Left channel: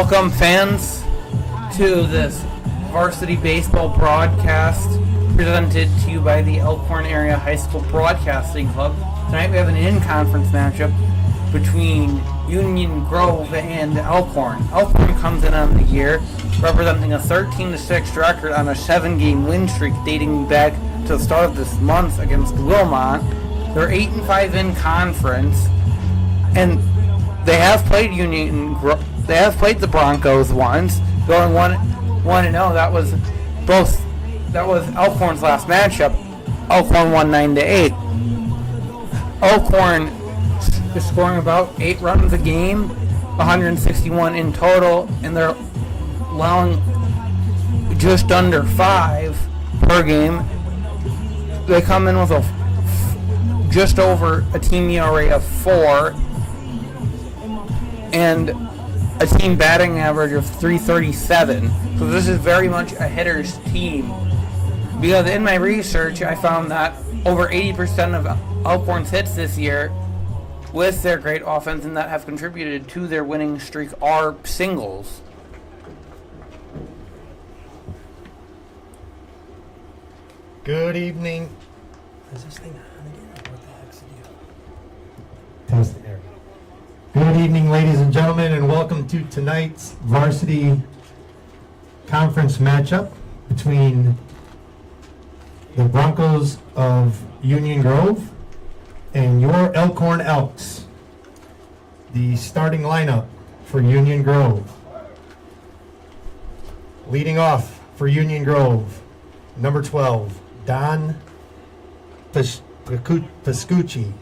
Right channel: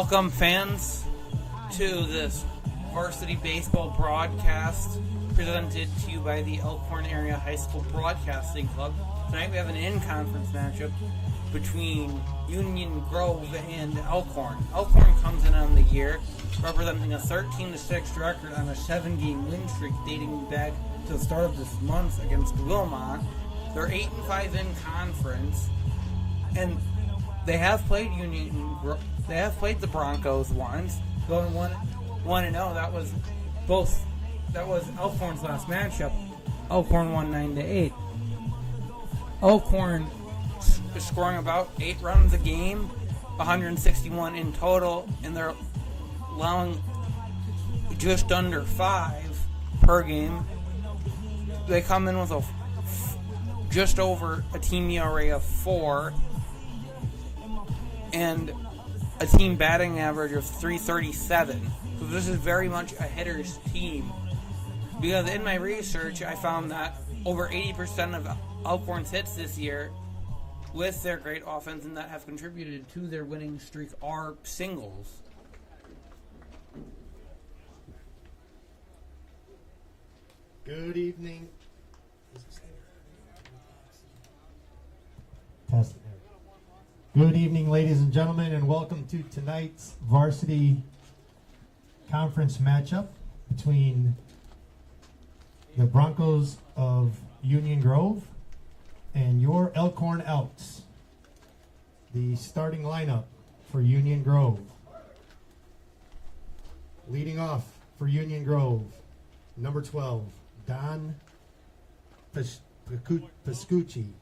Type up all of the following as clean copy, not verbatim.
Welcome, fans, to this Varsity Baseball broadcast presented to you by the Elkhorn Area High School Broadcasting Club. Tonight we have an in-conference matchup between Union Grove and Elkhorn. Elkhorn comes in on the year representing a 13-6 record on a 7-game win streak dating back to the start of this month against Wilmot. They're 8-5 in conference, and they have played They have played the Broncos once, going 1-0. That was Elkhorn's last matchup. Elkhorn won 9-8. Elkhorn is scoring about 8 runs a game, 161 in total, and they're allowing just under 5 per game. They come in with just over a team ERA of 4 and a team batting average of .337. So this is very much a hitter's team. Because in my research, I found that over 80% of Elkhorn's hits this year, with their great offense and that have contributed to their winning streak, are singles. Good evening. Is this thing on again? What the heck's the deal? Test air. Good evening, ladies and gentlemen, and welcome to tonight's varsity conference matchup between the Broncos of Union Grove and your Elkhorn Elks. The starting lineup for Union Grove. Leading off for Union Grove, number 12, Don Pascucci.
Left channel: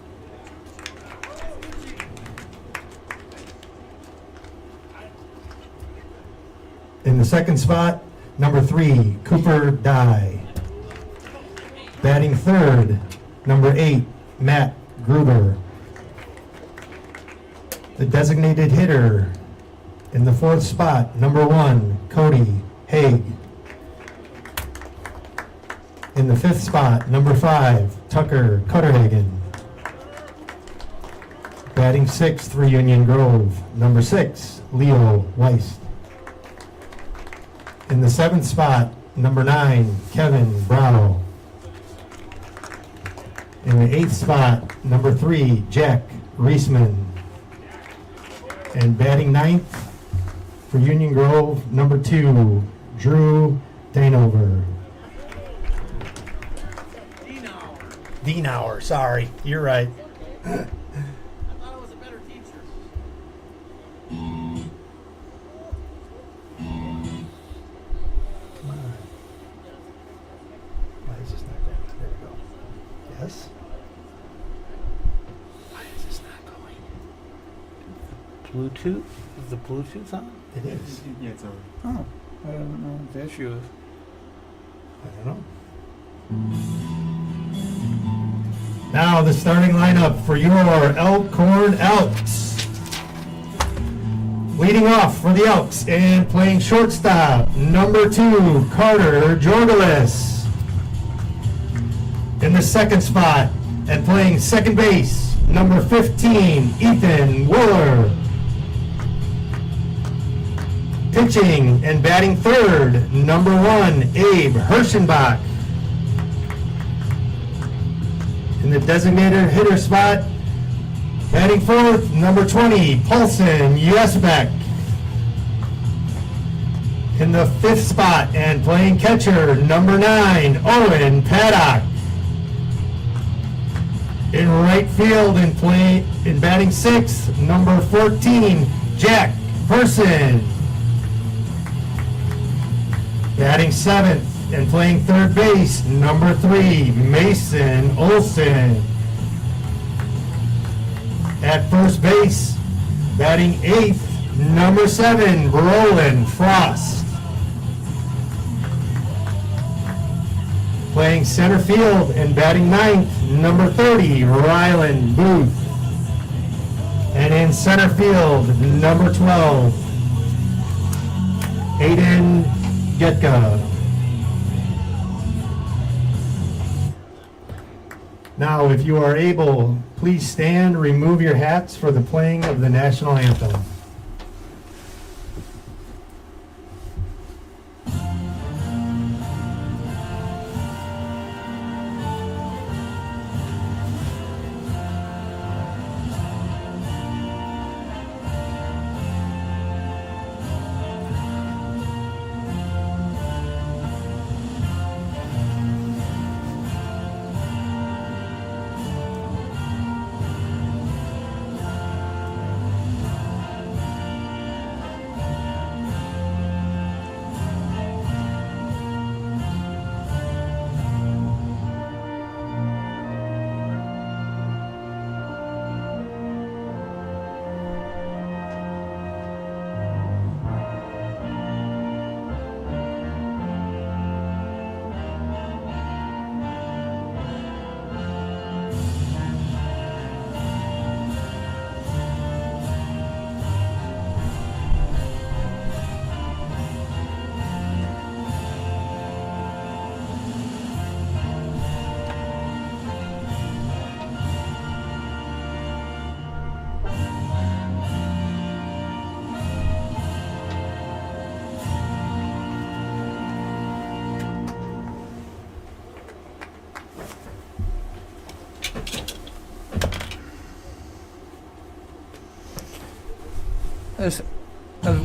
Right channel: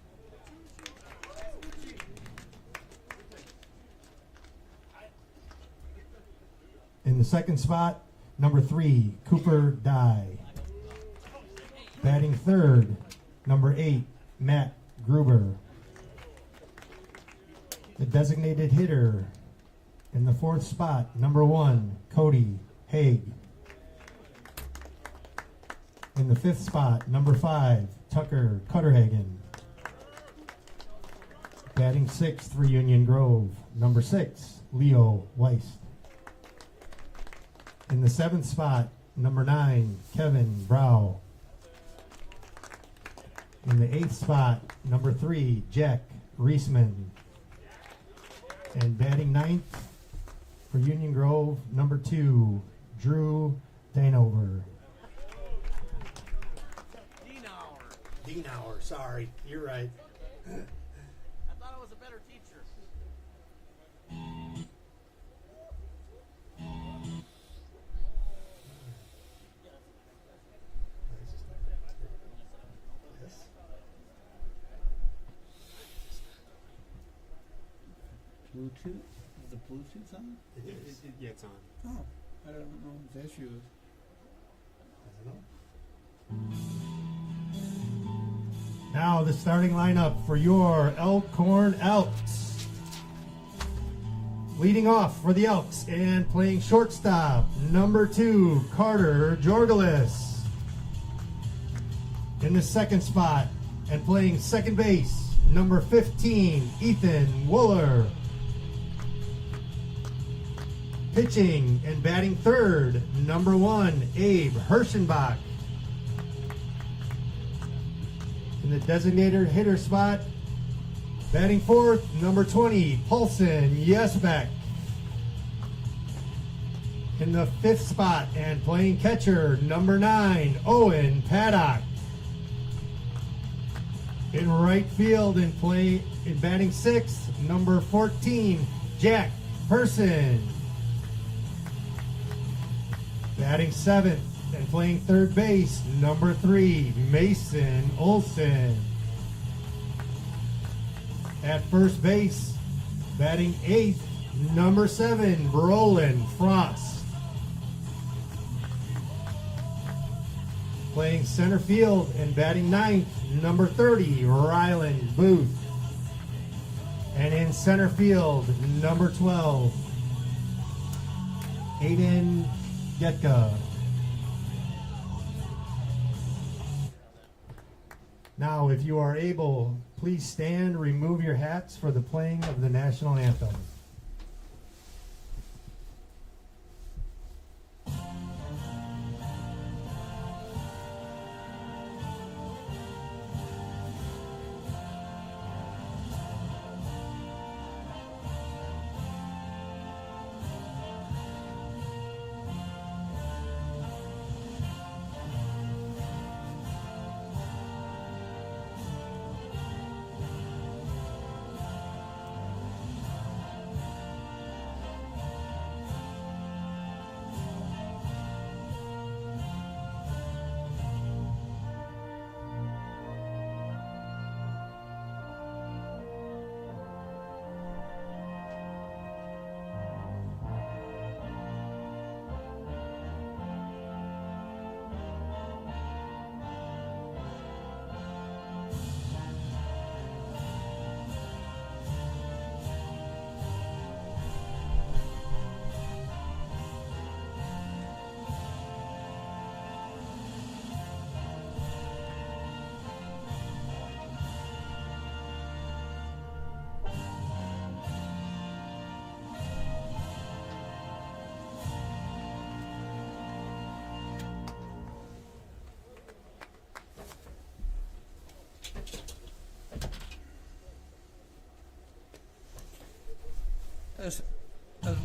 In the second spot, number 3, Cooper Dye. Batting third, number 8, Matt Gruber. The designated hitter in the fourth spot, number 1, Cody Haig. In the fifth spot, number 5, Tucker Cutterhagen. Batting sixth for Union Grove, number 6, Leo Weist. In the seventh spot, number 9, Kevin Brow. In the eighth spot, number 3, Jack Reisman. And batting ninth for Union Grove, number 2, Drew Danover. Dienauer, sorry, you're right. I thought I was a better teacher. Come on. Why is this not going? There we go. Yes? Why is this not going? Bluetooth? Is the Bluetooth on? It is. Yeah, it's over. Oh, I don't know what the issue is. I don't know. Now the starting lineup for your Elkhorn Elks. Leading off for the Elks and playing shortstop, number 2, Carter Jorgelis. In the second spot and playing second base, number 15, Ethan Willer. Pitching and batting third, number 1, Abe Hirschenbach. In the designated hitter spot, batting fourth, number 20, Paulson Yesbeck. In the fifth spot and playing catcher, number 9, Owen Paddock. In right field and batting sixth, number 14, Jack Person. Batting seventh and playing third base, number 3, Mason Olson. At first base, batting eighth, number 7, Roland Frost. Playing center field and batting ninth, number 30, Rylan Booth. And in center field, number 12, Aiden Getka. Now, if you are able, please stand, remove your hats for the playing of the national anthem. as, as,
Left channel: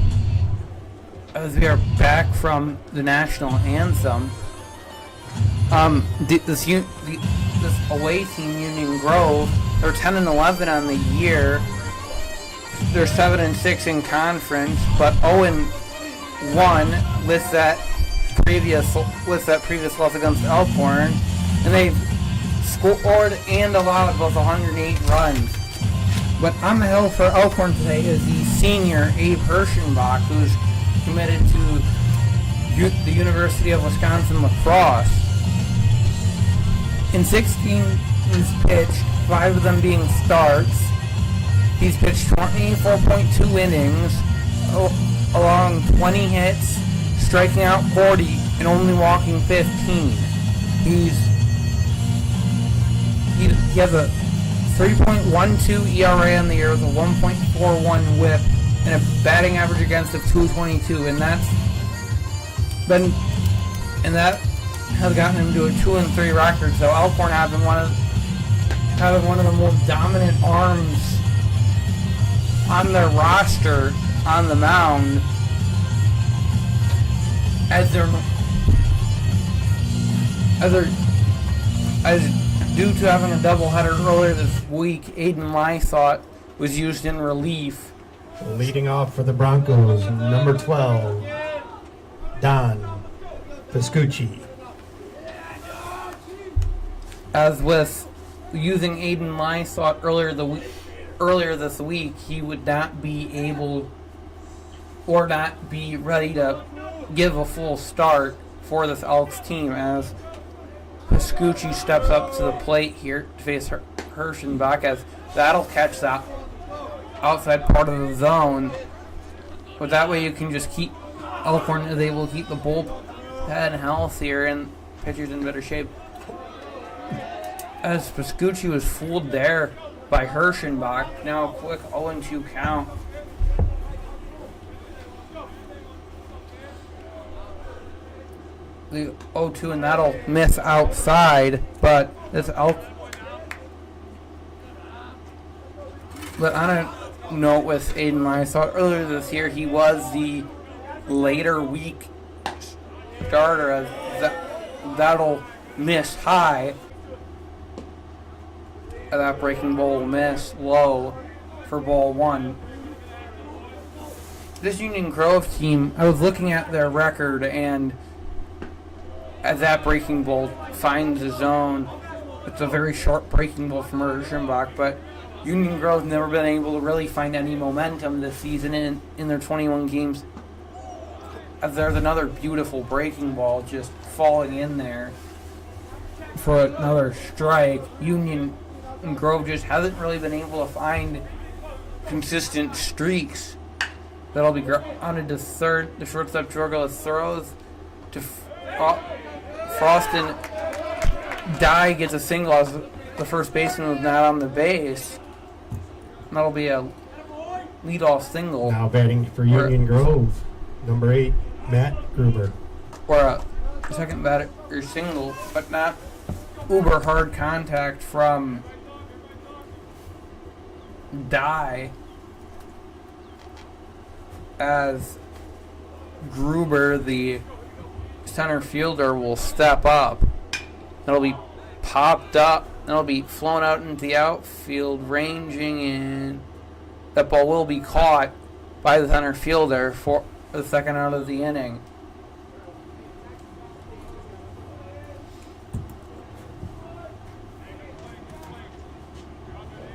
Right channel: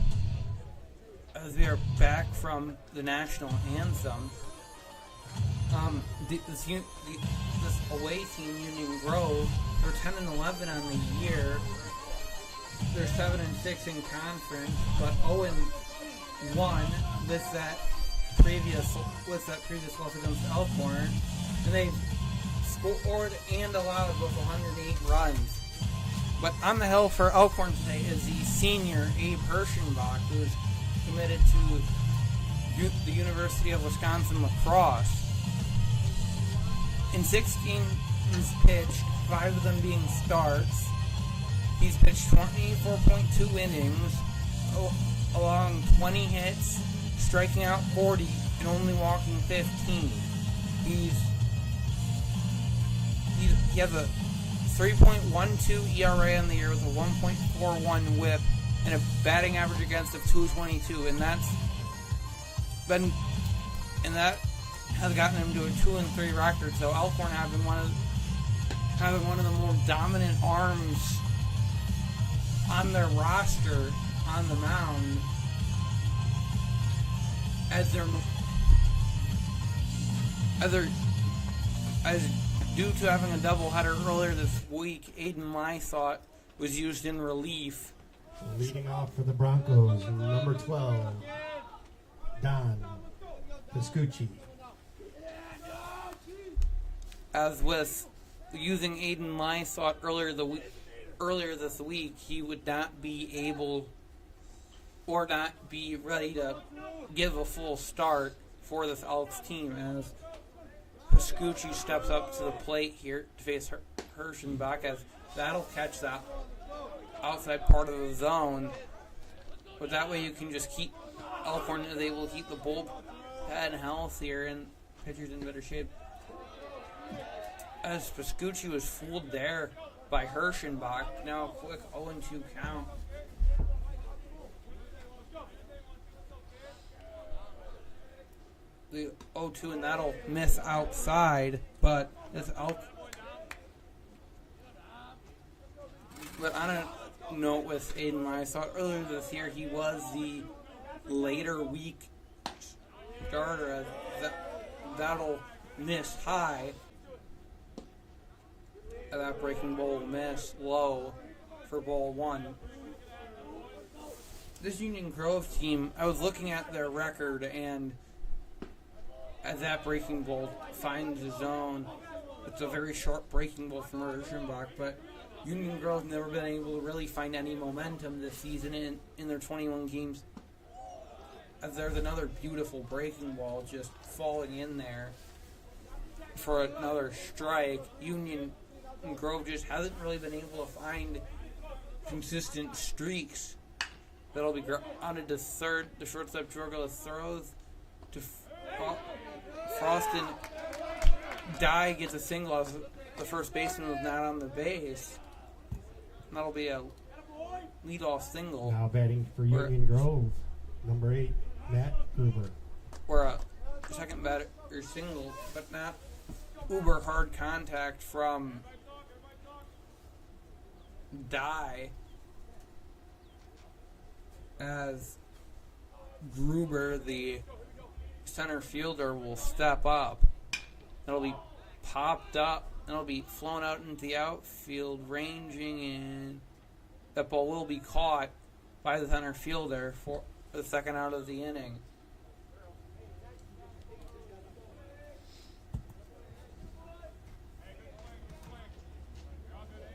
as we are back from the national anthem, this away team, Union Grove, they're 10-11 on the year. They're 7-6 in conference, but 0-1 with that previous loss against Elkhorn, and they've scored and allowed both 108 runs. But on the hill for Elkhorn today is the senior Abe Hirschenbach, who's committed to the University of Wisconsin lacrosse. In 16 he's pitched, 5 of them being starts. He's pitched 24.2 innings, along 20 hits, striking out 40, and only walking 15. He has a 3.12 ERA on the year with a 1.41 WHIP and a batting average against of 222, and that has gotten him to a 2-3 record. So Elkhorn having one of the most dominant arms on their roster on the mound, as due to having a doubleheader earlier this week, Aiden Lysott was used in relief. Leading off for the Broncos, number 12, Don Piscucci. As with using Aiden Lysott earlier this week, he would not be able or not be ready to give a full start for this Elks team, as Piscucci steps up to the plate here to face Hirschenbach, as that'll catch that outside part of the zone. But that way you can just keep Elkhorn is able to keep the bullpen healthier and pitchers in better shape. As Piscucci was fooled there by Hirschenbach, now a quick 0-2 count. The 0-2, and that'll miss outside, but this But on a note with Aiden Lysott, earlier this year he was the later week starter, as that'll miss high. That breaking ball will miss low for ball 1. This Union Grove team, I was looking at their record, and as that breaking ball finds the zone, it's a very short breaking ball from Hirschenbach, but Union Grove's never been able to really find any momentum this season in their 21 games. As there's another beautiful breaking ball just falling in there for another strike. Union Grove just hasn't really been able to find consistent streaks. That'll be grounded to third. The shortstop Jorgo throws to Frost, and Dye gets a single as the first baseman was not on the base. And that'll be a leadoff single. Now batting for Union Grove, number 8, Matt Gruber. Or a second batter single, but not uber hard contact from Dye, as Gruber, the center fielder, will step up. It'll be popped up. It'll be flown out into the outfield, ranging in. That ball will be caught by the center fielder for the second out of the inning.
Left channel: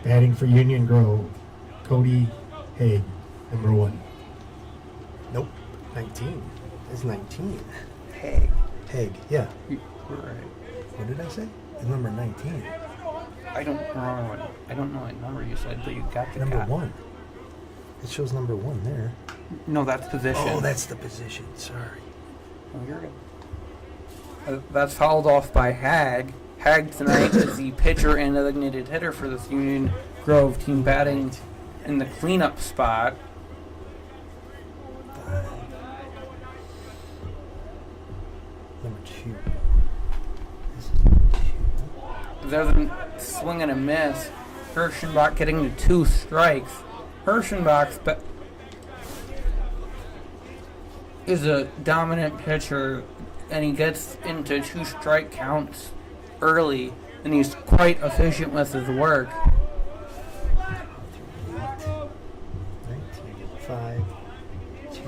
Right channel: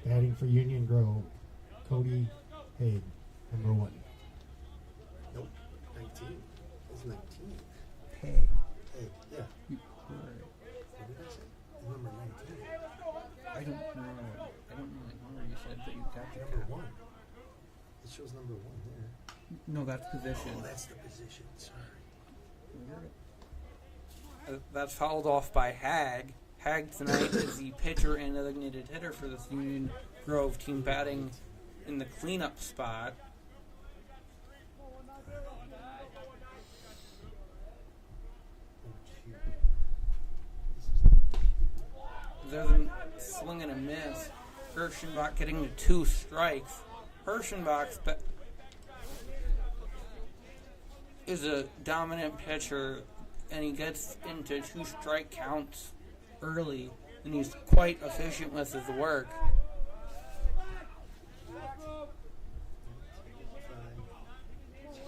Batting for Union Grove, Cody Haig, number 1. Nope, 19. It's 19. Haig. Haig, yeah. Right. What did I say? It's number 19. I don't know what number you said, but you got the Number cat. 1. It shows number 1 there. No, that's position. Oh, that's the position. Sorry. Oh, you're good. That's fouled off by Hag. Hag tonight is the pitcher and designated hitter for this Union Grove team, batting in the cleanup spot. Number 2. This is number 2. There's a swing and a miss. Hirschenbach getting to 2 strikes. Hirschenbach's is a dominant pitcher, and he gets into 2 strike counts early, and he's quite efficient with his work. 19, 5, 2,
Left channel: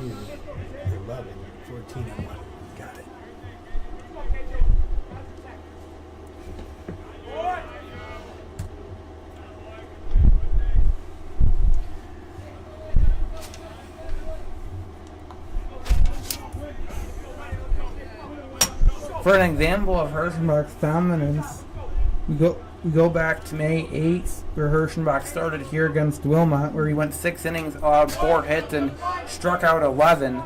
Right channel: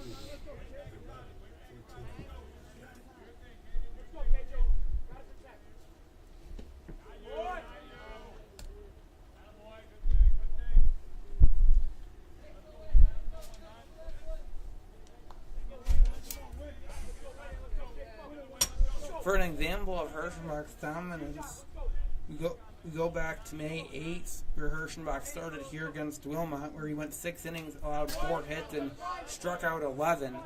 11, 14, 1. Got it. For an example of Hirschenbach's dominance, we go back to May 8th, where Hirschenbach started here against Wilmot, where he went 6 innings, allowed 4 hits, and struck out 11.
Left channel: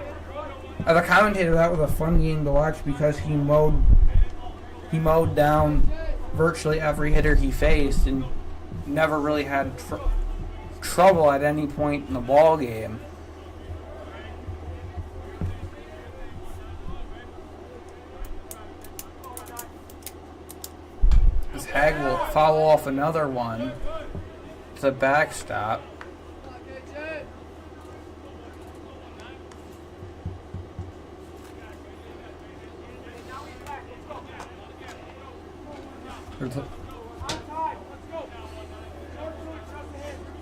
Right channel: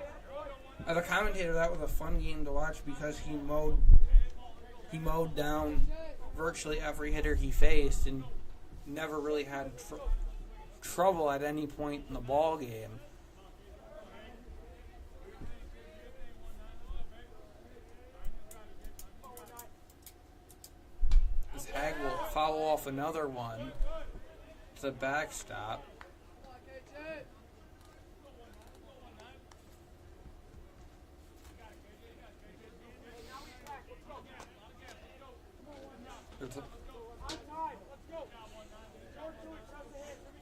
As a commentator, that was a fun game to watch because he mowed down virtually every hitter he faced and never really had trouble at any point in the ball game. As Hag will foul off another one. It's a backstop. There's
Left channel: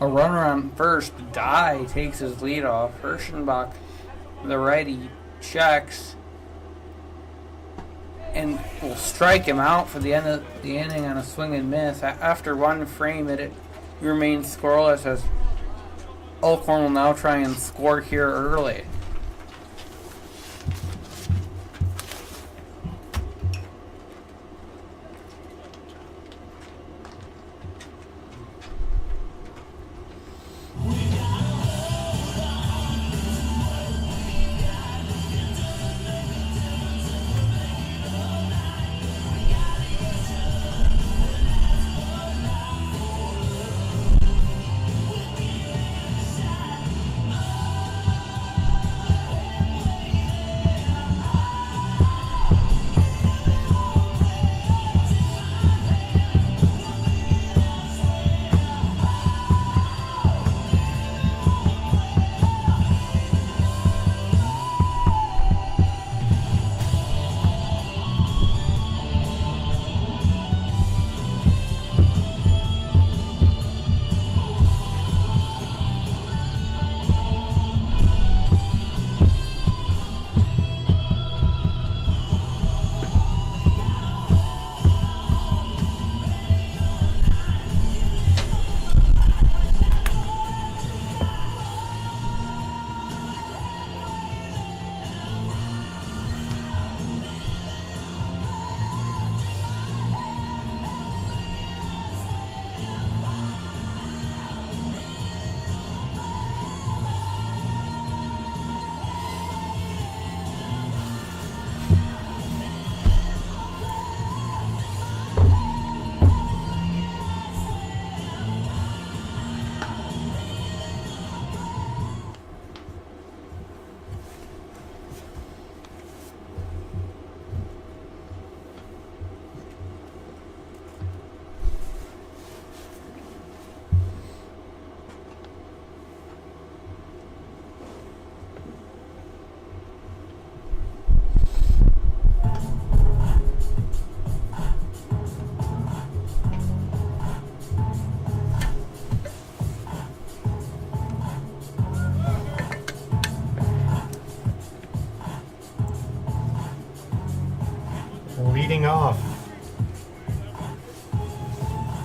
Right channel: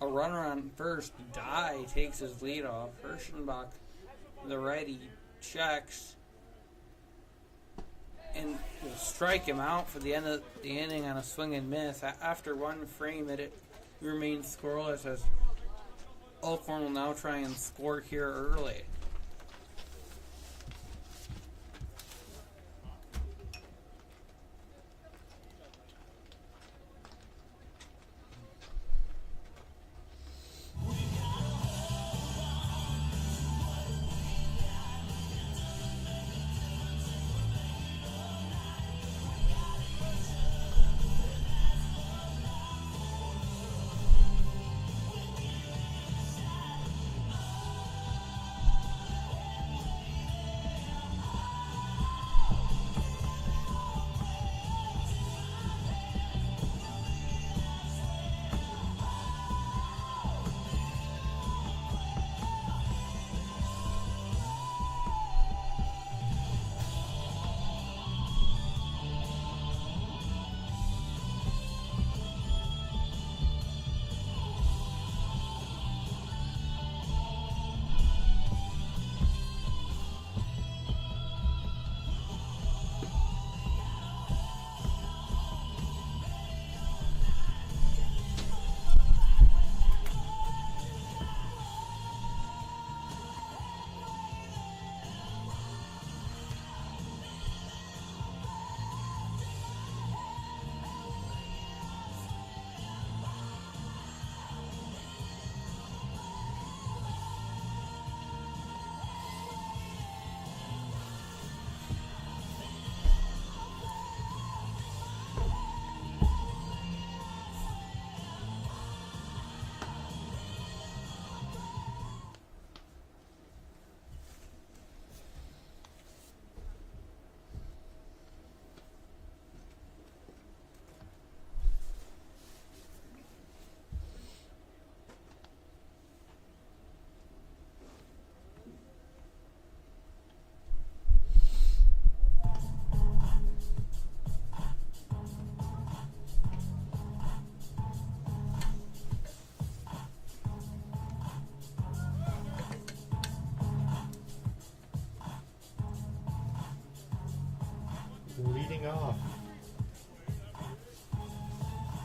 a runner on first. Dye takes his lead off. Hirschenbach, the righty, checks and will strike him out for the end of the inning on a swing and miss. After one frame, it remains scoreless as Elkhorn will now try and score here early.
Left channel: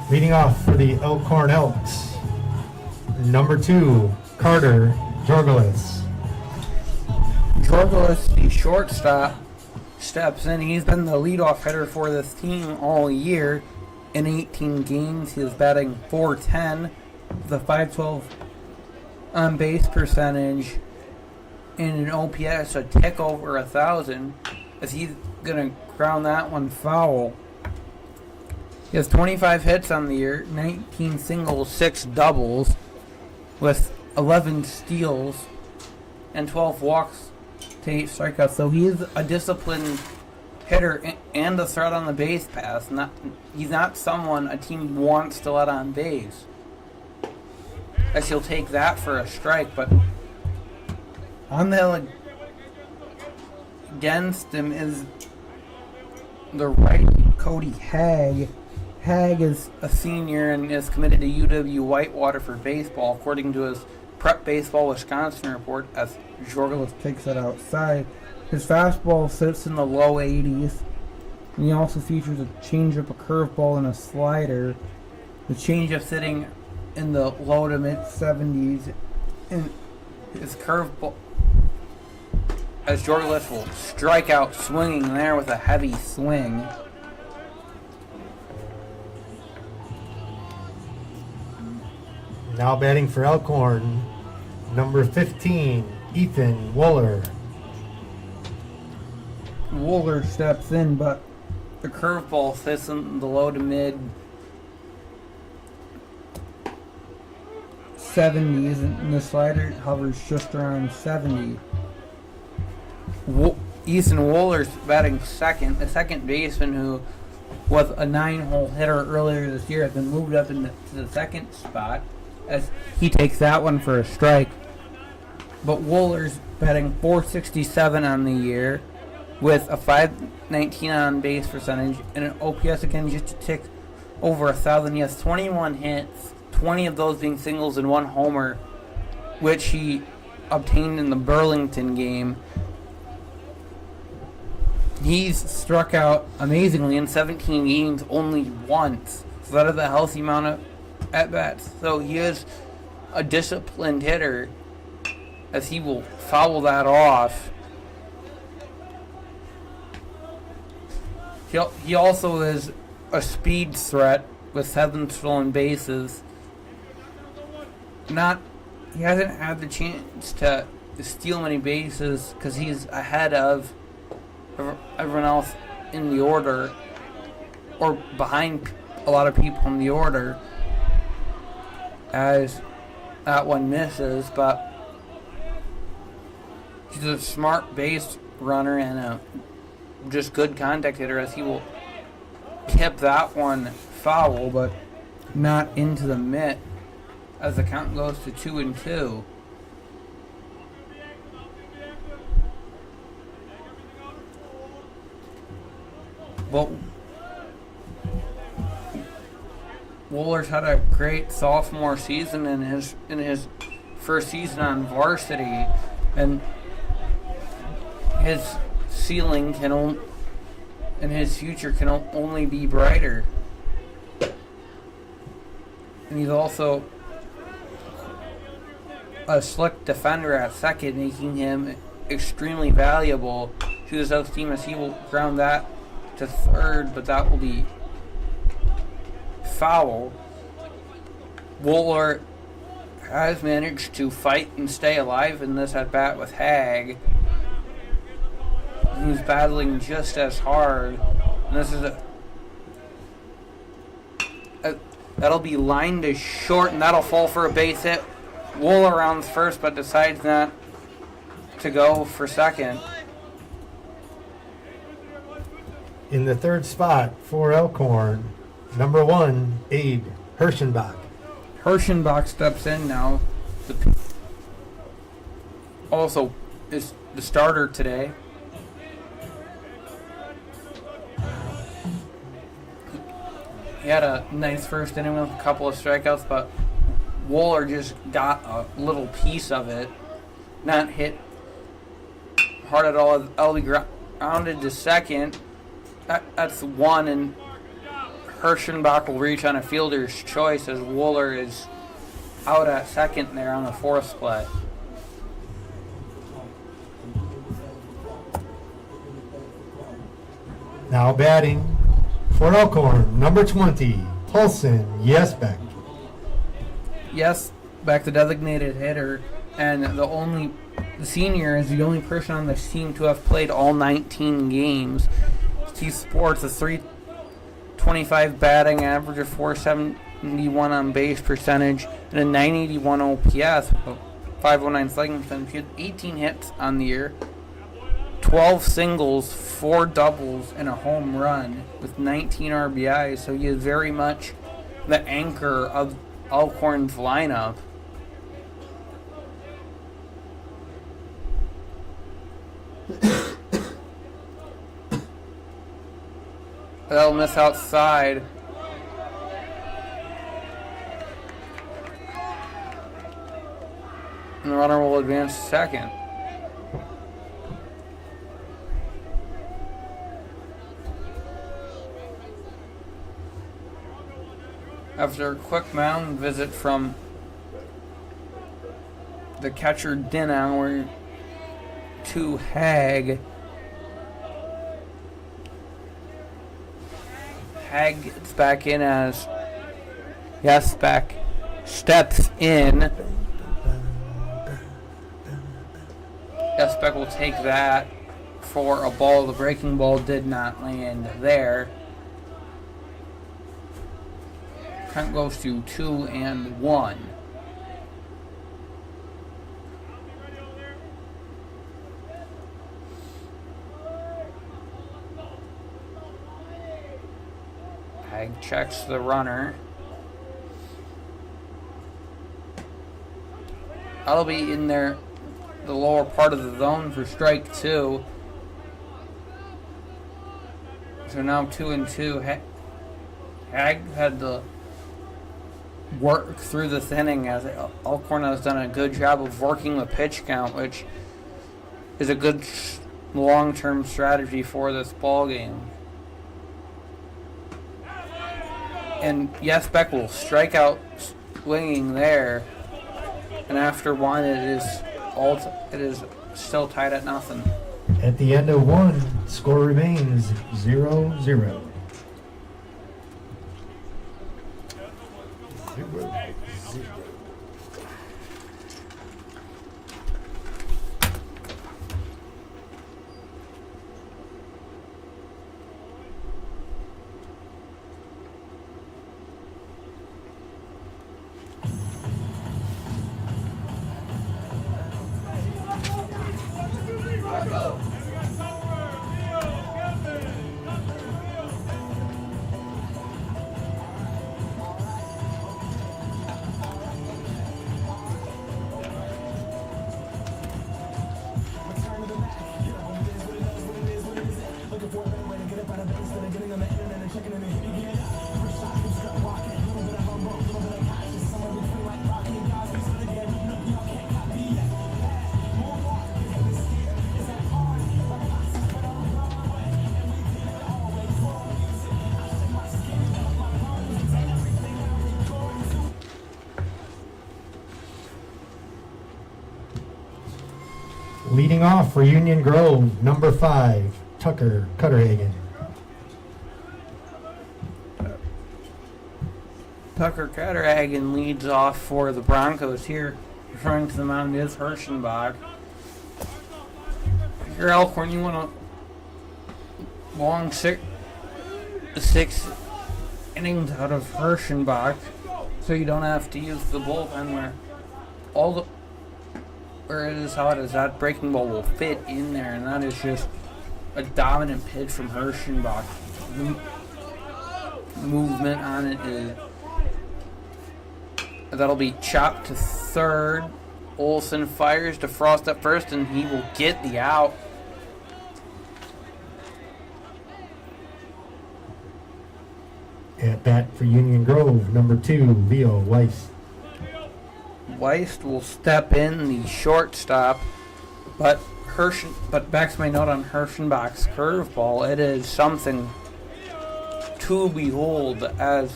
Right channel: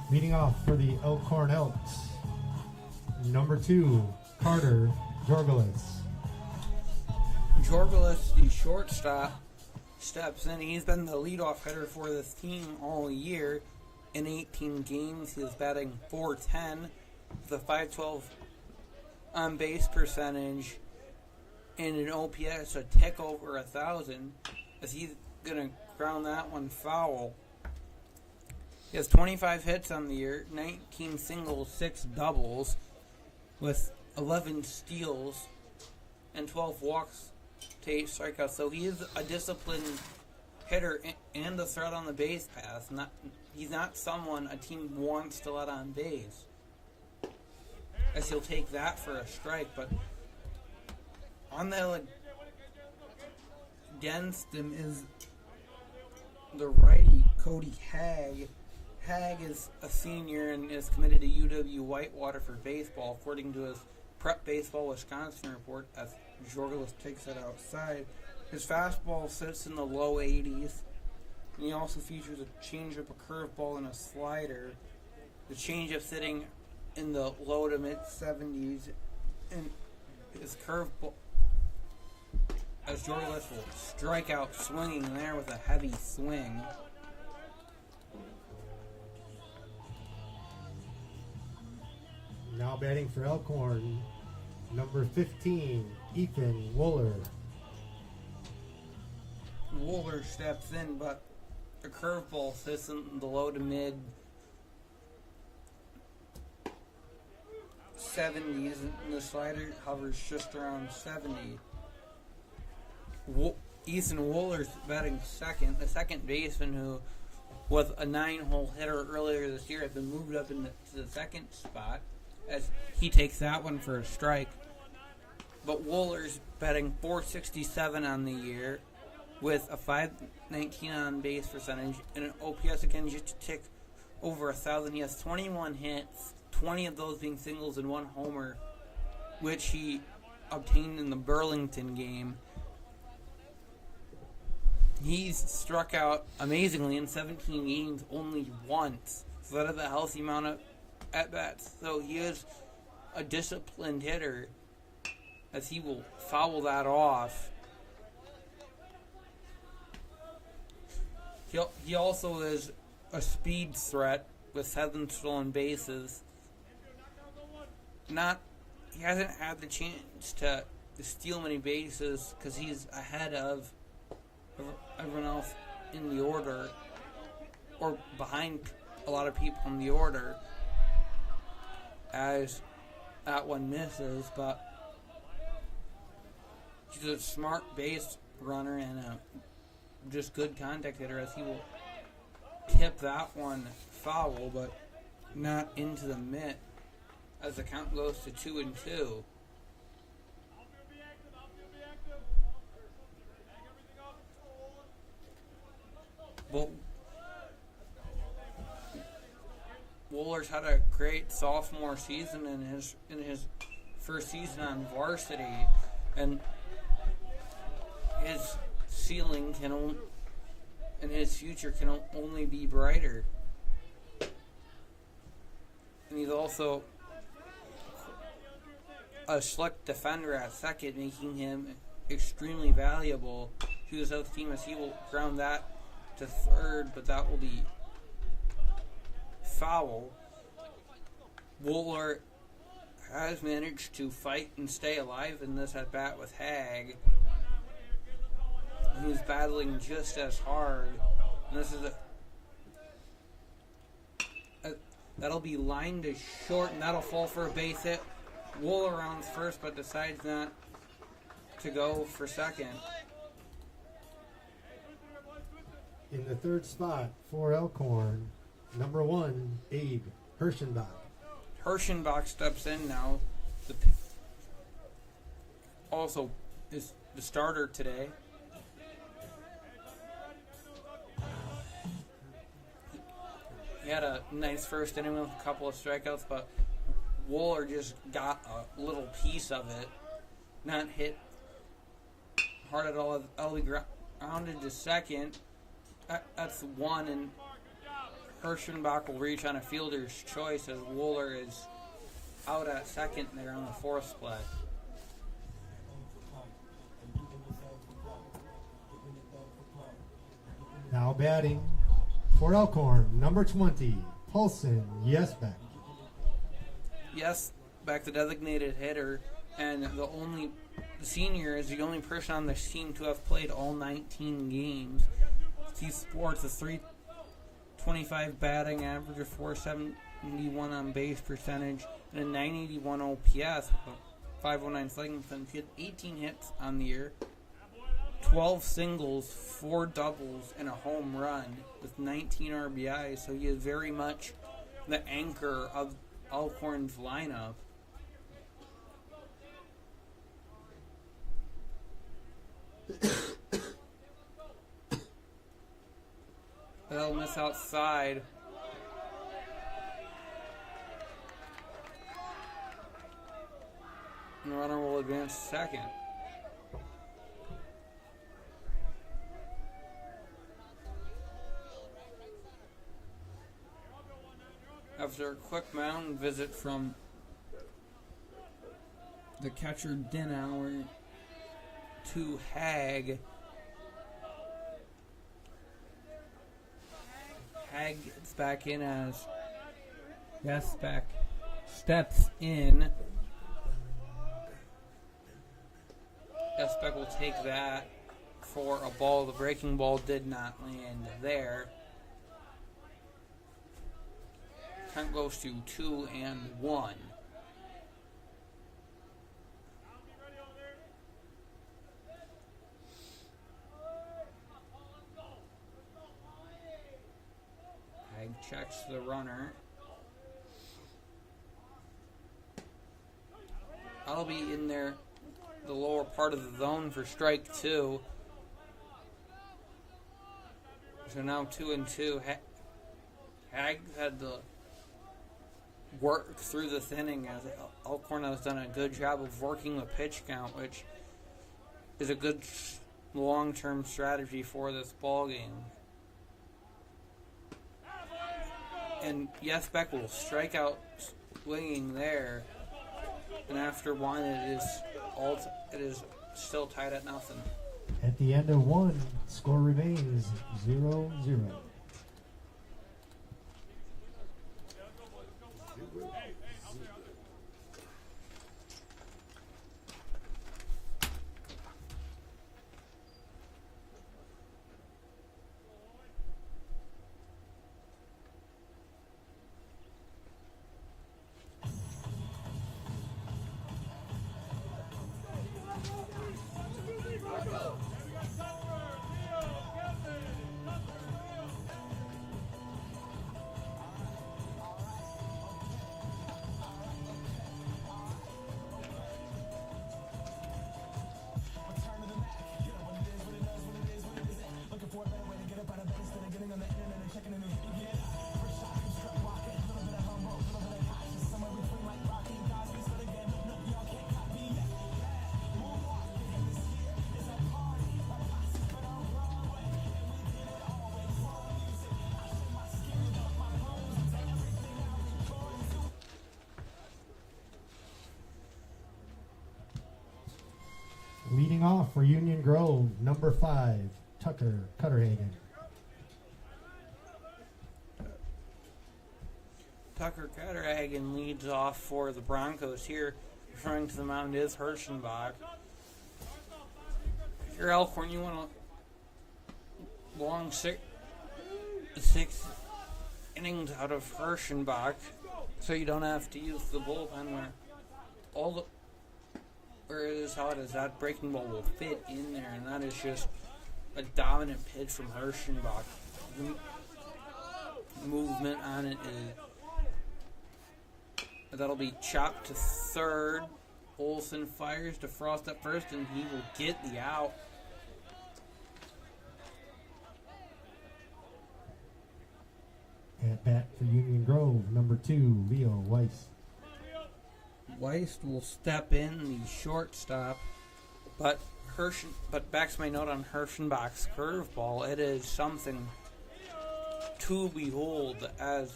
Leading off for the Elkhorn Elks, number 2, Carter Jorgelis. Jorgelis, the shortstop, steps in. He's been the leadoff hitter for this team all year. In 18 games, he is batting .410 with a .512 on base percentage and an OPS a tick over 1,000, as he's going to ground that one foul. He has 25 hits on the year, 19 singles, 6 doubles, with 11 steals and 12 walks to 8 strikeouts. So he is a disciplined hitter and a threat on the base pass. He's not someone a team wants to let on base, as he'll take that for a strike. But on the against him is the righty, Cody Hagg. Hagg is a senior and is committed to UW Whitewater for baseball, according to his Prep Baseball Wisconsin report, as Jorgelis takes it outside. His fastball sits in the low 80s, and he also features a changeup, a curveball, and a slider. The changeup sitting in the low to mid 70s, and his curveball, as Jorgelis will strike out swinging there with a heavy swing. Now batting for Elkhorn, number 15, Ethan Wooler. Wooler steps in, but the curveball sits in the low to mid 70s, and the slider hovers just around 70. Ethan Wooler's batting second. The second baseman, who was a 9-hole hitter earlier this year, has been moved up into the second spot as he takes that one for a strike. But Wooler's batting .467 on the year with a .519 on base percentage and an OPS again just a tick over 1,000. He has 21 hits, 20 of those being singles and 1 homer, which he obtained in the Burlington game. He's struck out amazingly in 17 games only once. So that is a healthy amount of at-bats. So he is a disciplined hitter, as he will foul that off. He also is a speed threat with 7 stolen bases. He hasn't had the chance to steal many bases because he's ahead of everyone else in the order, or behind a lot of people in the order, as that one misses. But he's a smart base runner and a just good contact hitter, as he will tip that one foul, but not into the mitt, as the count goes to 2-2. But Wooler's had a great sophomore season in his first season on varsity, and his ceiling and his future can only be brighter. And he's also a slick defender at second, making him extremely valuable to his other team, as he will ground that to third, but that will be foul. Wooler has managed to fight and stay alive in this at bat with Hagg, who's battling just as hard. And this is that'll be lined to short, and that'll fall for a base hit. Wooler rounds first, but decides not to go for second. In the third spot for Elkhorn, number 1, Abe Hirschenbach. Hirschenbach steps in now. Also is the starter today. He had a nice first inning with a couple of strikeouts, but Wooler just got a little piece of it. Not hit hard at all. That'll be grounded to second. That's one, and Hirschenbach will reach on a fielder's choice as Wooler is out at second there on the fourth play. Now batting for Elkhorn, number 20, Paulson Yesbeck. Yes, back the designated hitter, and the senior is the only person on this team to have played all 19 games. He sports a .325 batting average, of .471 on base percentage, and a .981 OPS, a .509 slugging percentage. He had 18 hits on the year, 12 singles, 4 doubles, and a home run with 19 RBIs. So he is very much the anchor of Elkhorn's lineup. That'll miss outside. And the runner will advance second. After a quick mound visit from the catcher Dinauer to Hag. Hag gets back in as Yespek steps in. Yespek will take that for a ball. The breaking ball did not land there. Count goes to 2-1. Hag checks the runner. That'll be in there, the lower part of the zone for strike 2. So now 2-2. Hag had to work through this inning as Elkhorn has done a good job of working the pitch count, which is a good long-term strategy for this ball game. And Yespek will strike out swinging there, and after one, it is still tied at nothing. At the end of one, score remains 0-0. Leading off for Union Grove, number 5, Tucker Cutterhagen. Tucker Cutterhagen leads off for the Broncos here. Referring to the mound is Hirschenbach. If you're Elkhorn, you want a long six innings out of Hirschenbach, so you don't have to use the bullpen where it is how it is. That breaking ball will fit in there, and that is just a dominant pitch from Hirschenbach. The movement on it is. That'll be chopped to third. Olson fires to Frost at first, and he will get the out. At bat for Union Grove, number 2, Leo Weiss. Weiss will step in, the shortstop, but back to my note on Hirschenbach's curveball. It is something to behold as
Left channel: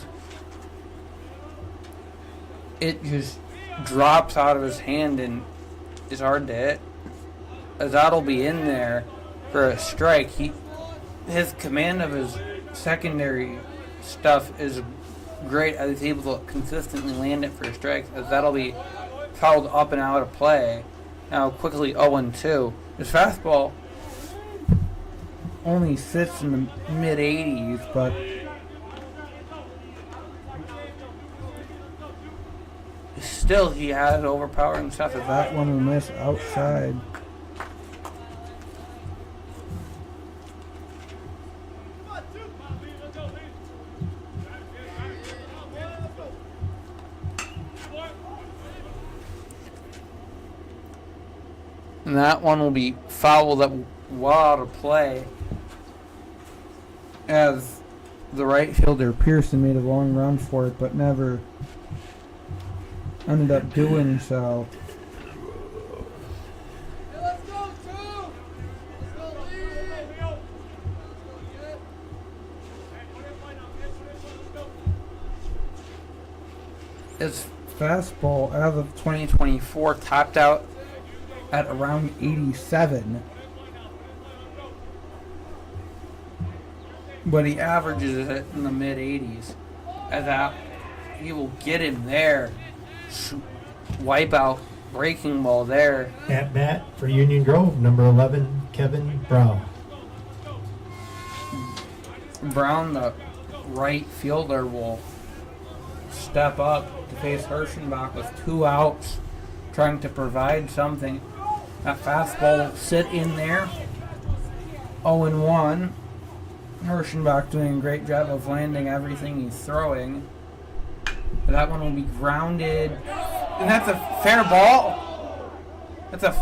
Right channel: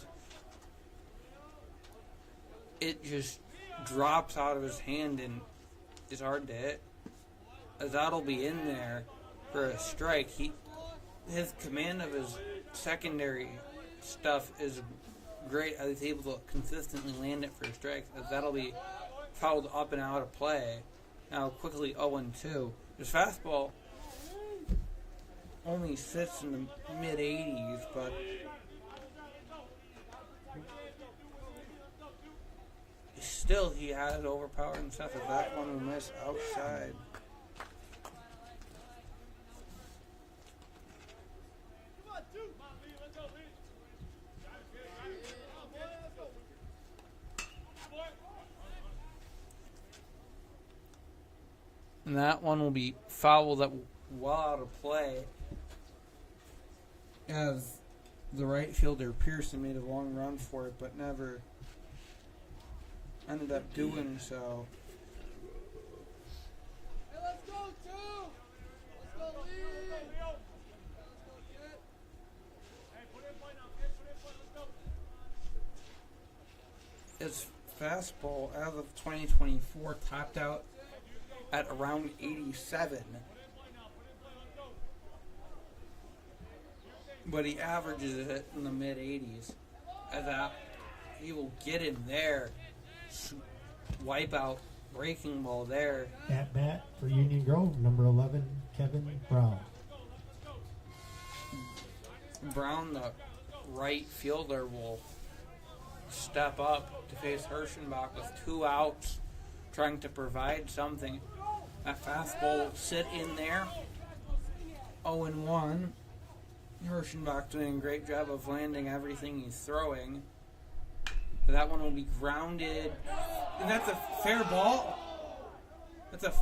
it just drops out of his hand and is hard to hit. As that'll be in there for a strike. His command of his secondary stuff is great, as he's able to consistently land it for strikes, as that'll be fouled up and out of play. Now quickly 0-2. His fastball only sits in the mid-80s, but still he has overpowering stuff. If that one will miss outside. And that one will be fouled up well out of play, as the right fielder Pearson made a long run for it, but never ended up doing so. His fastball as of 2024 topped out at around 87. But he averages it in the mid 80s. As that, he will get him there. Wipe out breaking ball there. At bat for Union Grove, number 11, Kevin Brown. Brown, the right fielder, will step up to face Hirschenbach with 2 outs, trying to provide something. That fastball will sit in there. 0-1. Hirschenbach doing a great job of landing everything he's throwing. That one will be grounded. And that's a fair ball. That's a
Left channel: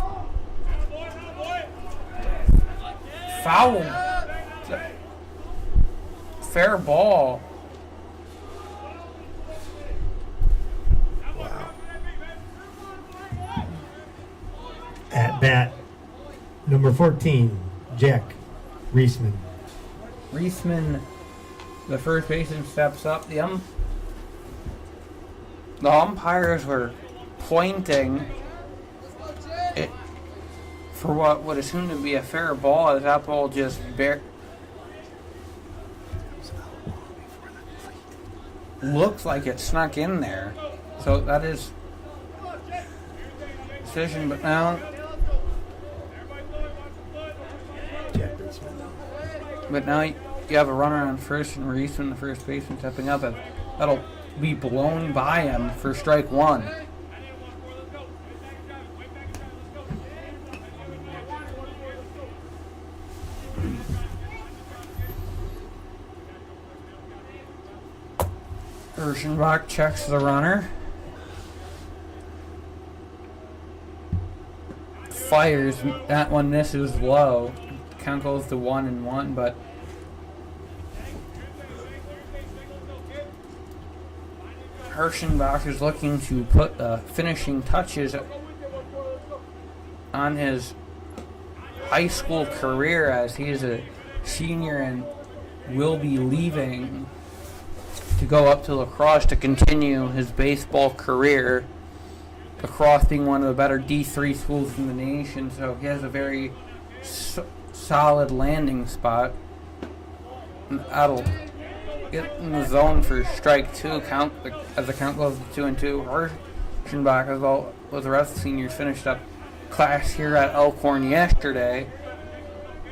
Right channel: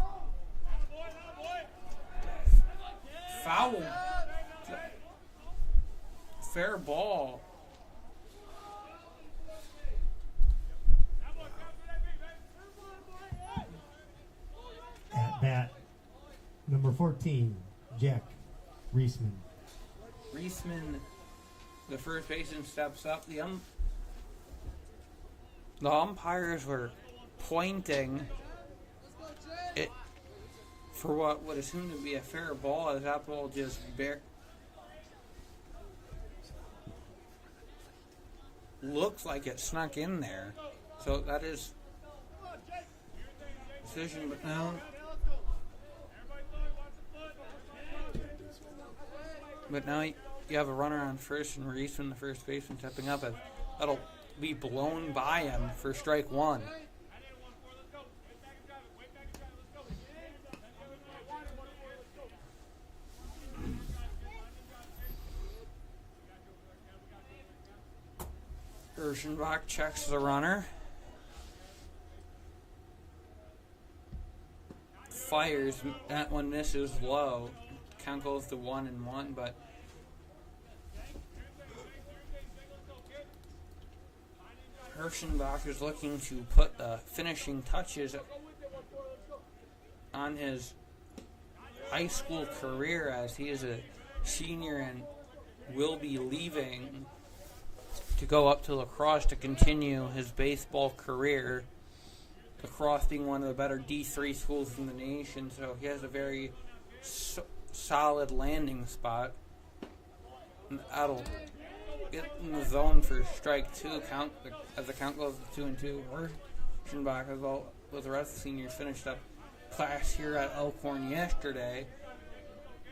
foul. It's a fair ball. At bat, number 14, Jack Reisman. Reisman, the first baseman, steps up. The umpires were pointing it for what would assume to be a fair ball, as that ball just looks like it snuck in there. So that is decision, but now you have a runner on first and Reisman, the first baseman, stepping up, and that'll be blown by him for strike 1. Hirschenbach checks the runner. Fires. That one misses low. Count goes to 1-1, but Hirschenbach is looking to put the finishing touches on his high school career, as he is a senior and will be leaving to go up to lacrosse to continue his baseball career. Lacrosse being one of the better D3 schools in the nation, so he has a very solid landing spot. That'll get in the zone for strike 2. As the count goes to 2-2. Hirschenbach, as well as the rest of the seniors, finished up class here at Elkhorn yesterday,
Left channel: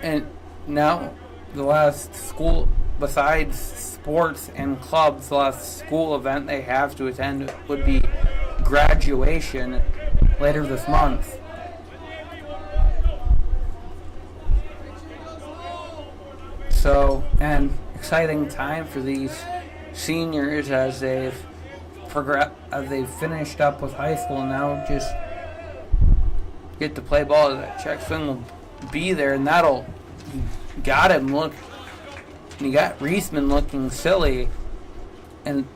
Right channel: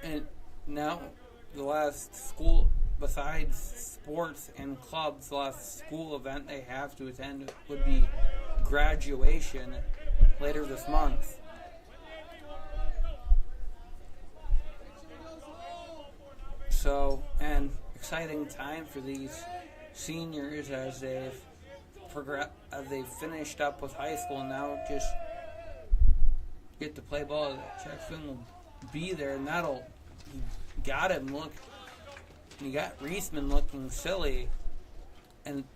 and now the last school, besides sports and clubs, the last school event they have to attend would be graduation later this month. So, an exciting time for these seniors as they've finished up with high school and now just get to play ball. That check swing will be there, and he got Reisman looking silly, and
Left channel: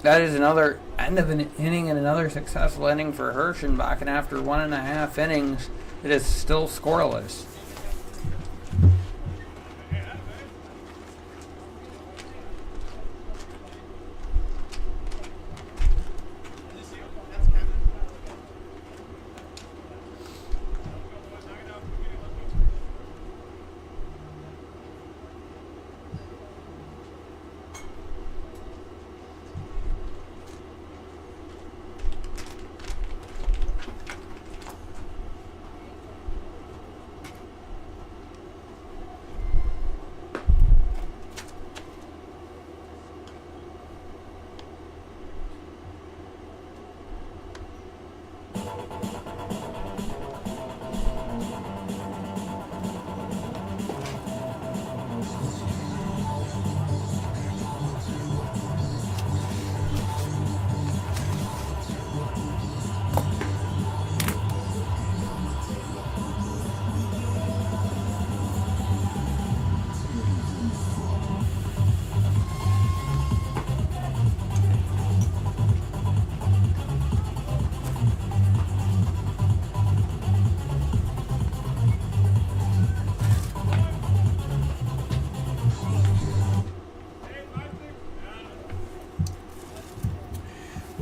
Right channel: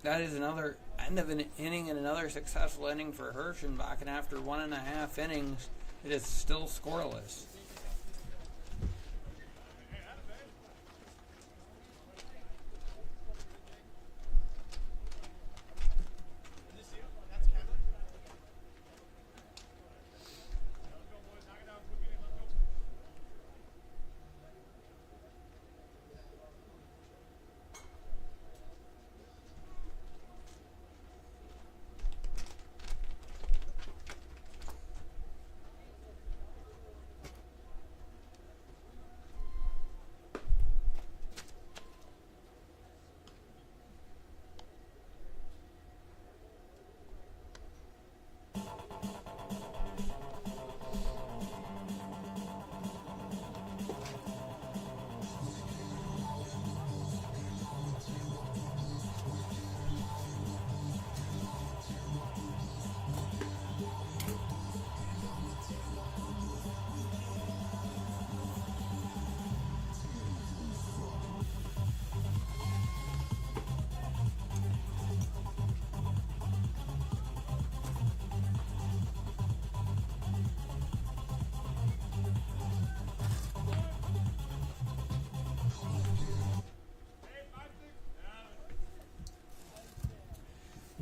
that is another end of an inning and another successful inning for Hirschenbach, and after 1.5 innings, it is still scoreless.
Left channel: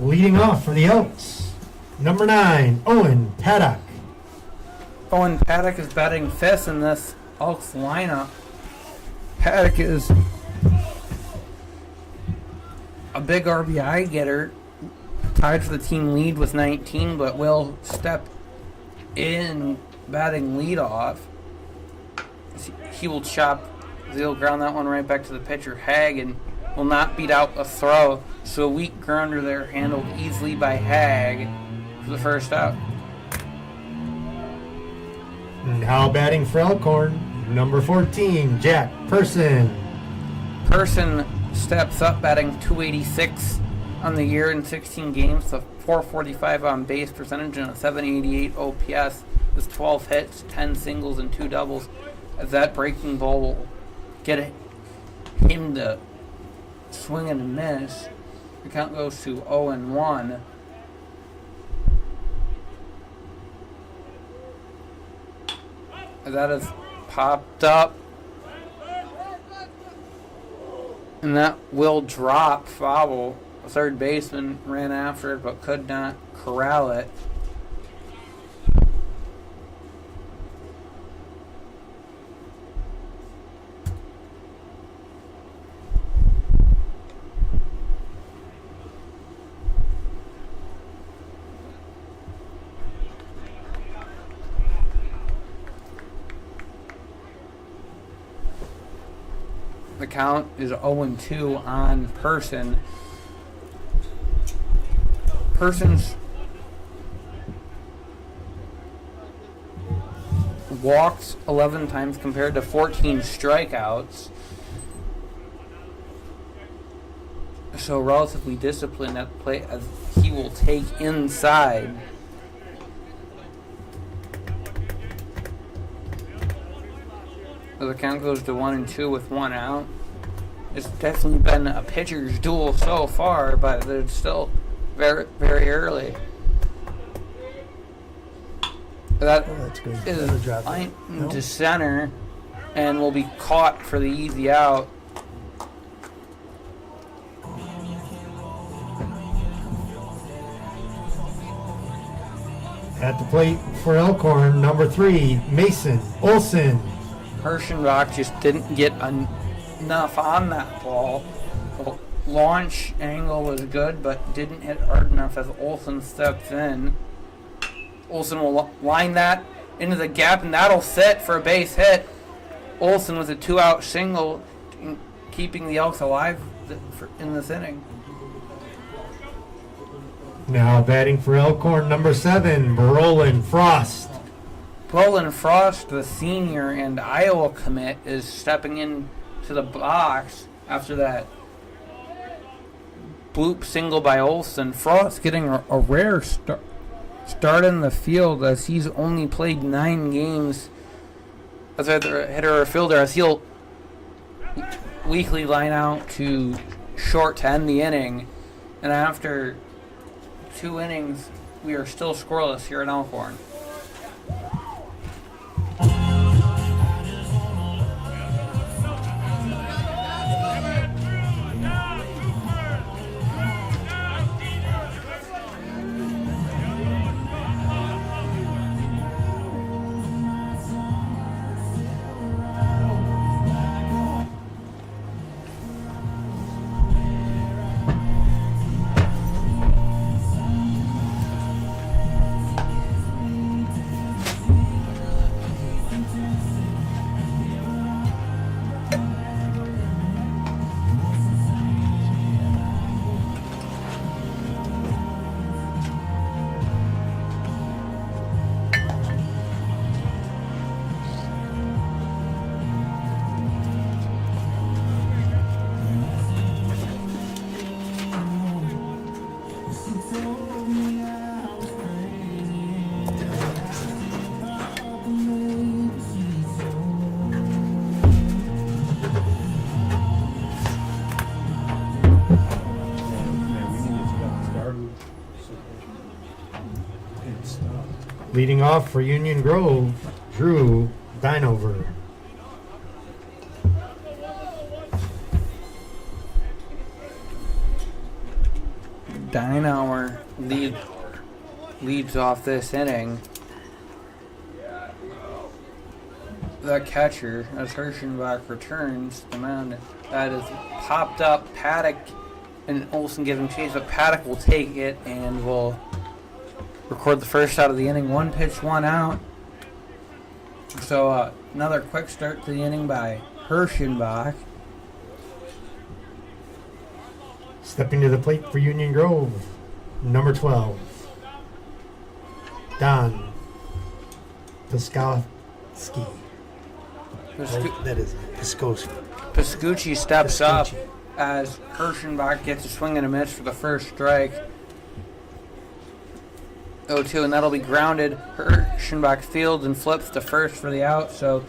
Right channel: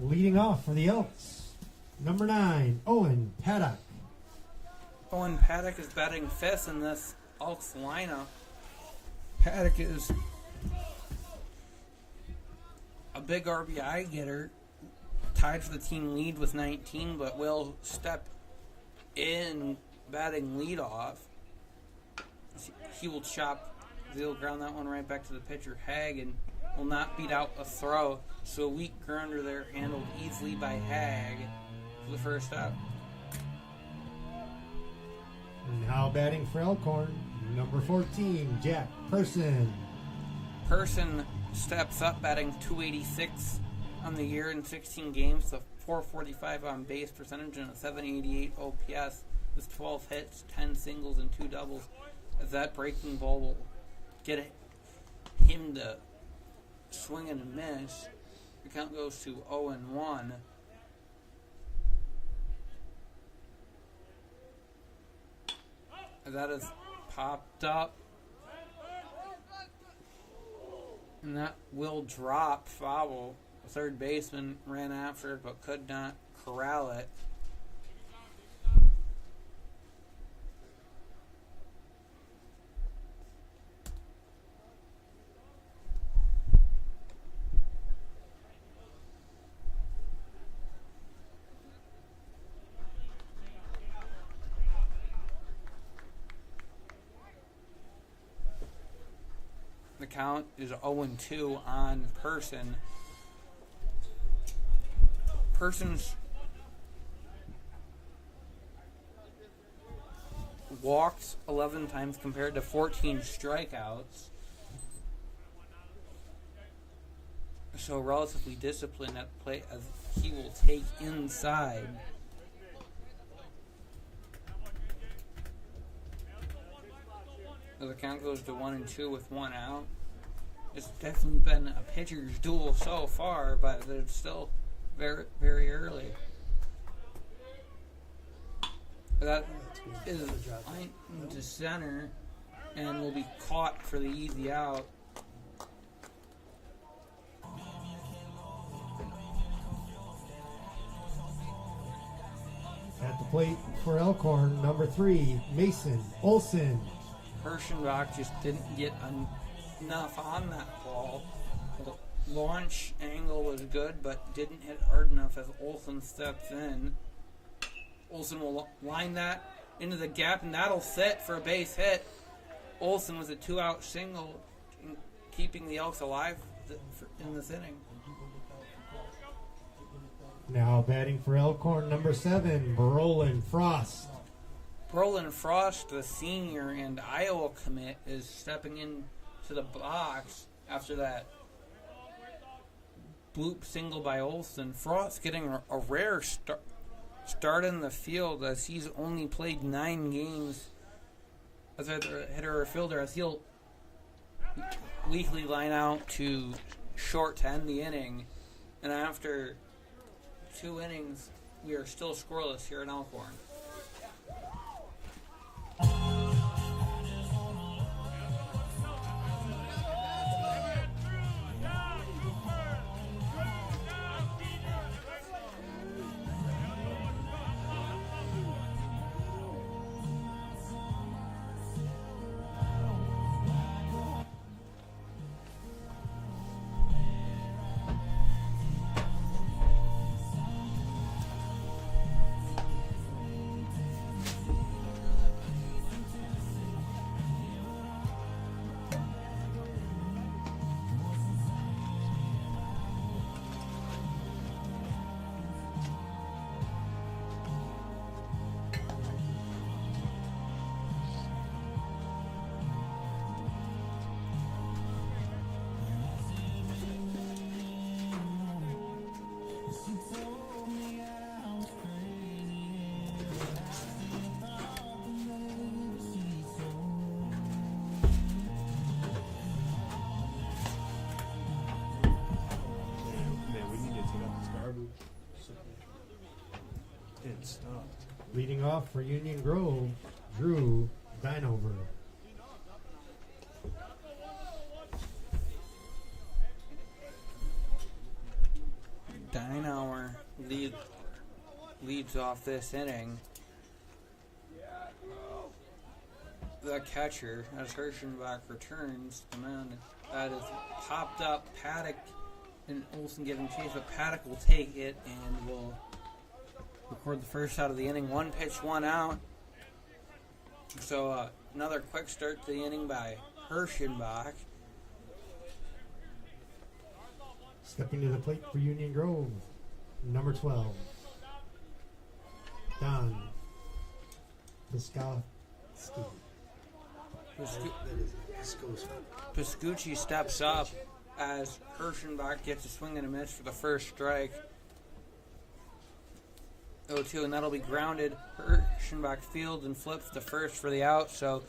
Leading off for the Elks, number 9, Owen Paddock. Owen Paddock is batting fifth in this Elks lineup. Paddock is a big RBI getter, tied for the team lead with 19, but will step in batting leadoff. He will he'll ground that one right back to the pitcher, Hag, and will not beat out a throw. So a weak grounder there handled easily by Hag for the first out. Now batting for Elkhorn, number 14, Jack Person. Person steps up, batting .286 on the year in 16 games, a .445 on base percentage, and a .788 OPS with 12 hits, 10 singles, and 2 doubles. As that breaking ball will get him to swing and miss. The count goes to 0-1. That has popped up. And that will drop foul. A third baseman ran after it but could not corral it. The count is 0-2 on Person. Person's walked 11 times compared to 14 strikeouts. So relatively disciplined at the plate as he will take inside. So the count goes to 1-2 with 1 out. It's definitely been a pitcher's duel so far, but it's still very, very early. That that's good. is Better drop it. line No? to center and will be caught for the easy out. At the plate for Elkhorn, number 3, Mason Olson. Herschenbach just didn't get enough on that ball. The launch angle was good, but didn't hit hard enough as Olson steps in. Olson will line that into the gap, and that'll sit for a base hit. Olson with a 2-out single, keeping the Elks alive in this inning. Now batting for Elkhorn, number 7, Brolin Frost. Roland Frost, the senior and Iowa commit, is stepping into the box after that bloop single by Olson. Frost getting a rare start in the field as he's only played 9 games as either a hitter or fielder, as he'll weekly line out to short to end the inning. And after 2 innings, we are still scoreless here in Elkhorn. Leading off for Union Grove, Drew Dinover. Dynauer leads off this inning. The catcher, as Hirschenbach returns the mound, that is popped up. Paddock and Olsen give him chase, but Paddock will take it and will record the first out of the inning. 1 pitch, 1 out. So another quick start to the inning by Hirschenbach. Stepping to the plate for Union Grove, number 12, Don Piskowski. That is Piskowski. Piscucci steps up as Hirschenbach gets a swing and a miss for the first strike. 0-2, and that'll be grounded. Hirschenbach fields and flips the first for the out. So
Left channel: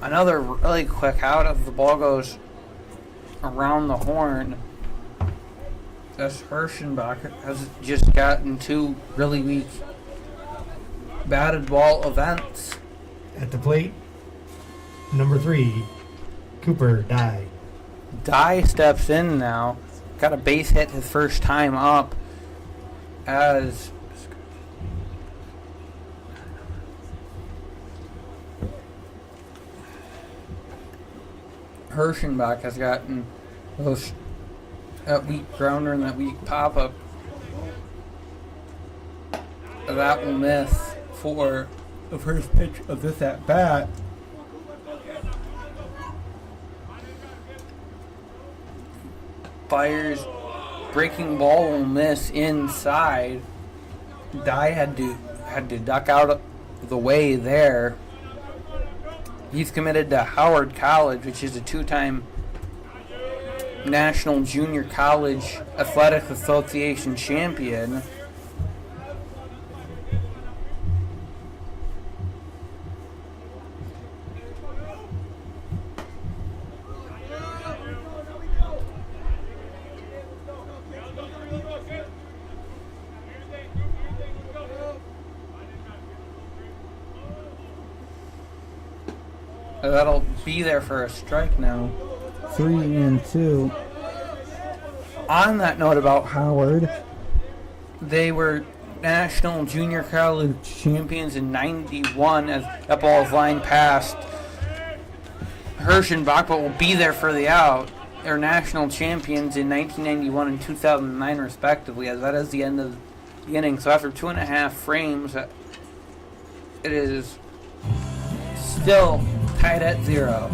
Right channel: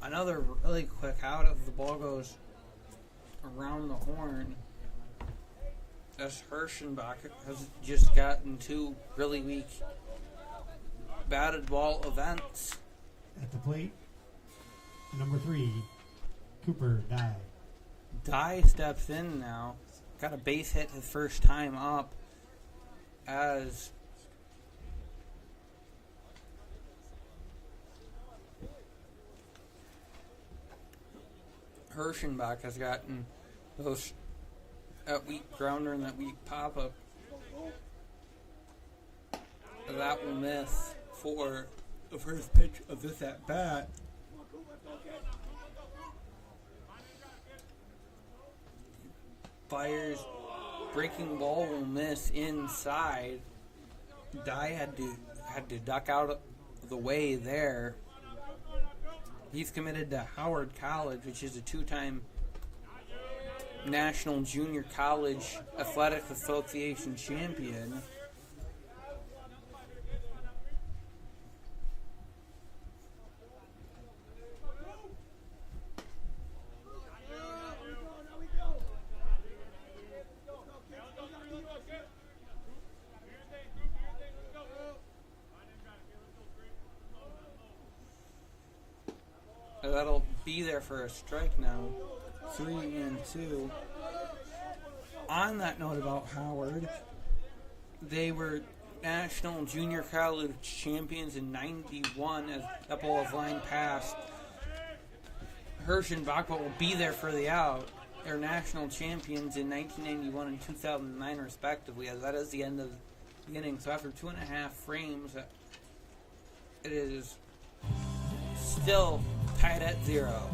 another really quick out as the ball goes around the horn. As Hirschenbach has just gotten 2 really weak batted ball events. At the plate, number 3, Cooper Dye. Dye steps in now. Got a base hit his first time up as Hirschenbach has gotten that weak grounder and that weak pop-up. That will miss for the first pitch of this at-bat. Fires, breaking ball will miss inside. Dye had to duck out of the way there. He's committed to Howard College, which is a 2-time National Junior College Athletic Association champion. That'll be there for a strike now. 3-2. On that note about Howard, they were National Junior College champions in '91 as that ball is lined past Hirschenbach, but will be there for the out. They're national champions in 1991 and 2009 respectively, as that is the end of the inning. So after 2.5 frames, it is still tied at 0.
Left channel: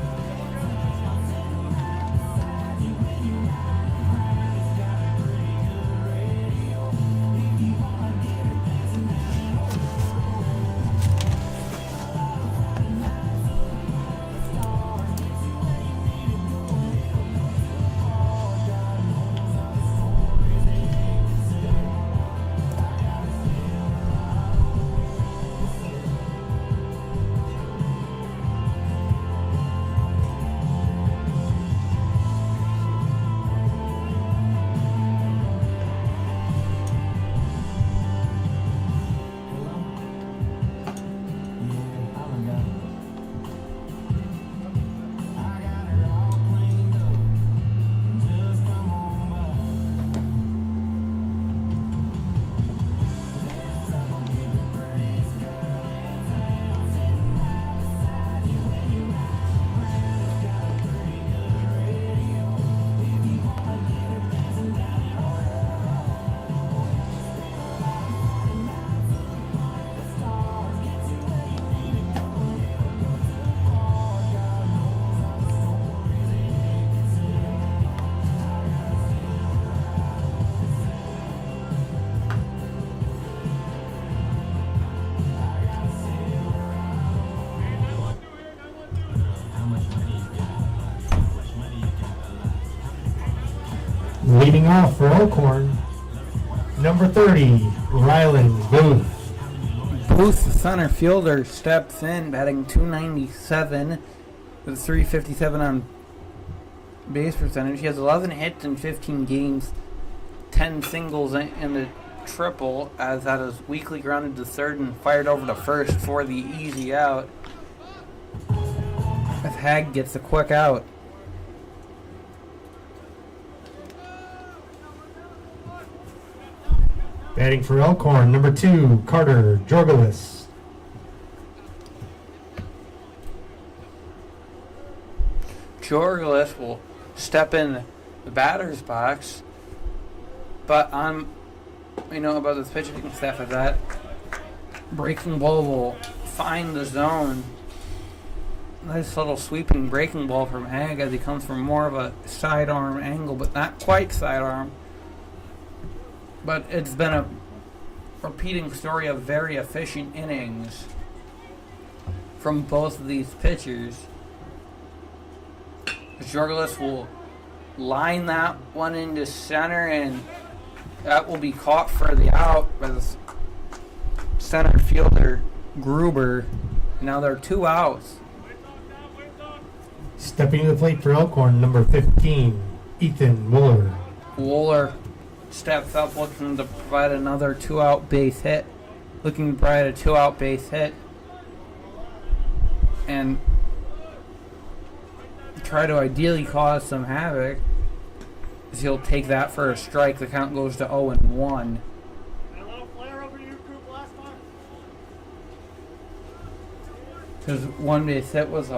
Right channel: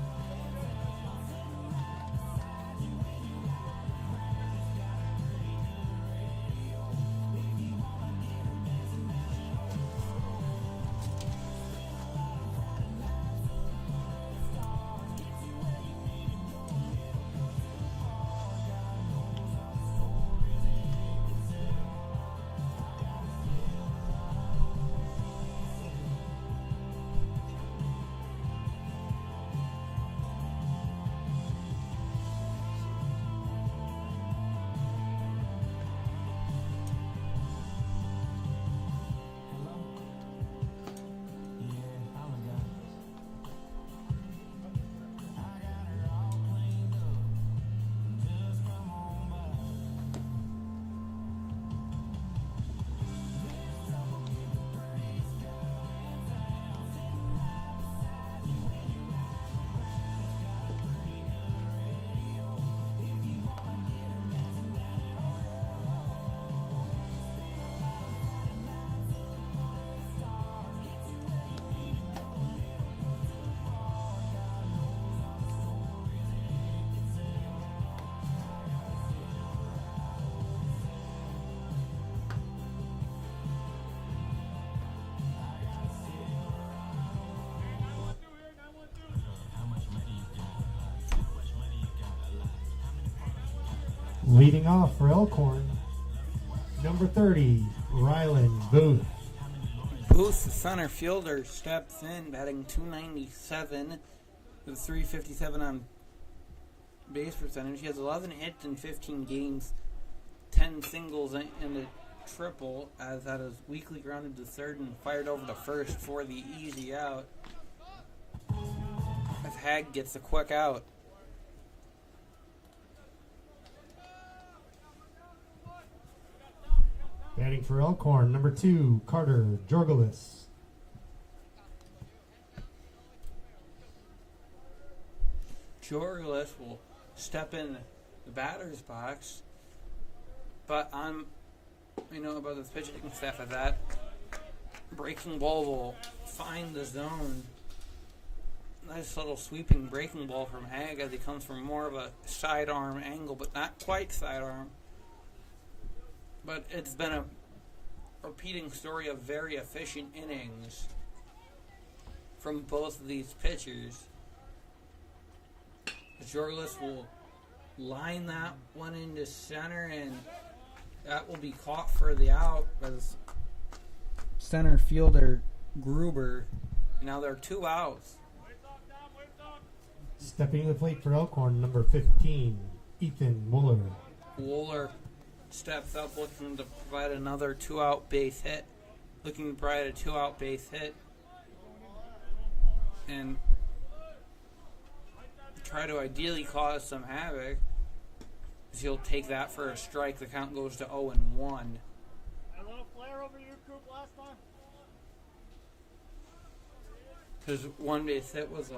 Leading off for Elkhorn, number 30, Ryland Booth. Booth, the center fielder, steps in, batting .297 with a .357 on base percentage. He has 11 hits in 15 games, 10 singles and a triple, as that is weakly grounded to third and fired over to first for the easy out. As Hag gets a quick out. Batting for Elkhorn, number 2, Carter Jorgelis. Jorgelis will step in the batter's box, but we know about this pitching staff of that. Breaking ball will find the zone. Nice little sweeping breaking ball from Ag as he comes from more of a sidearm angle, but not quite sidearm. But it's been a repeating story of very efficient innings from both of these pitchers. Jorgelis will line that one into center, and that will be caught for the out by the center fielder Gruber. Now there are 2 outs. Stepping to the plate for Elkhorn, number 15, Ethan Wooler. Wooler steps up looking to provide another 2-out base hit. Looking to provide a 2-out base hit. And try to ideally cause some havoc. As he'll take that for a strike. The count goes to 0-1. Because one base hit was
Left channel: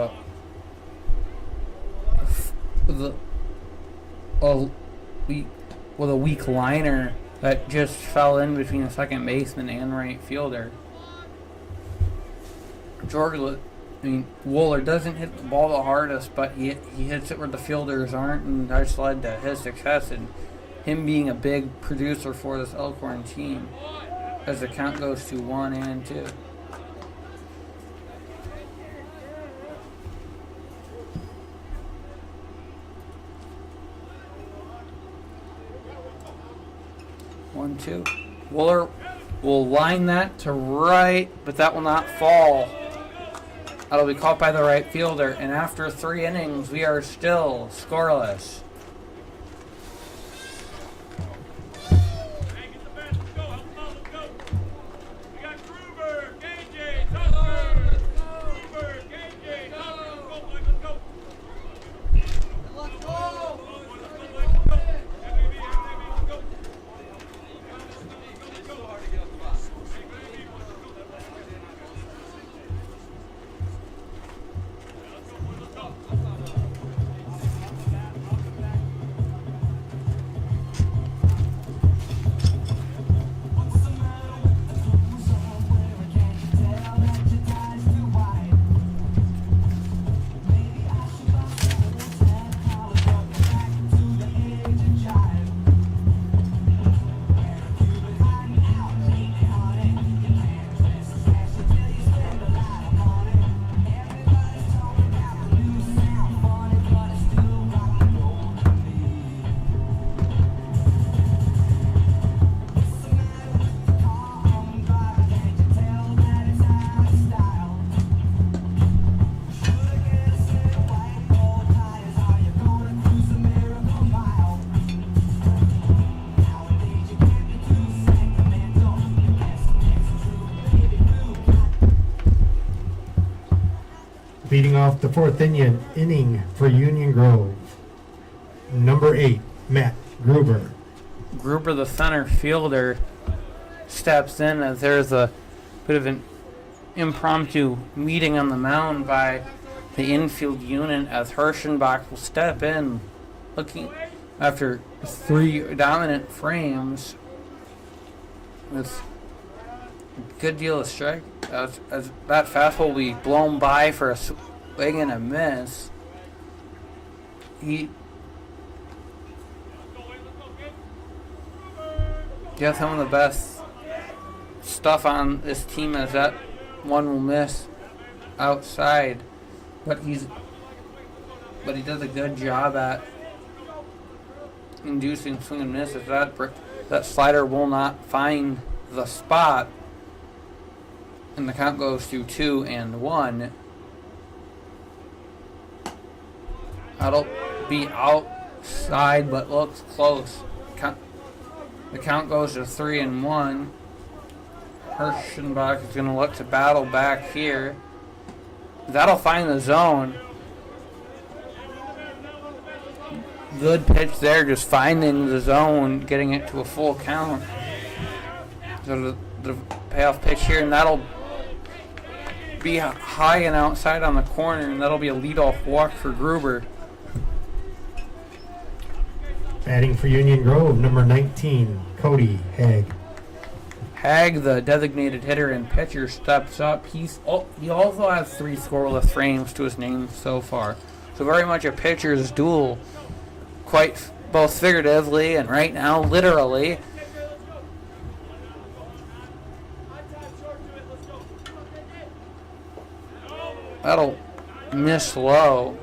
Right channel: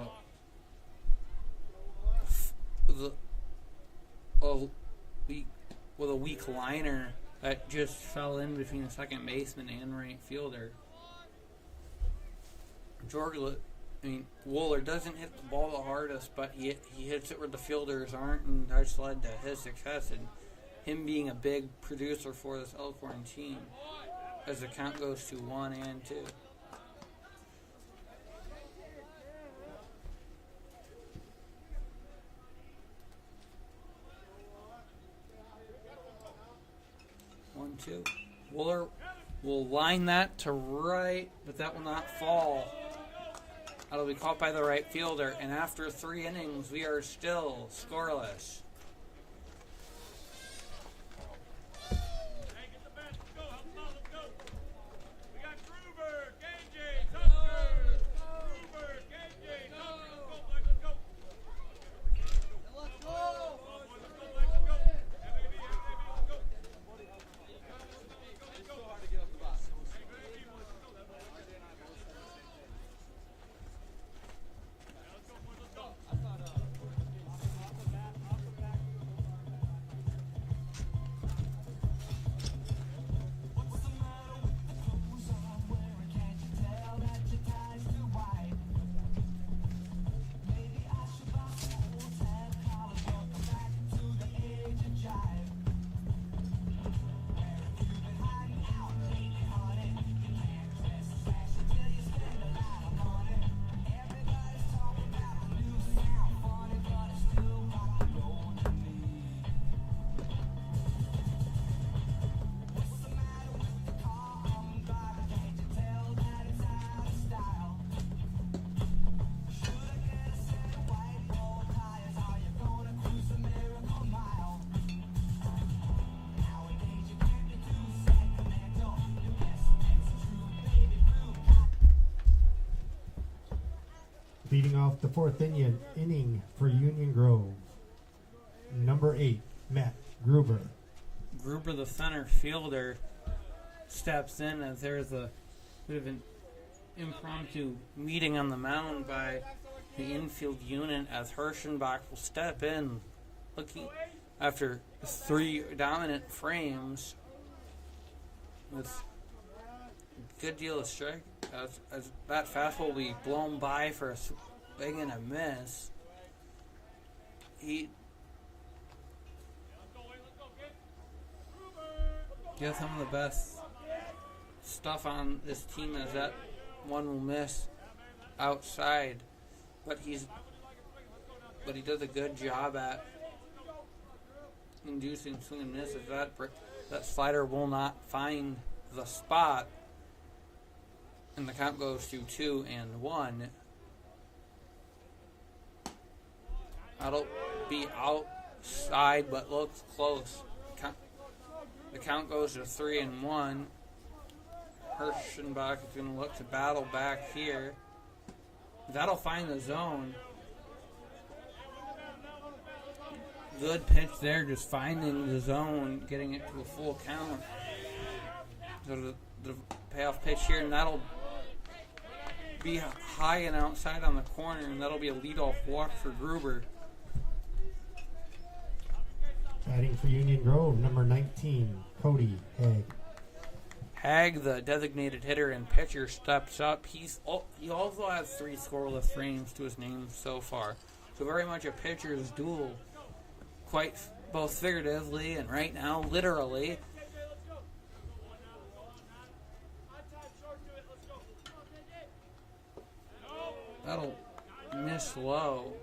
with a weak liner that just fell in between the second baseman and right fielder. Wooler doesn't hit the ball the hardest, but he hits it where the fielders aren't, and that's led to his success and him being a big producer for this Elkhorn team as the count goes to 1-2. Wooler will line that to right, but that will not fall. That'll be caught by the right fielder, and after 3 innings, we are still scoreless. Leading off the 4th inning for Union Grove, number 8, Matt Gruber. Gruber, the center fielder, steps in as there's a bit of an impromptu meeting on the mound by the infield unit as Hirschenbach will step in looking after 3 dominant frames with a good deal of strike. As that fastball will be blown by for a swing and a miss. He has some of the best stuff on this team as that one will miss outside, but he does a good job at inducing swing and miss. If that slider will not find the spot, and the count goes to 2-1. That'll be outside, but looks close. The count goes to 3-1. Hirschenbach is going to look to battle back here. That'll find the zone. Good pitch there, just finding the zone, getting it to a full count. So the payoff pitch here, and that'll be high and outside on the corner, and that'll be a leadoff walk for Gruber. Batting for Union Grove, number 19, Cody Haig. Hag, the designated hitter and pitcher, steps up. He also has 3 scoreless frames to his name so far. So very much a pitcher's duel, quite both figuratively and right now literally. That'll miss low.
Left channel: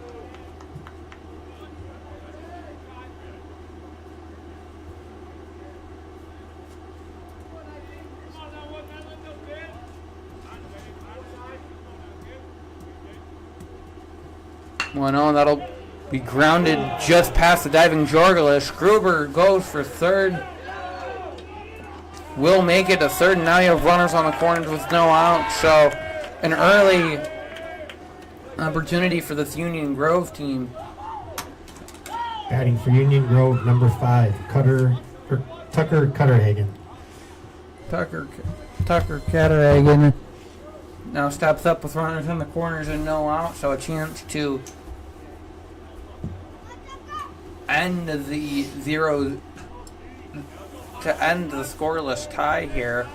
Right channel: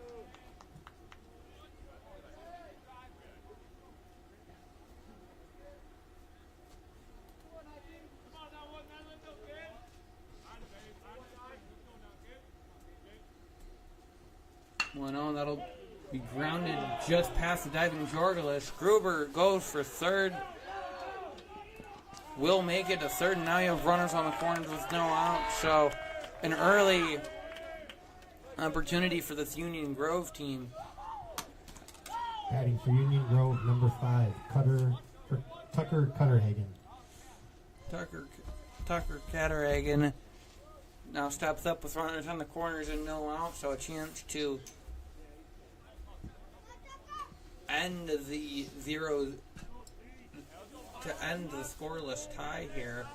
Well, no, that'll be grounded just past the diving Jorgelis. Gruber goes for third. Will make it to third, and now you have runners on the corners with no out. So an early opportunity for this Union Grove team. Batting for Union Grove, number 5, Tucker Cutterhagen. Tucker Catterhagen now steps up with runners in the corners and no out, so a chance to end the scoreless tie here.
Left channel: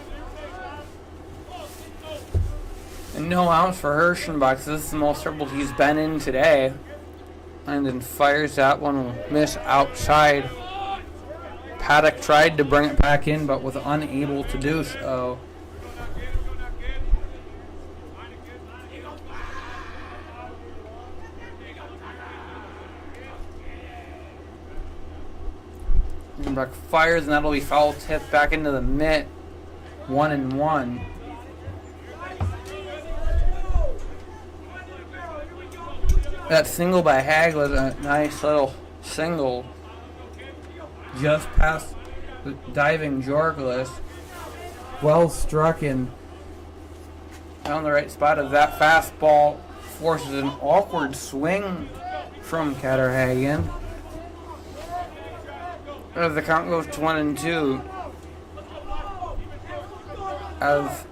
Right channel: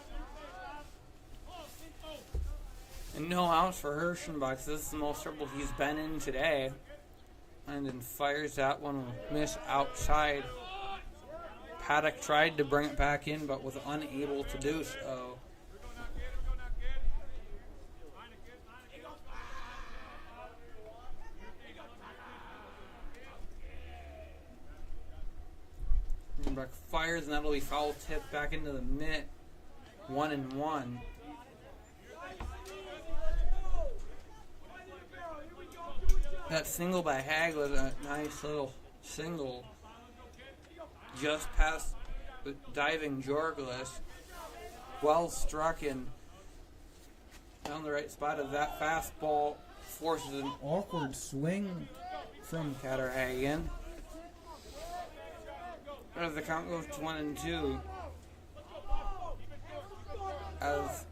And no outs for Hirschenbach. This is the most trouble he's been in today. And then fires that one, will miss outside. Paddock tried to bring it back in, but was unable to do so. Hirschenbach fires, and that'll be foul tip back into the mitt. 1-1. That single by Hag was a nice little single just past the diving Jorgelis. Well struck in down the right spot as that fastball forces an awkward swing from Catterhagen. As the count goes to 1-2. As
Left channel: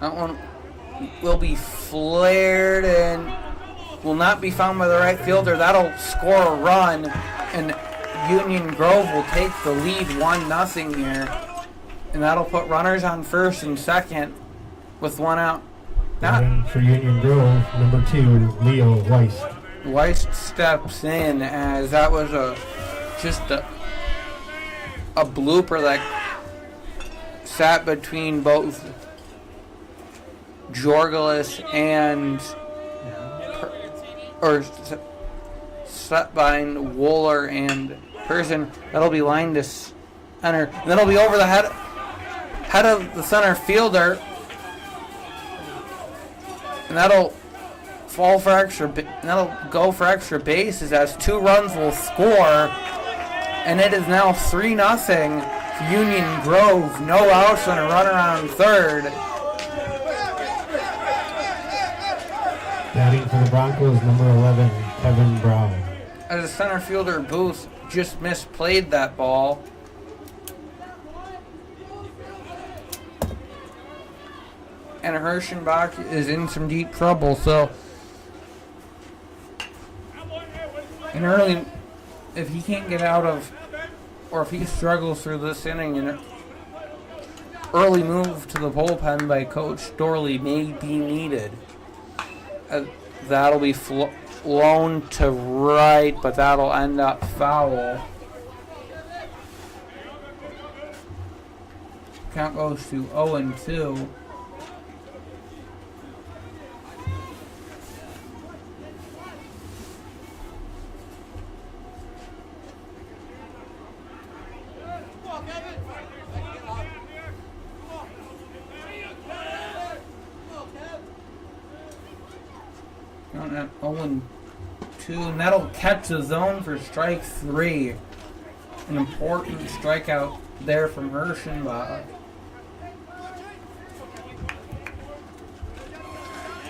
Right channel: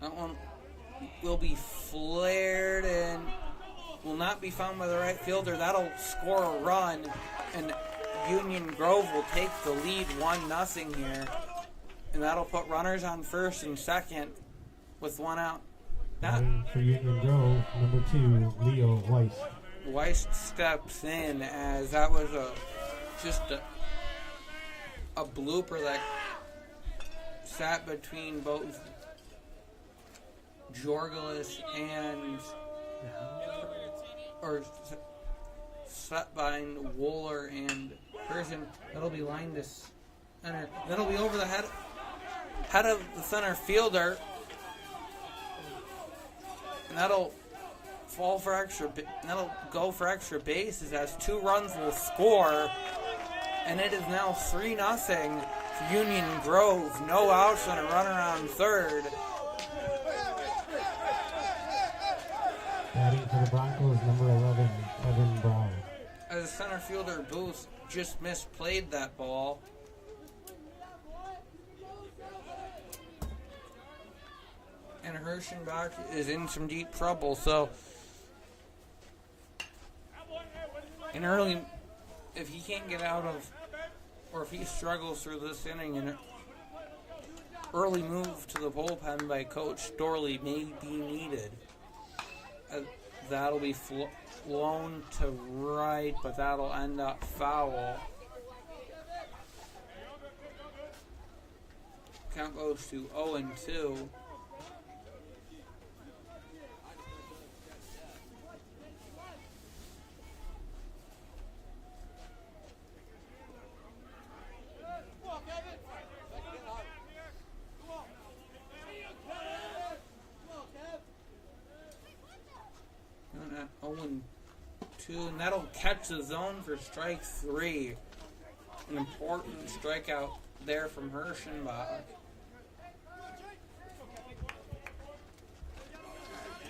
that one will be flared and will not be found by the right fielder. That'll score a run, and Union Grove will take the lead 1-0 here. And that'll put runners on first and second with 1 out. Batting for Union Grove, number 2, Leo Weiss. Weiss steps in as that was just a blooper that sat between both Jorgelis and set behind Wooler and Person. That'll be lined to center. That'll be over the head of the center fielder, and that'll fall for extra. That'll go for extra bases as 2 runs will score, and it is now 3-0 Union Grove. No outs and a runner on third. Batting for the Broncos, number 11, Kevin Brown. As a center fielder, Booth just misplayed that ball. And Hirschenbach is in some deep trouble, so in early, if he can't get out of, or if he struggles through this inning, an early move to the bullpen by Coach Dorley may be needed. That'll be flown to right, but that'll end up foul. Count goes to 0-2. At 0-2, and that'll catch the zone for strike 3. An important strikeout there from Hirschenbach.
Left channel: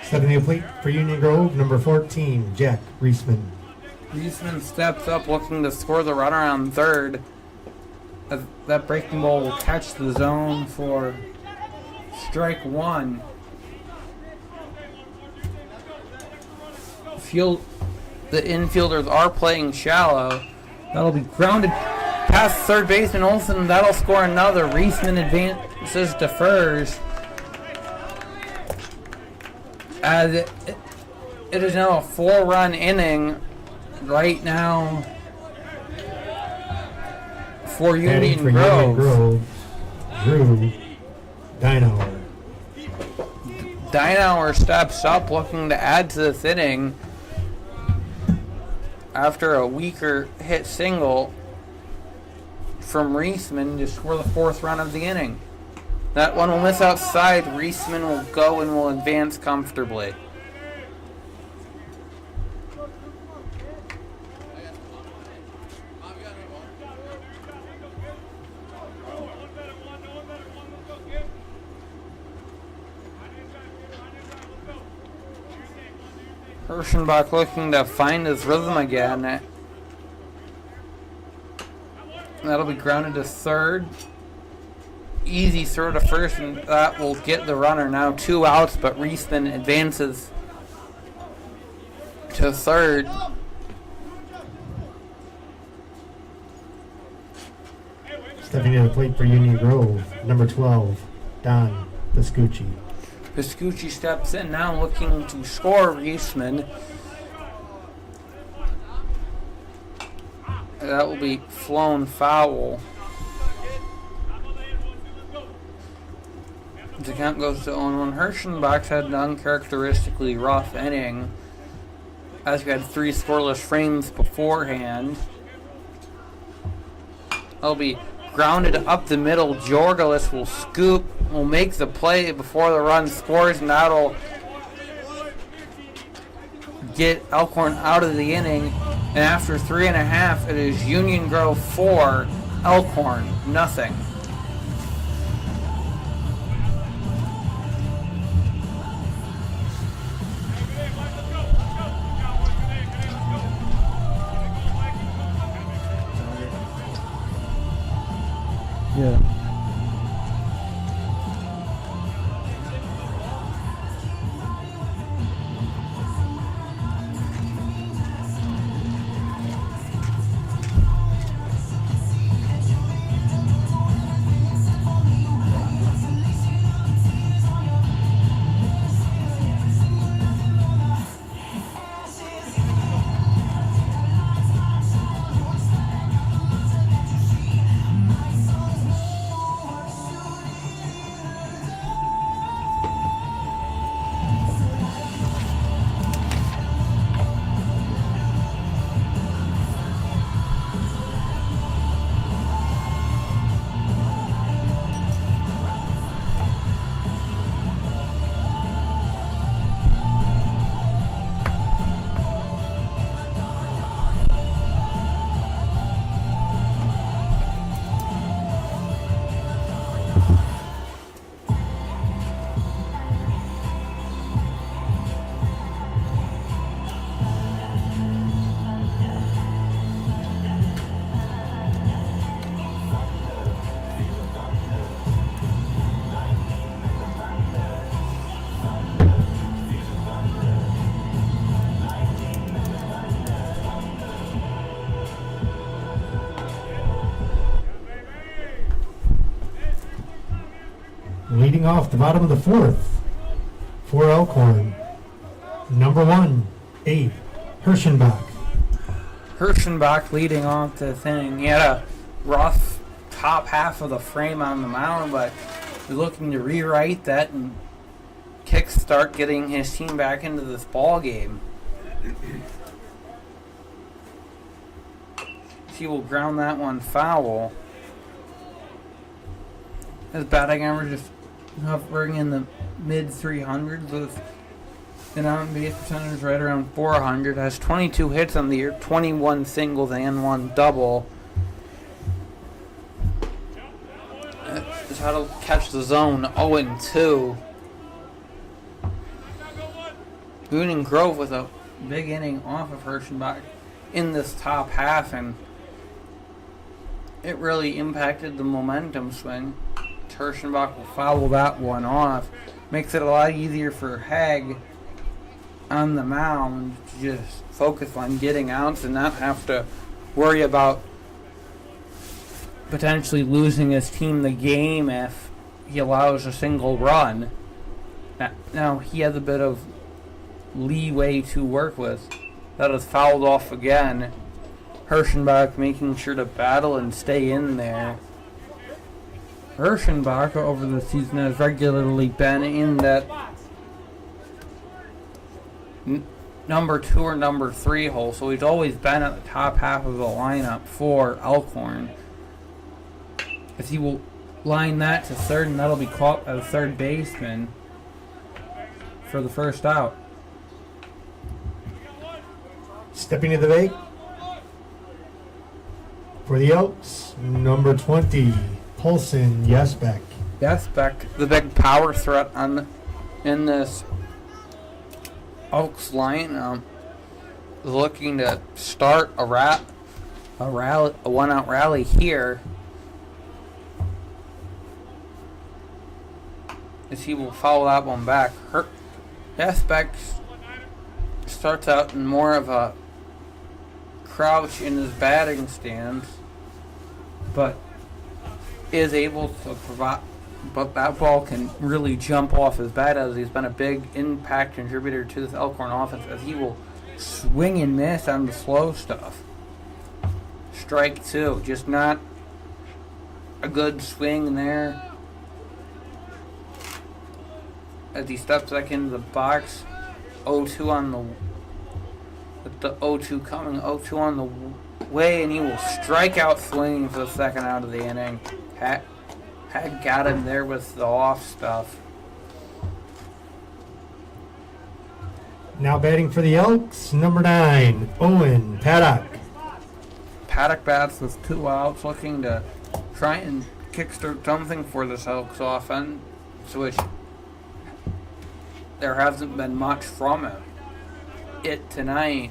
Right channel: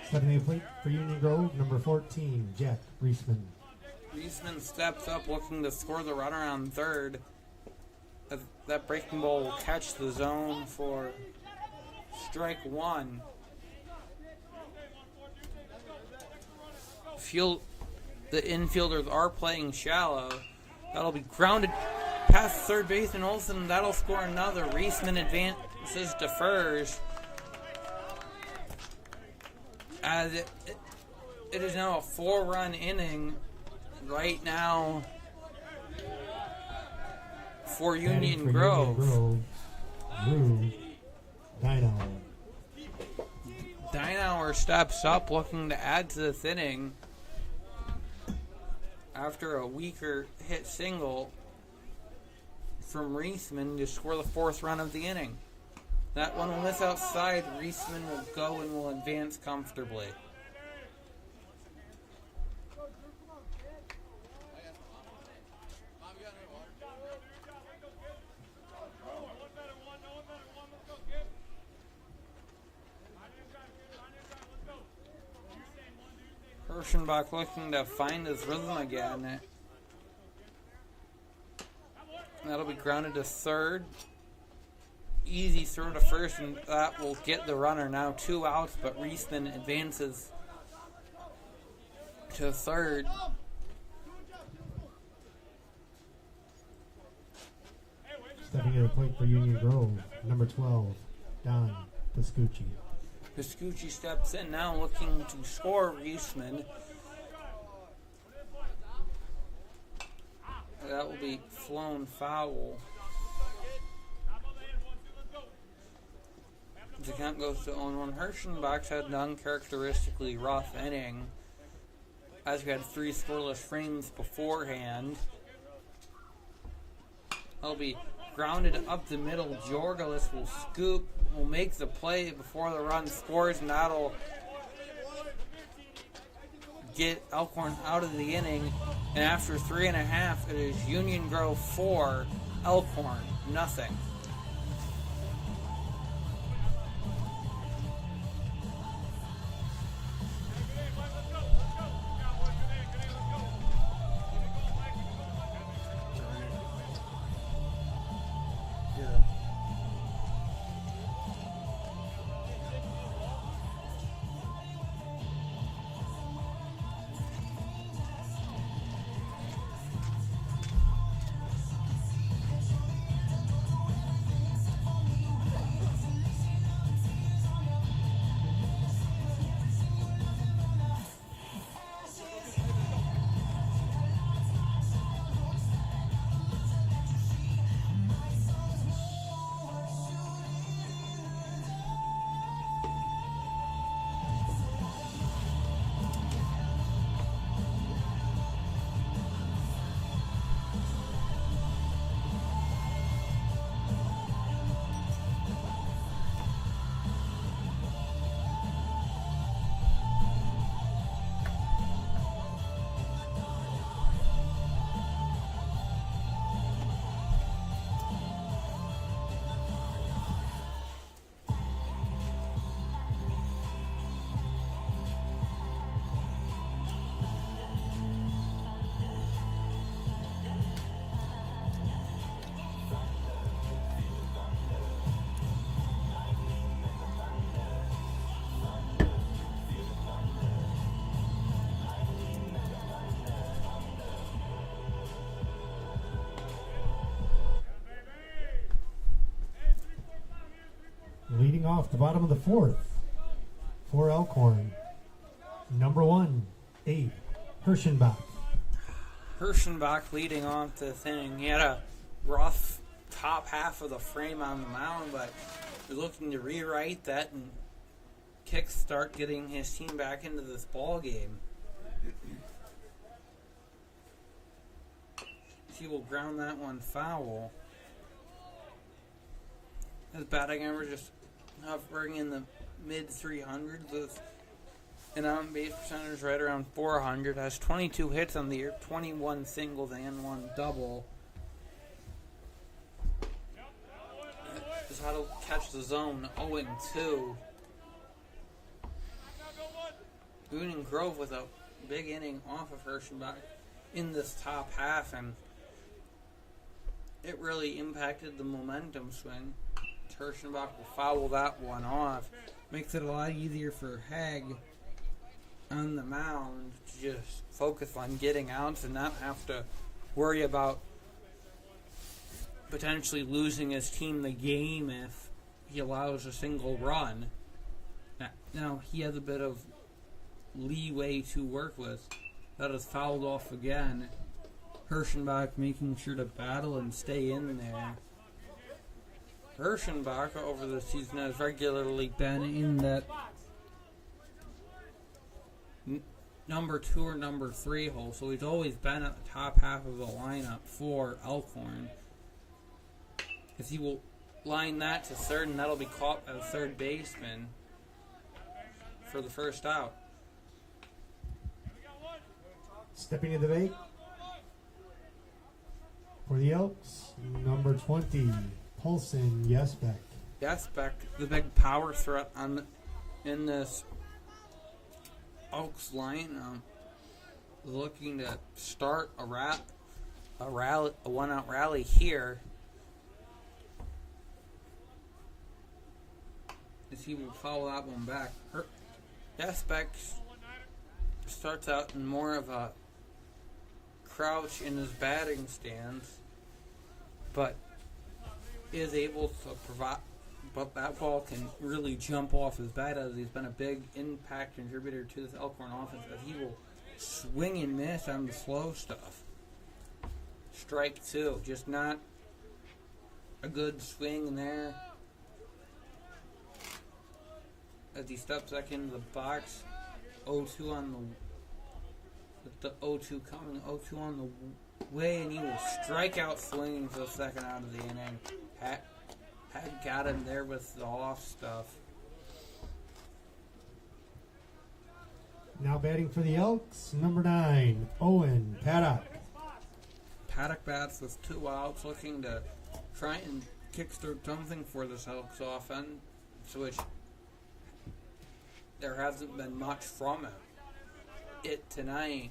Setting the plate for Union Grove, number 14, Jack Reisman. Reisman steps up looking to score the runner on third. That breaking ball will catch the zone for strike one. The infielders are playing shallow. That'll be grounded past third baseman Olsen. That'll score another. Reisman advances to first. As it is now a 4-run inning right now for Union Grove. Drew Dynauer. Dynauer steps up looking to add to this inning after a weaker hit single from Reisman to score the 4th run of the inning. That one will miss outside. Reisman will go and will advance comfortably. Hirschenbach looking to find his rhythm again. That'll be grounded to third. Easy throw to first, and that will get the runner. Now 2 outs, but Reisman advances to third. Stepping to the plate for Union Grove, number 12, Don Piscucci. Piscucci steps in now looking to score Reisman. That will be flown foul. The count goes to 0-1. Hirschenbach had an uncharacteristically rough inning, as we had 3 scoreless frames beforehand. That'll be grounded up the middle. Jorgalis will scoop, will make the play before the run scores, and that'll get Elkhorn out of the inning. And after 3.5, it is Union Grove 4, Elkhorn nothing. Yeah. Leading off the bottom of the 4th for Elkhorn, number 1, Abe Hirschenbach. Hirschenbach leading off the thing. He had a rough top half of the frame on the mound, but he's looking to rewrite that and kickstart getting his team back into this ball game. He will ground that one foul. His batting average is hovering in the mid 300s with an on-base percentage right around 400. Has 22 hits on the year, 21 singles and 1 double. That's how to catch the zone. 0-2. Union Grove with a big inning off of Hirschenbach in this top half, and it really impacted the momentum swing. Terschenbach will foul that one off. Makes it a lot easier for Hag on the mound to just focus on getting outs and not have to worry about potentially losing his team the game if he allows a single run. Now he has a bit of leeway to work with. That is fouled off again. Hirschenbach making sure to battle and stay in there. Hirschenbach over the season has regularly been in that number 2 or number 3 hole, so he's always been at the top half of the lineup for Elkhorn. As he will line that to third, and that'll be caught by the third baseman for the first out. Stepping to the bait for the Elks, number 20, Paulson Yesbeck. Yesbeck, the big power threat in this Elks lineup, is looking to start a one-out rally here. As he will foul that one back. Yesbeck starts out in more of a crouch in his batting stance, but is able to provide. But that ball can really jump off his bat, as he's been a big impact contributor to this Elkhorn offense, as he will swing and miss on the slow stuff. Strike 2, just not a good swing there. As he steps back into the box, 0-2 on the, with the 0-2 coming, 0-2 on the way, and he will strike out swinging for the second out of the inning. Had got him there with the off stuff. Now batting for the Elks, number 9, Owen Paddock. Paddock bats with 2 outs, looking to try and kickstart something for this Elks offense, which there hasn't been much from it tonight.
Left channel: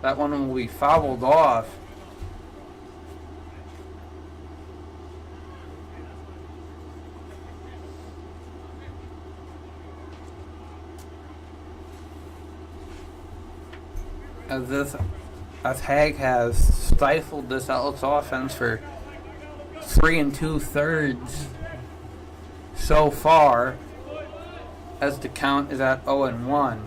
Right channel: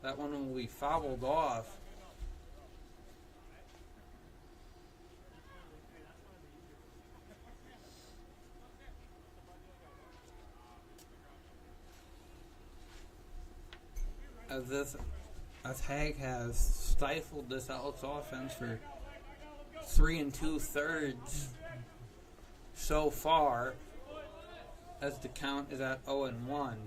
That one will be fouled off. As Hag has stifled this Elks offense for 3 2/3 so far, as the count is at 0-1.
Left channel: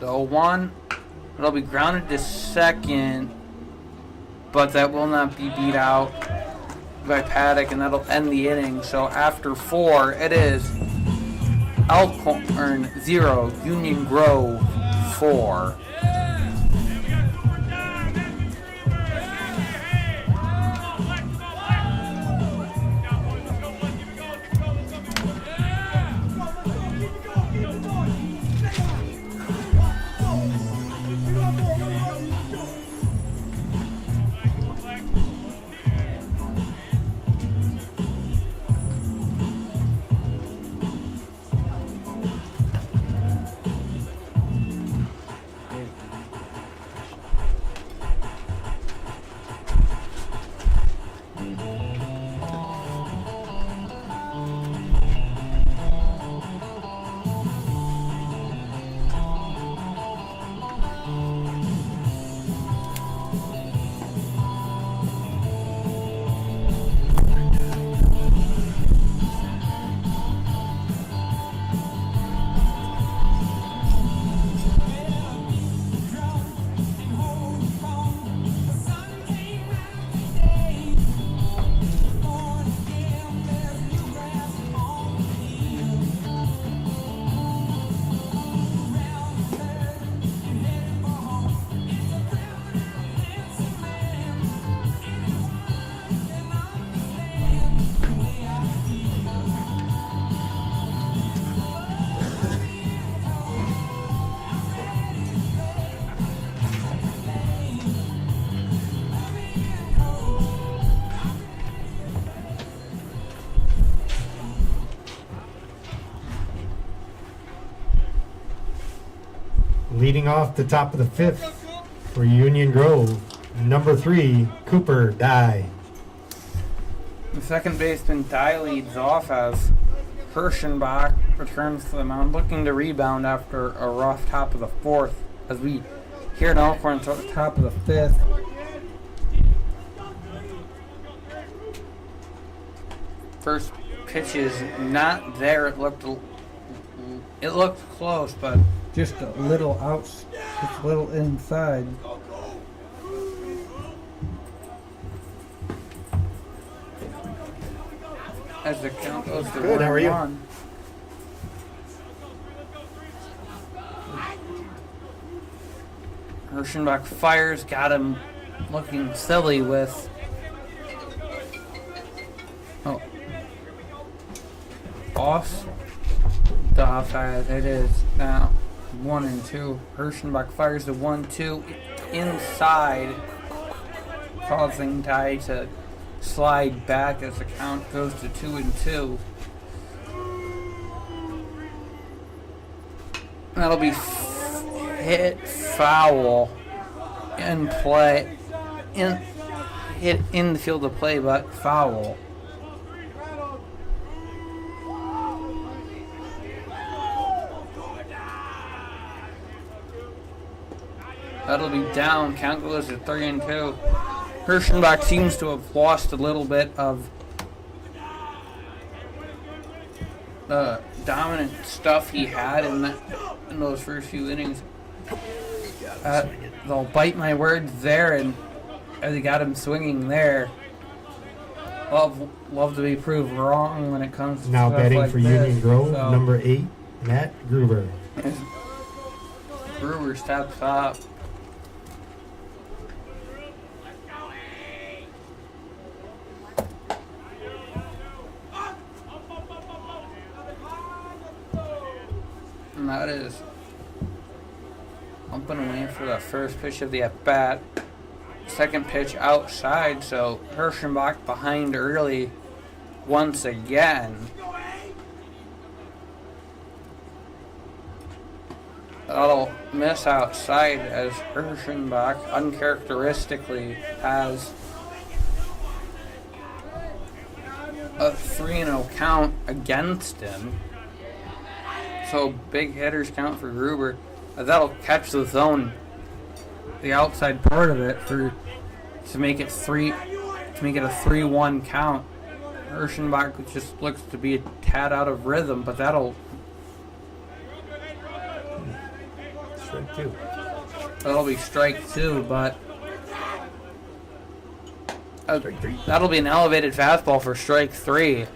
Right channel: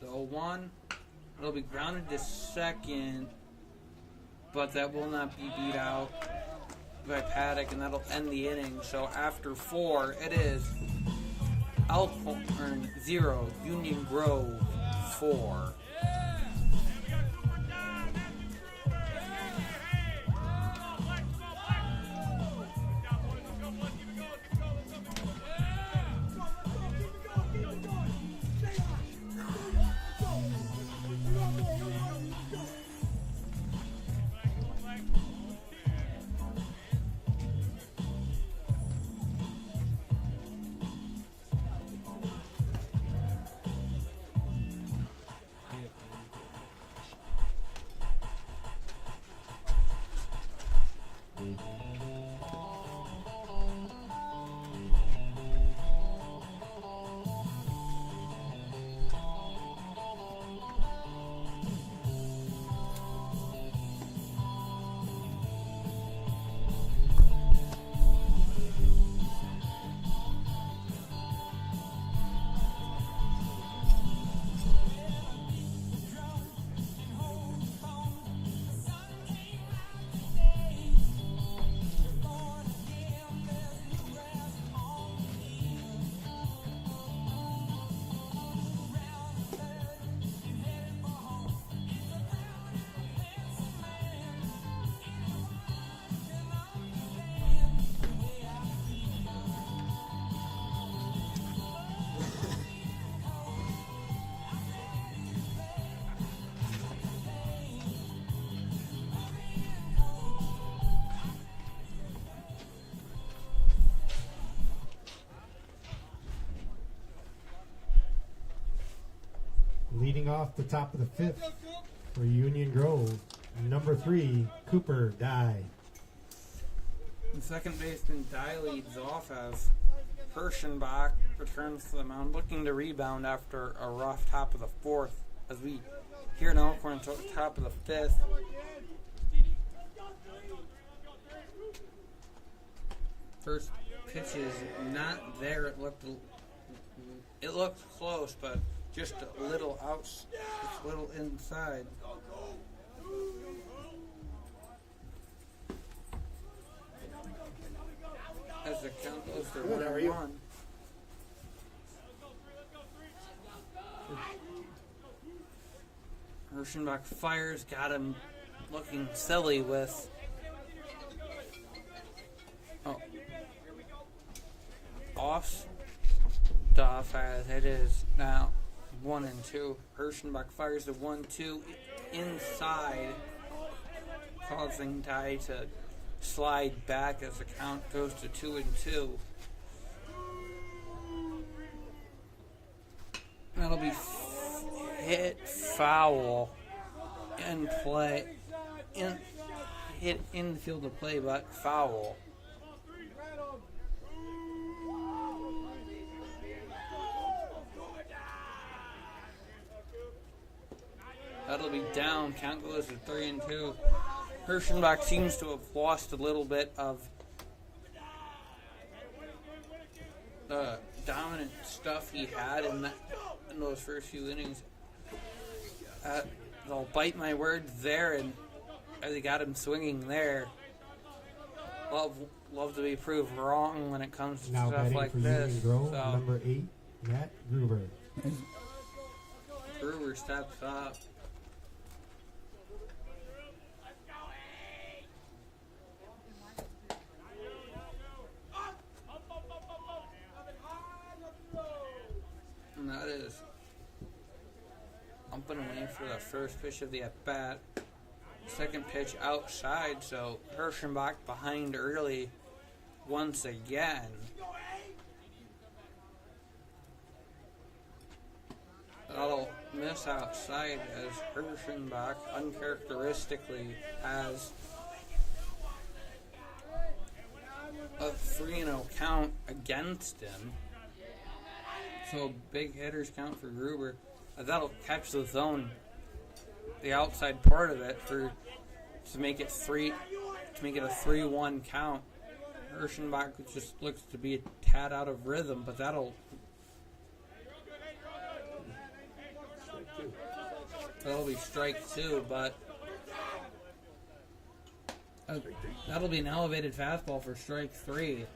The 0-1, it'll be grounded to second, but that will not be beat out by Paddock, and that'll end the inning. So after 4, it is Elkhorn 0, Union Grove 4. Leading off the top of the fifth for Union Grove, number 3, Cooper Dye. The second baseman Dye leads off as Kirschenbach returns to the mound, looking to rebound after a rough top of the fourth. As we here in Elkhorn, top of the fifth. First pitch is not there. It looked close, but just a little out, just a little inside. As the count goes to Good, how are you? 1-1. Kirschenbach fires, got him looking silly with. Oh. Off the offside. It is now 1-2. Kirschenbach fires the 1-2 inside, causing Dye to slide back as the count goes to 2-2. That'll be hit foul in play, hit in the field of play, but foul. That'll be down. Count goes to 3-2. Kirschenbach seems to have lost a little bit of dominant stuff he had in those first few innings. They'll bite my words there, and as he got him swinging there. Love to be proved wrong when it comes to Now stuff batting like for this. Union Grove, So, number 8, Matt Gruber. as Gruber steps up. And that is bumping away for the first pitch of the at-bat. Second pitch outside, so Kirschenbach behind early once again. That'll miss outside as Kirschenbach uncharacteristically has a 3-0 count against him. So big hitters count for Gruber. That'll catch the zone, the outside part of it, to make it a 3-1 count. Kirschenbach just looks to be a tad out of rhythm, but that'll be strike two, but that'll be an elevated fastball for strike three.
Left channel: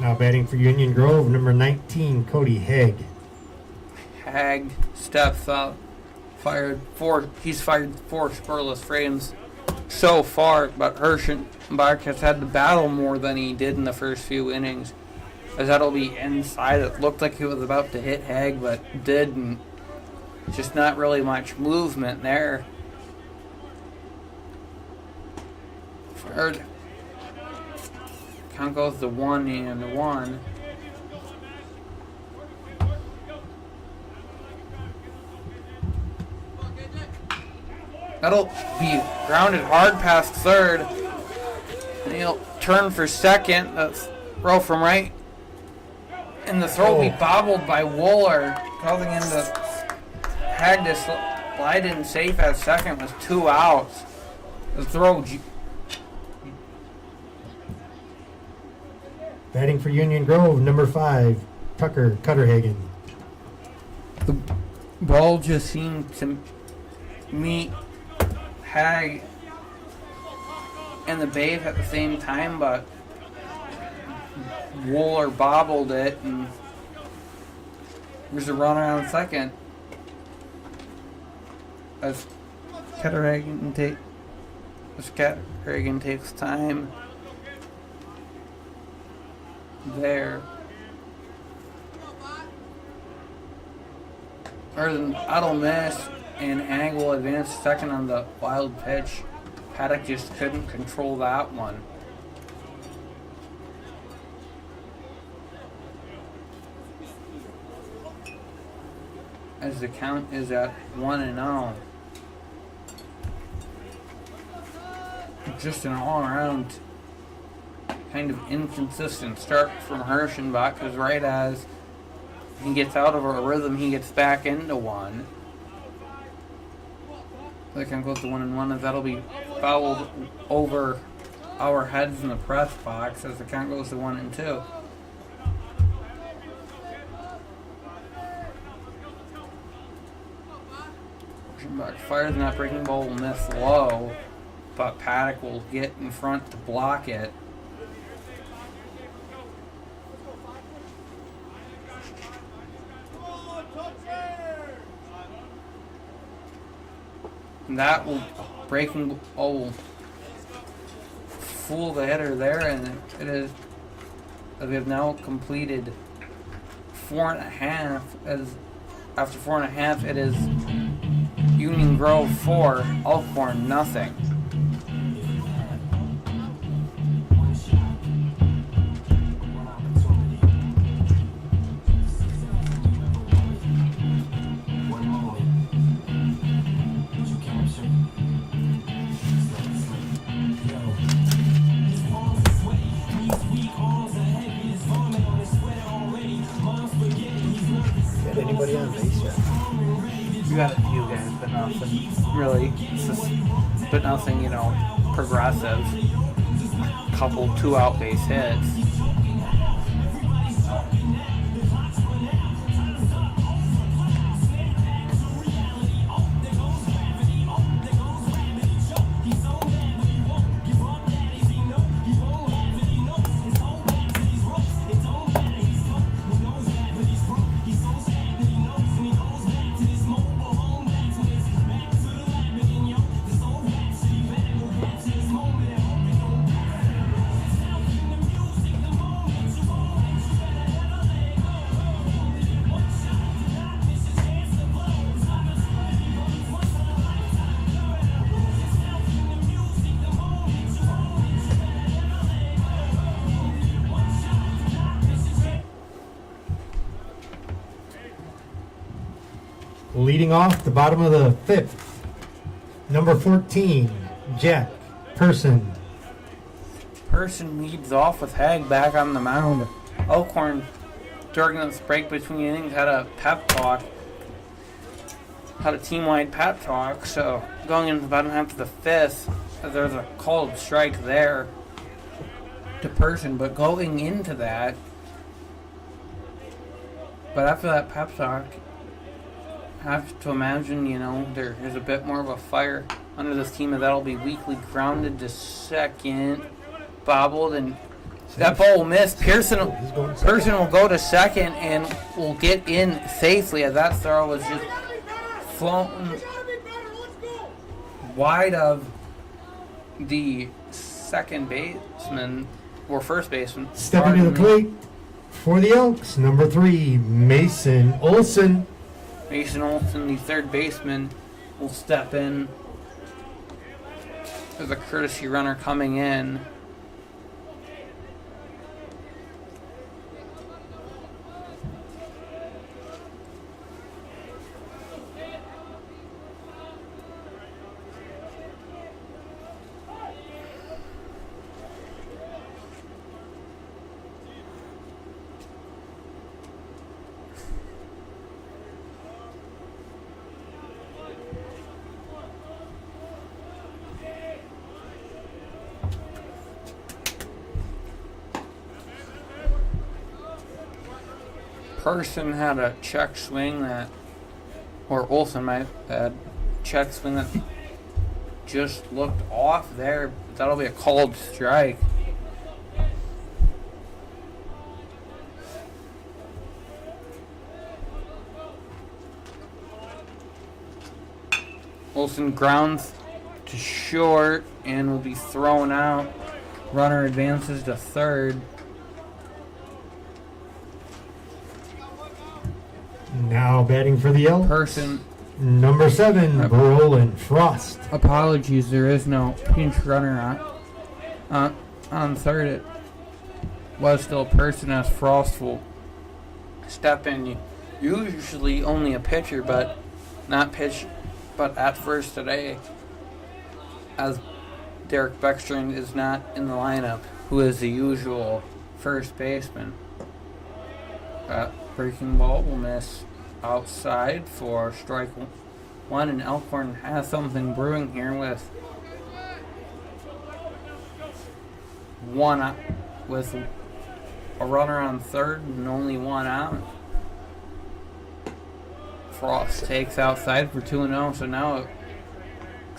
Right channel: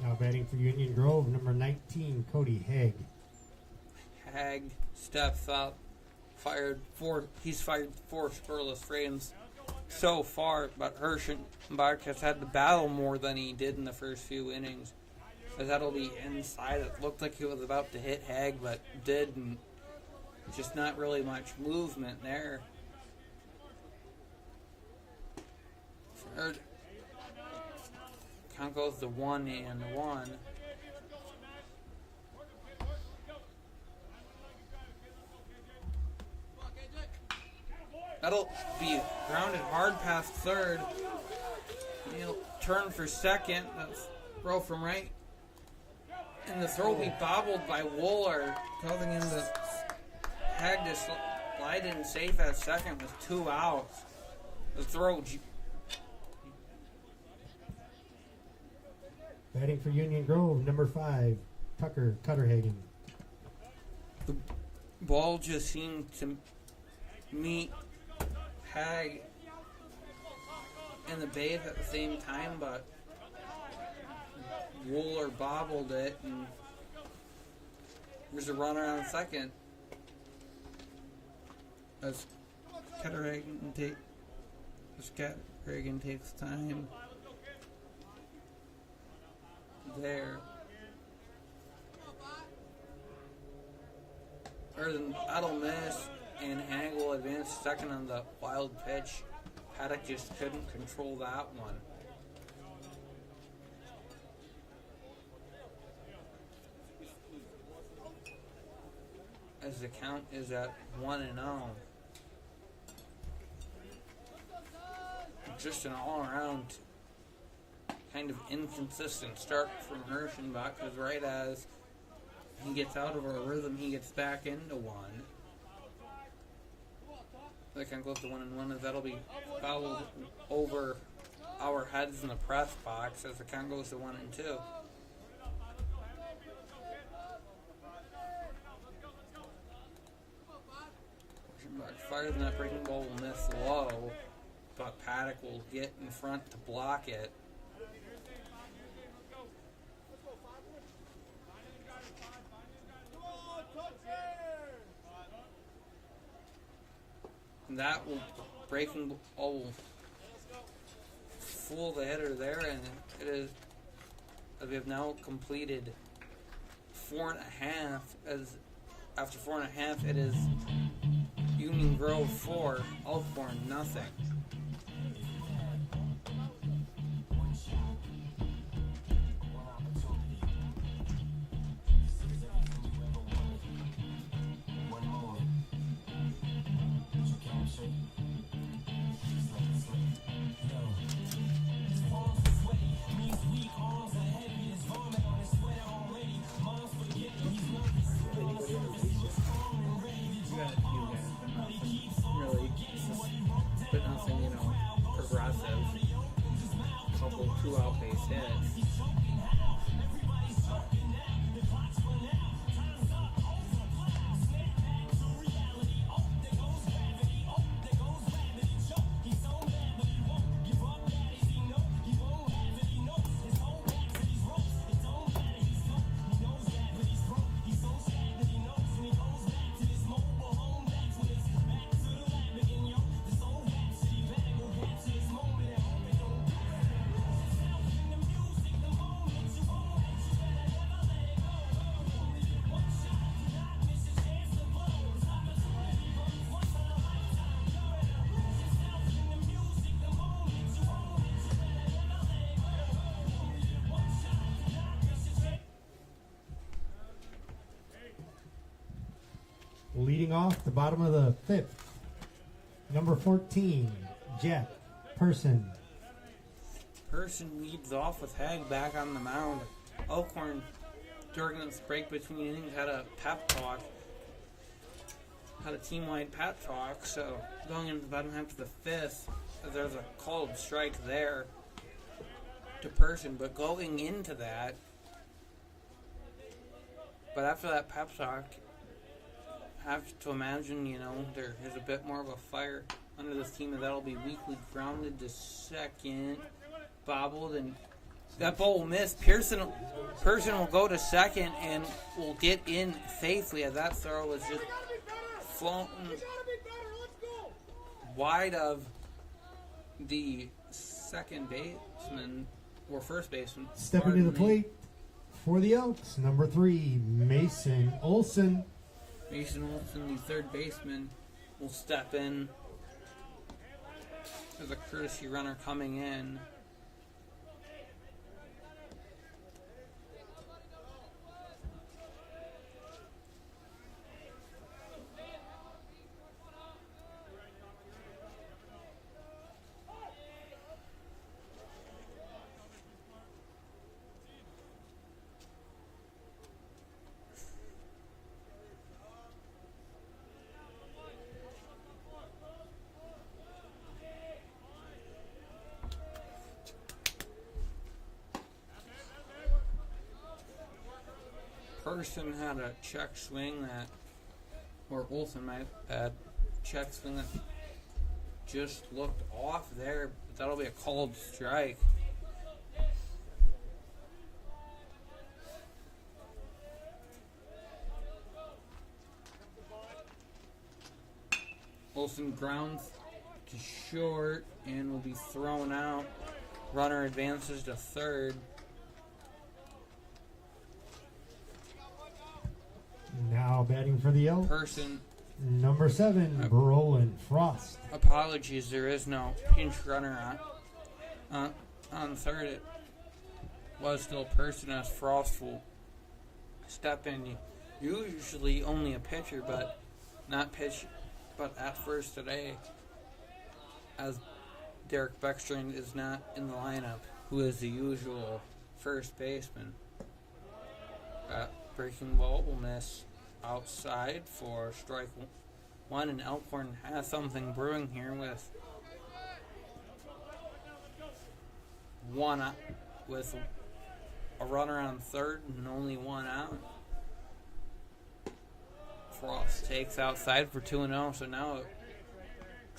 Now batting for Union Grove, number 19, Cody Haig. Hag steps up, he's fired four scoreless frames so far, but Kirschenbach has had to battle more than he did in the first few innings. As that'll be inside. It looked like he was about to hit Hag, but didn't. Just not really much movement there. Third. Count goes to 1-1. That'll be grounded hard past third. And he'll turn for second. That's throw from right. And the throw will be bobbled by Wooler, causing him to Hag to slide in safe at second with 2 outs. The throw. Batting for Union Grove, number 5, Tucker Cutterhagen. The ball just seemed to meet Hag and the base at the same time, but Wooler bobbled it, and there's a runner on second. As Cutterhagen takes time there. That'll miss, and Hag will advance second on the wild pitch. Paddock just couldn't control that one. as the count is at 1-0. Just an all-around kind of inconsistent start from Hirschenbach, because right as he gets out of a rhythm, he gets back into one. The count goes to 1-1, as that'll be fouled over our heads in the press box as the count goes to 1-2. Hirschenbach fires, and that breaking ball will miss low, but Paddock will get in front to block it. That will breaking ball fool the hitter there, and it is, as we have now completed 4.5. As after 4.5, it is Union Grove 4, Elkhorn nothing. Anybody on base yet? We got a few guys, but nothing really. But nothing, progressive. Couple 2-out base hits. Leading off the bottom of the fifth, number 14, Jack Person. Person leads off with Haig back on the mound. Elkhorn, during this break between innings, had a pep talk. Had a team-wide pep talk. So going into the bottom half of the fifth, there's a called strike there to Person. But going into that, but after that pep talk, I have to imagine, there is a bit more of a fire under this team, and that'll be weakly grounded to second, bobbled, and that ball will miss. Person will go to second and will get in safely, as that throw was just floating wide of the second baseman, or first baseman. Stepping to the plate for the Elks, number 3, Mason Olson. Mason Olson, the third baseman, will step in. There's a courtesy runner coming in. Person had a check swing or Olsen might have check swing that just looked off there. That'll be a called strike. Olsen grounds to short and will be thrown out. Runner advances to third. Now batting for the Elks, Person. number 7, Brolin Frost. Apologies, there is no pinch runner on third. It was still Person, as Frost will step in. usually only a pitcher, but not pitch, but at first today, as Derek Beckstrand is not in the lineup, who is the usual first baseman. Breaking ball will miss outside for strike one, and Elkhorn has something brewing here with with a runner on third and only one out. Frost takes outside for 2-0, so now a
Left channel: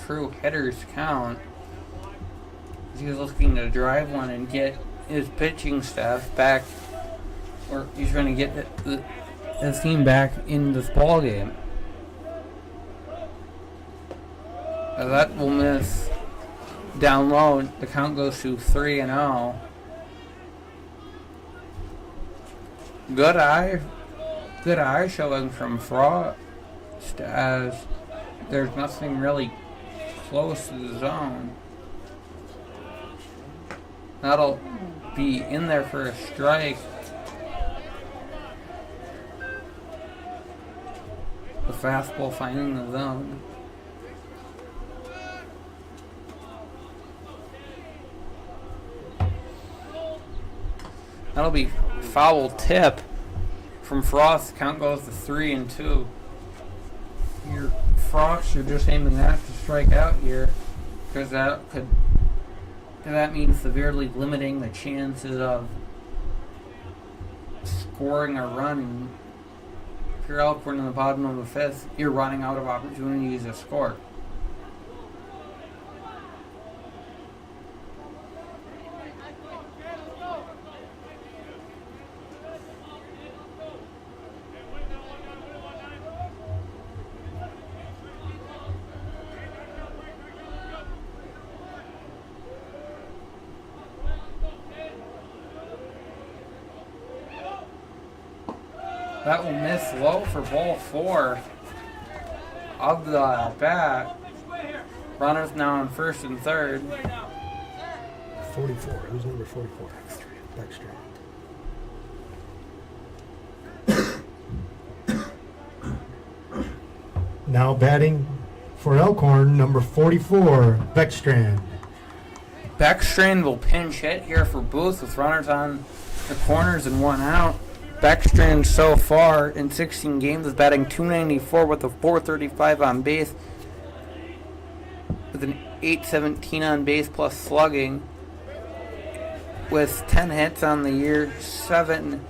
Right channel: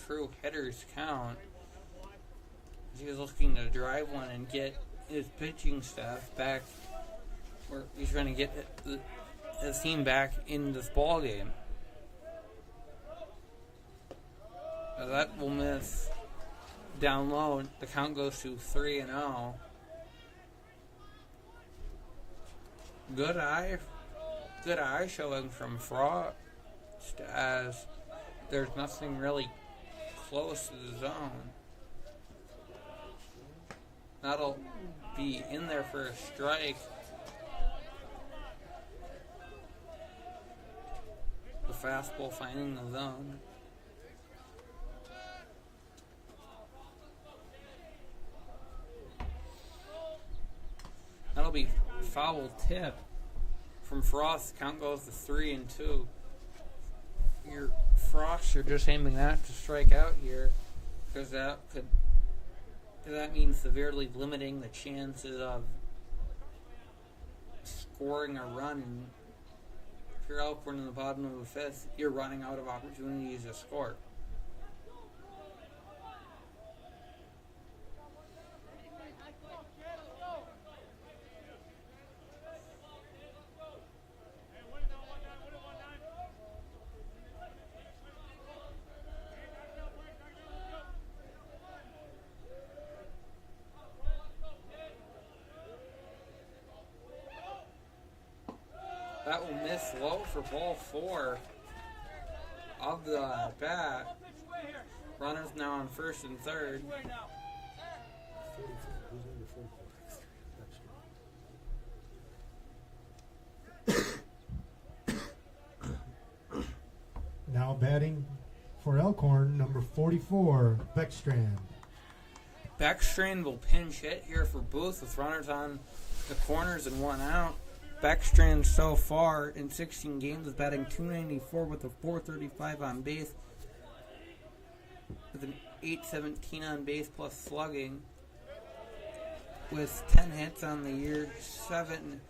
true hitter's count. He's looking to drive one and get his pitching staff back, or he's trying to get his team back in this ball game. That will miss down low. The count goes to 3-0. Good eye showing from Frost, as there's nothing really close to the zone. That'll be in there for a strike. The fastball finding the zone. That'll be foul tip from Frost. Count goes to 3-2. Your Frost are just aiming that to strike out here, because that means severely limiting the chances of scoring a run. If you're Elkhorn in the bottom of the fifth, you're running out of opportunities to score. That will miss low for ball 4 of the bat. Runners now on first and third. 44. Who's number 44? Backstrand. Now batting for Elkhorn, number 44, Beckstrand. Beckstrand will pinch hit here for Booth with runners on the corners and one out. Beckstrand so far in 16 games is batting .294 with a .435 on base, with an .817 on base plus slugging, with 10 hits on the year, 7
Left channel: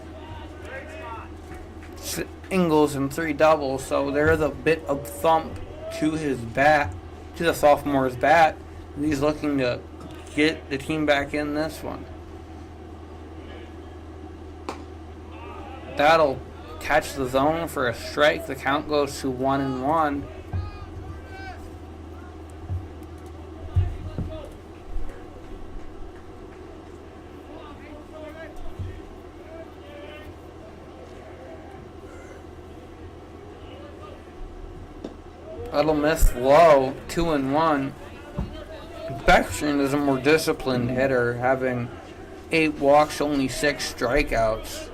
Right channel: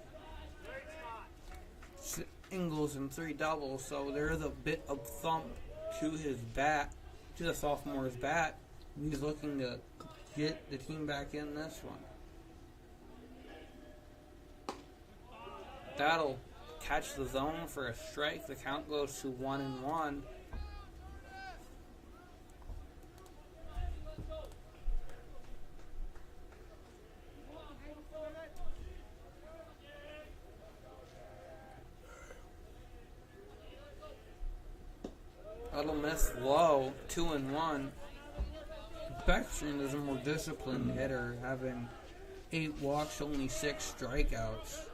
singles and 3 doubles. So there is a bit of thump to his bat, to the sophomore's bat. He's looking to get the team back in this one. That'll catch the zone for a strike. The count goes to 1-1. That'll miss low, 2-1. Beckstrand is a more disciplined hitter, having 8 walks, only 6 strikeouts.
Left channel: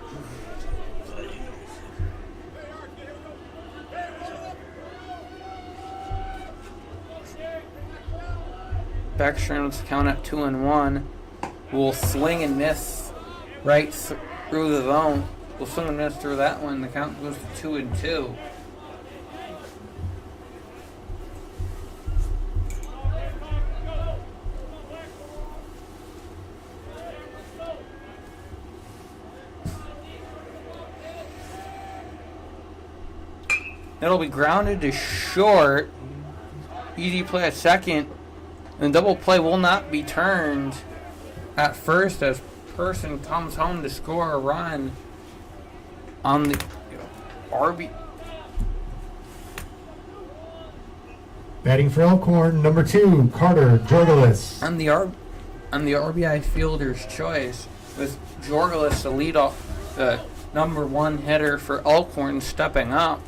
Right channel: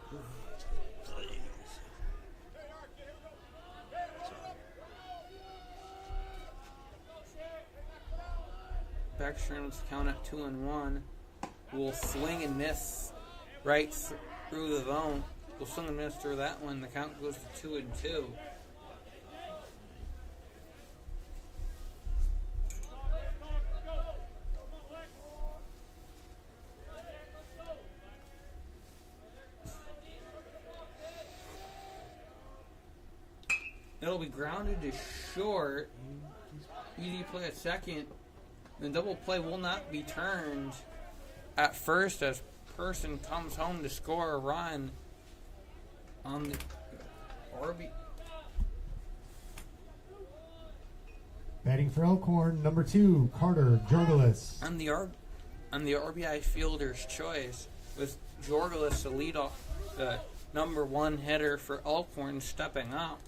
Beckstrand's count at 2-1. Will swing and miss right through the zone. Will swing and miss through that one. The count goes to 2-2. It'll be grounded to short. Easy play at second. And double play will not be turned at first, as Person comes home to score a run on the RB. Batting for Elkhorn, number 2, Carter Jorgelis. On the RBI fielder's choice, with Jorgelis the lead off, the number 1 hitter for Elkhorn, stepping up.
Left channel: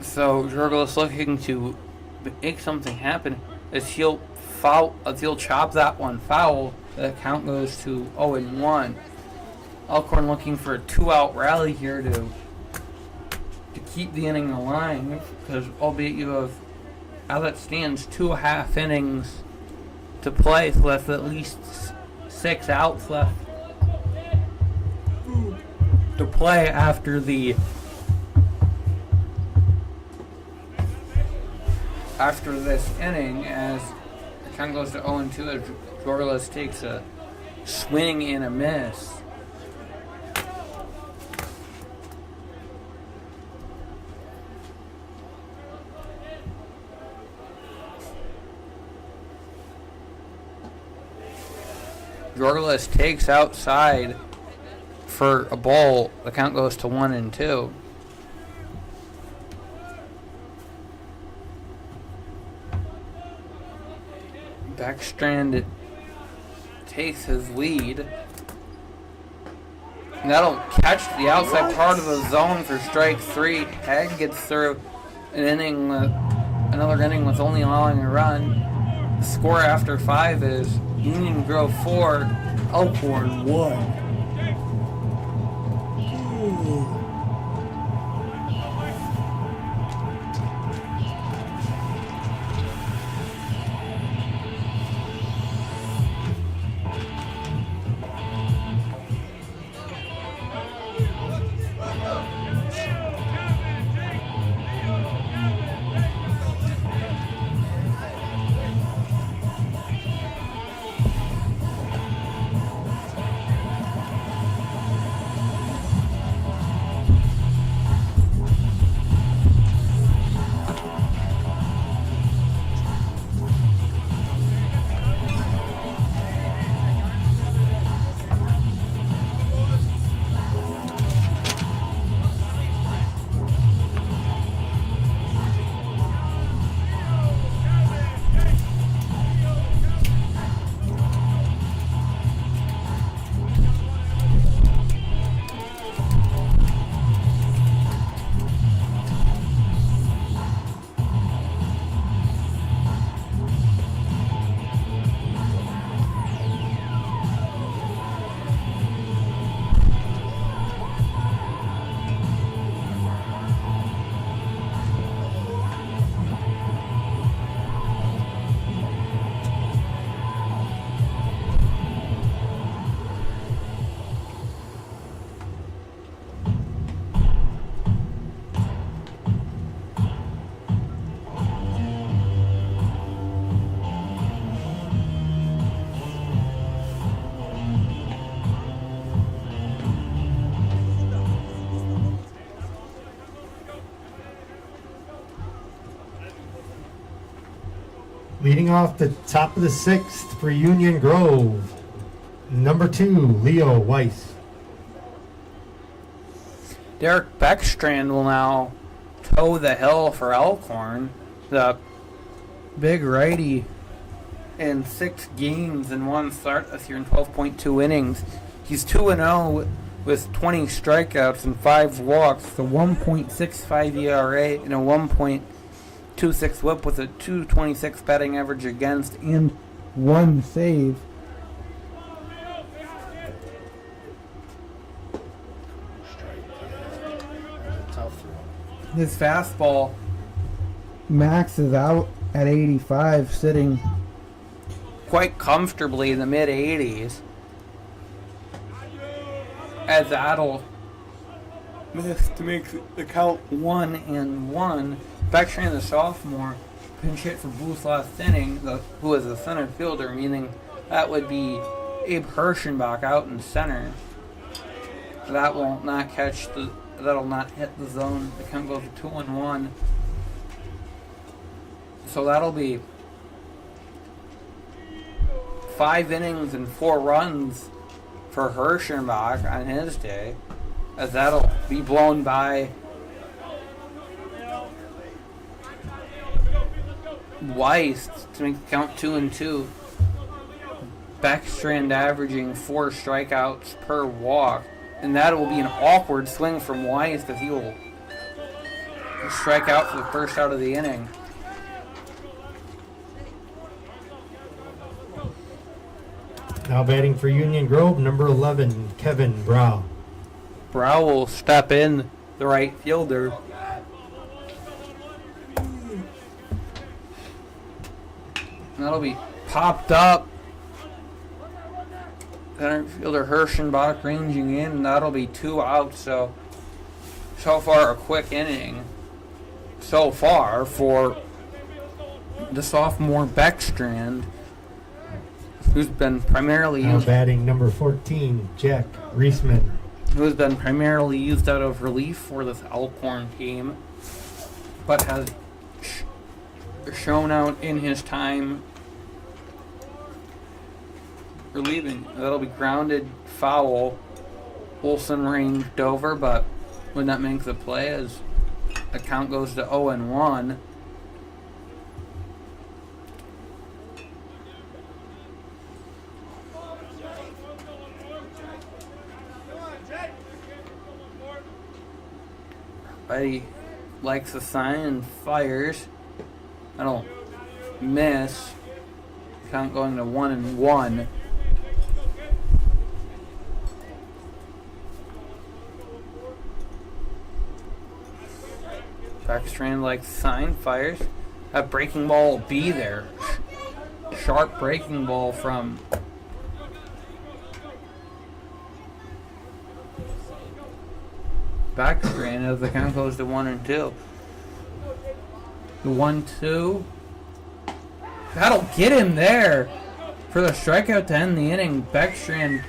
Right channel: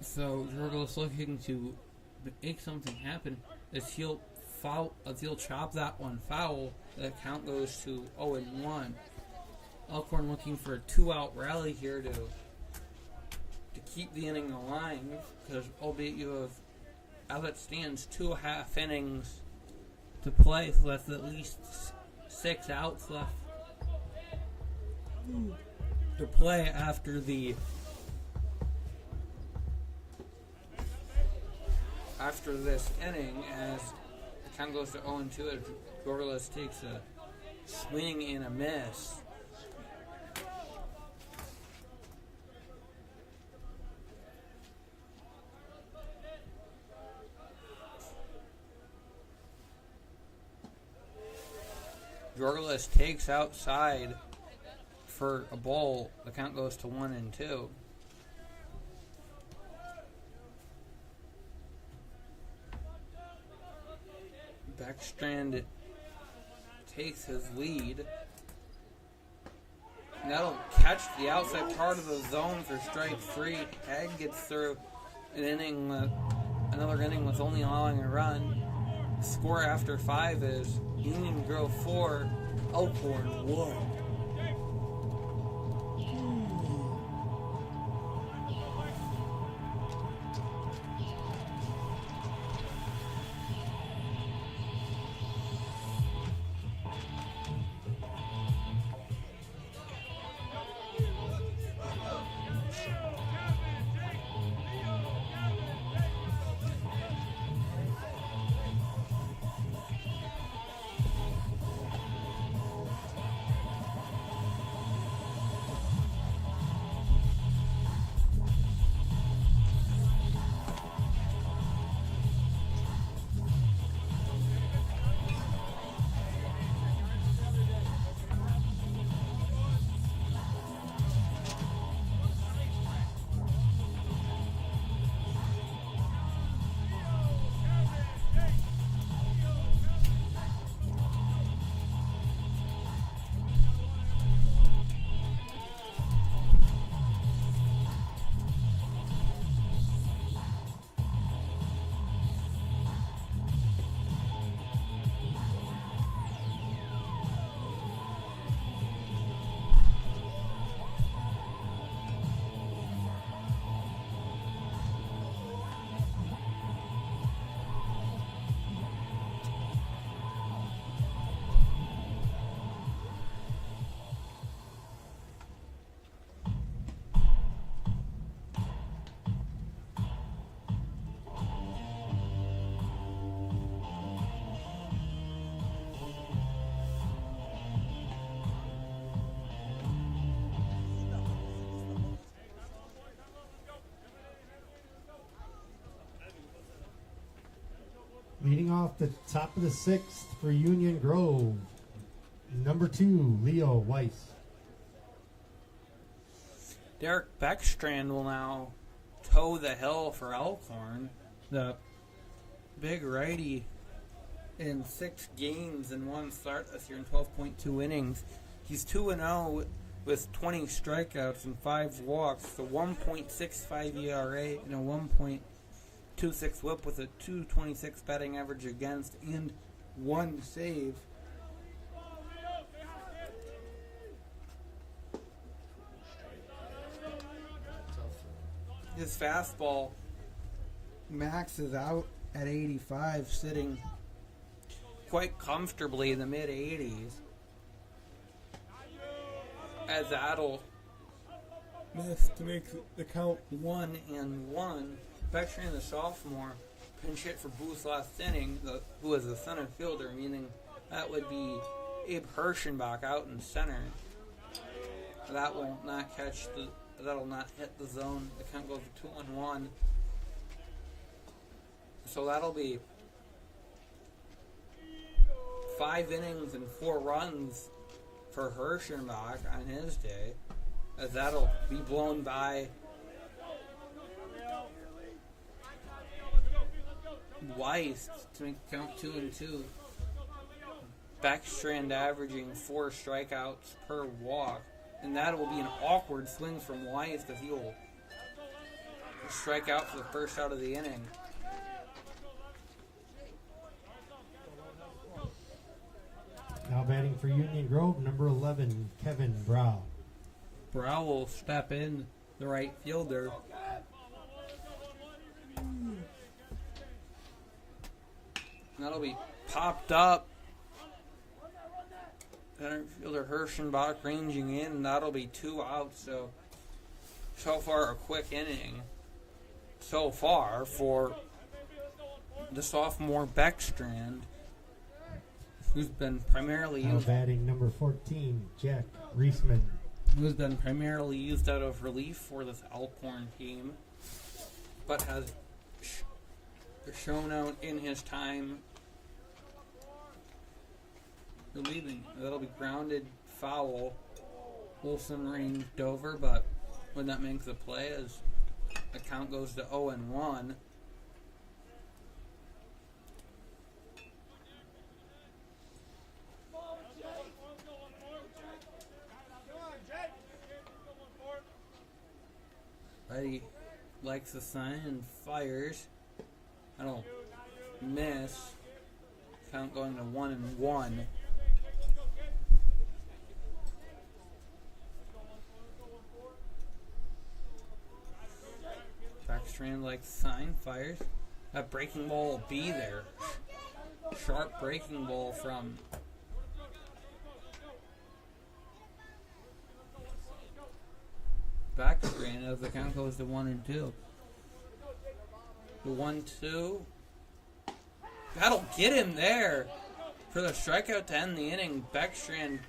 So Jorgelis looking to make something happen, as he'll foul. He'll chop that one foul. The count goes to 0-1. Elkhorn looking for a 2-out rally here to keep the inning alive, because albeit you have, as it stands, 2.5 innings to play, so that's at least 6 outs left to play after this inning, as the count goes to 0-2 as Dorless takes a swing and a miss. Dorless takes outside for a ball. The count goes to 1-2. Backstrand takes his lead. And that'll catch the outside part of the zone for strike 3. Hag gets through another inning with only allowing a run. The score after 5 is Union Grove 4, Elkhorn 1. Leading off the top of the 6th for Union Grove, number 2, Leo Weiss. Derek Beckstrand will now toe the hill for Elkhorn. The big righty in 6 games and 1 start this year in 12.2 innings. He's 2-0 with 20 strikeouts and 5 walks, a 1.65 ERA and a 1.26 whip with a 2.26 batting average against and 1 save. His fastball maxes out at 85, sitting quite comfortably in the mid 80s. As that'll miss to make the count 1-1. Beckstrand, the sophomore, pinch hit for Booth last inning, who is a center fielder, meaning that would be Abe Hirschenbach out in center. That will not that'll not hit the zone. The count goes to 2-1. So that'll be 5 innings and 4 runs for Hirschenbach on his day, as that'll be blown by Weiss to make the count 2-2. Beckstrand averaging 4 strikeouts per walk, and that will be an awkward swing from Weiss as he will strike out for the first out of the inning. Now batting for Union Grove, number 11, Kevin Brow. Brow will step in, the right fielder. That'll be popped up. Center fielder Hirschenbach ranging in, and that'll be 2 outs. So far a quick inning. So far for the sophomore Beckstrand, who's been primarily Now used, batting number 14, Jack Reisman. who's been primarily used out of relief for this Elkhorn team, but has shown out in his time relieving. That'll be grounded foul. Olson ranged over, but would not make the play as the count goes to 0-1. Betty likes the sign and fires. I don't miss. Count going to 1-1. Backstrand like sign, fires. That breaking ball will be there. Sharp breaking ball from Backstrand as the count goes to 1-2. The 1-2. That'll get him there for the strikeout to end the inning. Backstrand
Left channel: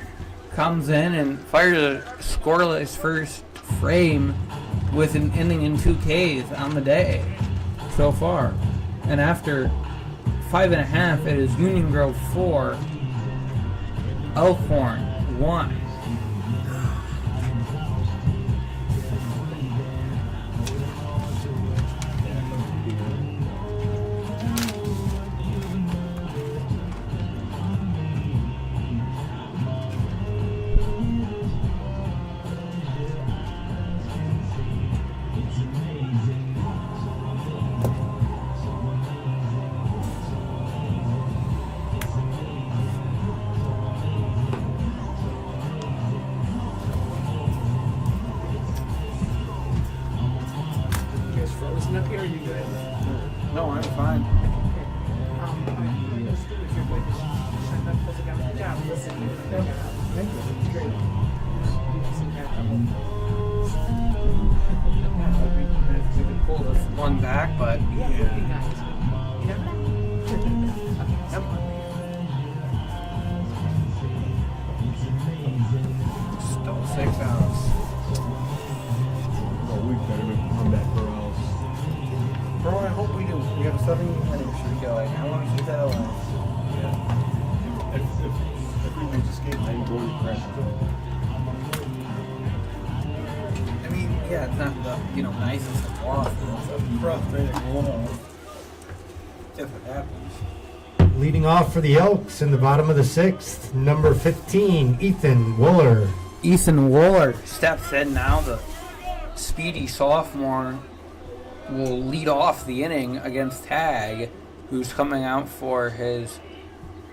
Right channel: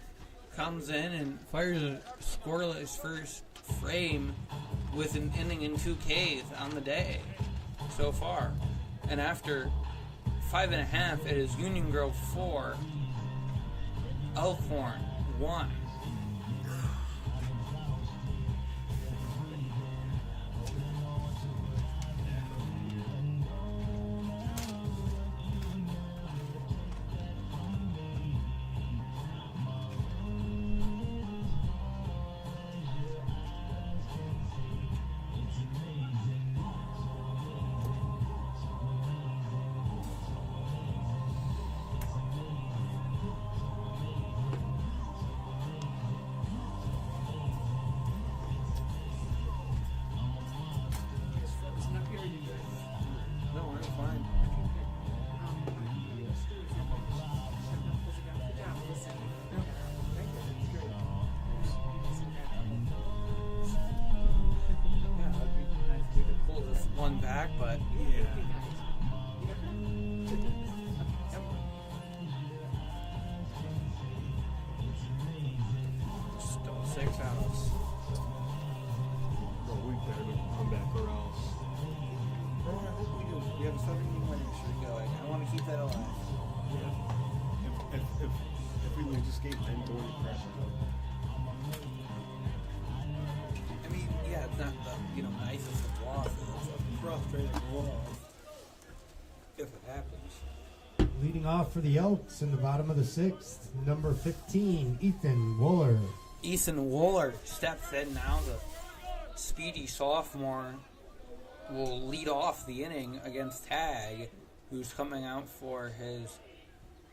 comes in and fires a scoreless first frame with an inning and 2 Ks on the day so far. And after 5.5, it is Union Grove 4, Elkhorn 1. Up here, you good? No, I'm fine. Thank you. Great. We could pull this one back, but still 6 outs. Bro, I hope we do. We have a 7-inning streak going. I want to keep that alive. If we make escape, maybe go to pressure. I mean, yeah, it's not the nicest of losses. It's a frustrating loss if it happens. Leading off for the Elks in the bottom of the 6th, number 15, Ethan Wooler. Ethan Wooler steps in now. The speedy sophomore will lead off the inning against Tag, who's coming out for his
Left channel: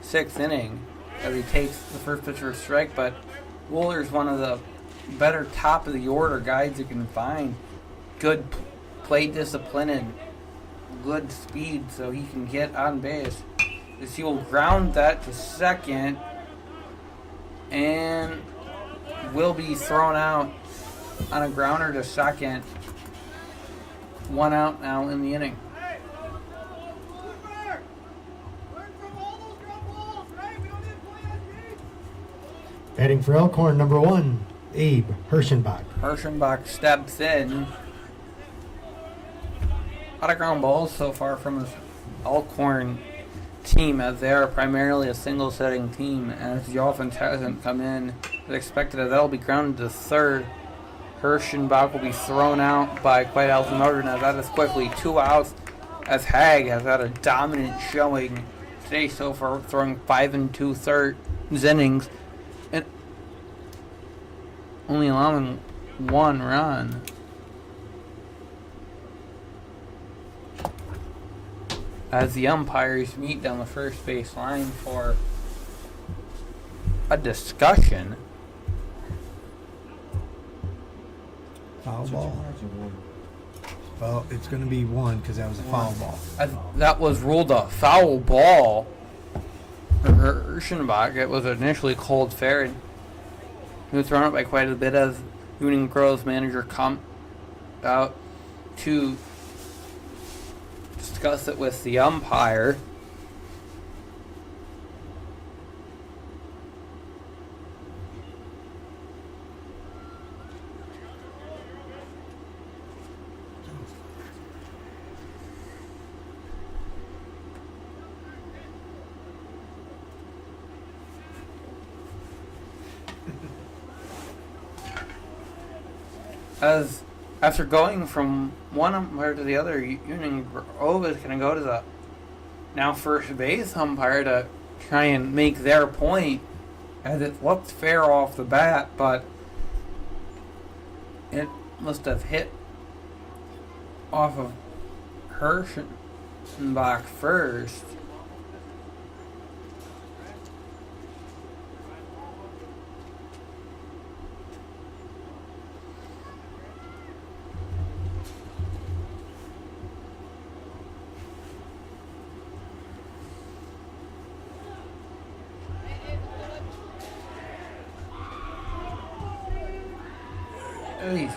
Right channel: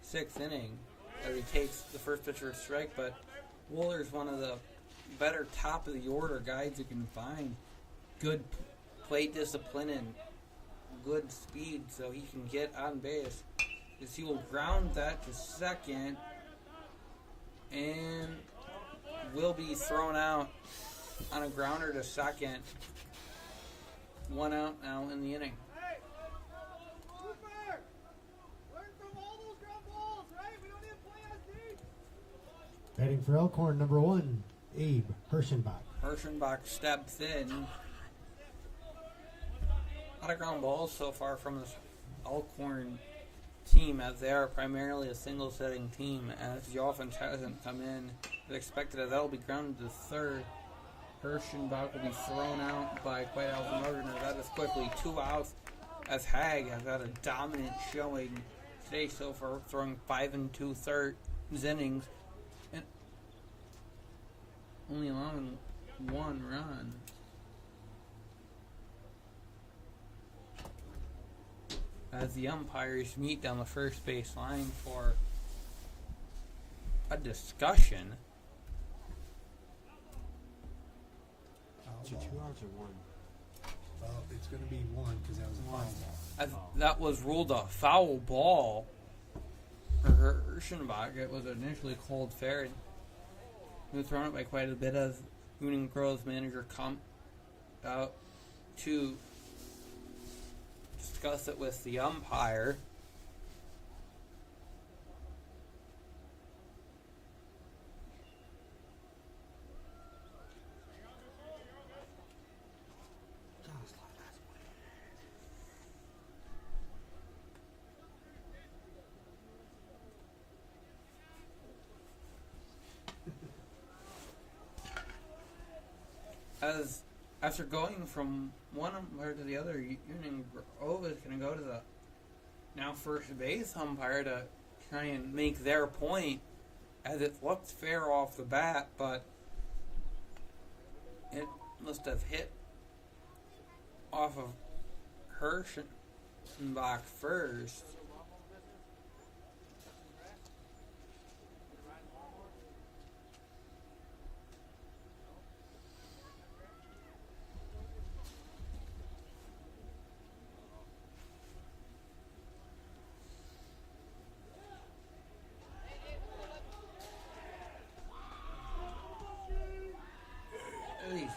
6th inning as he takes the first pitch for a strike. But Wooler's one of the better top of the order guys you can find. Good plate discipline and good speed, so he can get on base. As he will ground that to second and will be thrown out on a grounder to second. 1 out now in the inning. Batting for Elkhorn, number 1, Abe Hirschenbach. Hirschenbach steps in. A lot of ground balls so far from his Elkhorn team, as they are primarily a single setting team, as the offense hasn't come in as expected. That'll be grounded to third. Hirschenbach will be thrown out by Quite Alton as that is quickly 2 outs, as Hag has had a dominant showing today so far, throwing 5 2/3 innings and only allowing 1 run. As the umpires meet down the first base line for a discussion. Foul Two ball. cards or one? Well, it's going to be one because that was a foul ball. That was ruled a foul ball for Hirschenbach. It was initially called fair. And he was thrown out by quite a bit as Union Grow's manager come out to discuss it with the umpire. As after going from one umpire to the other, Union Grove is going to go to the now first base umpire to try and make their point, as it looked fair off the bat, but it must have hit off of Hirschenbach first. He's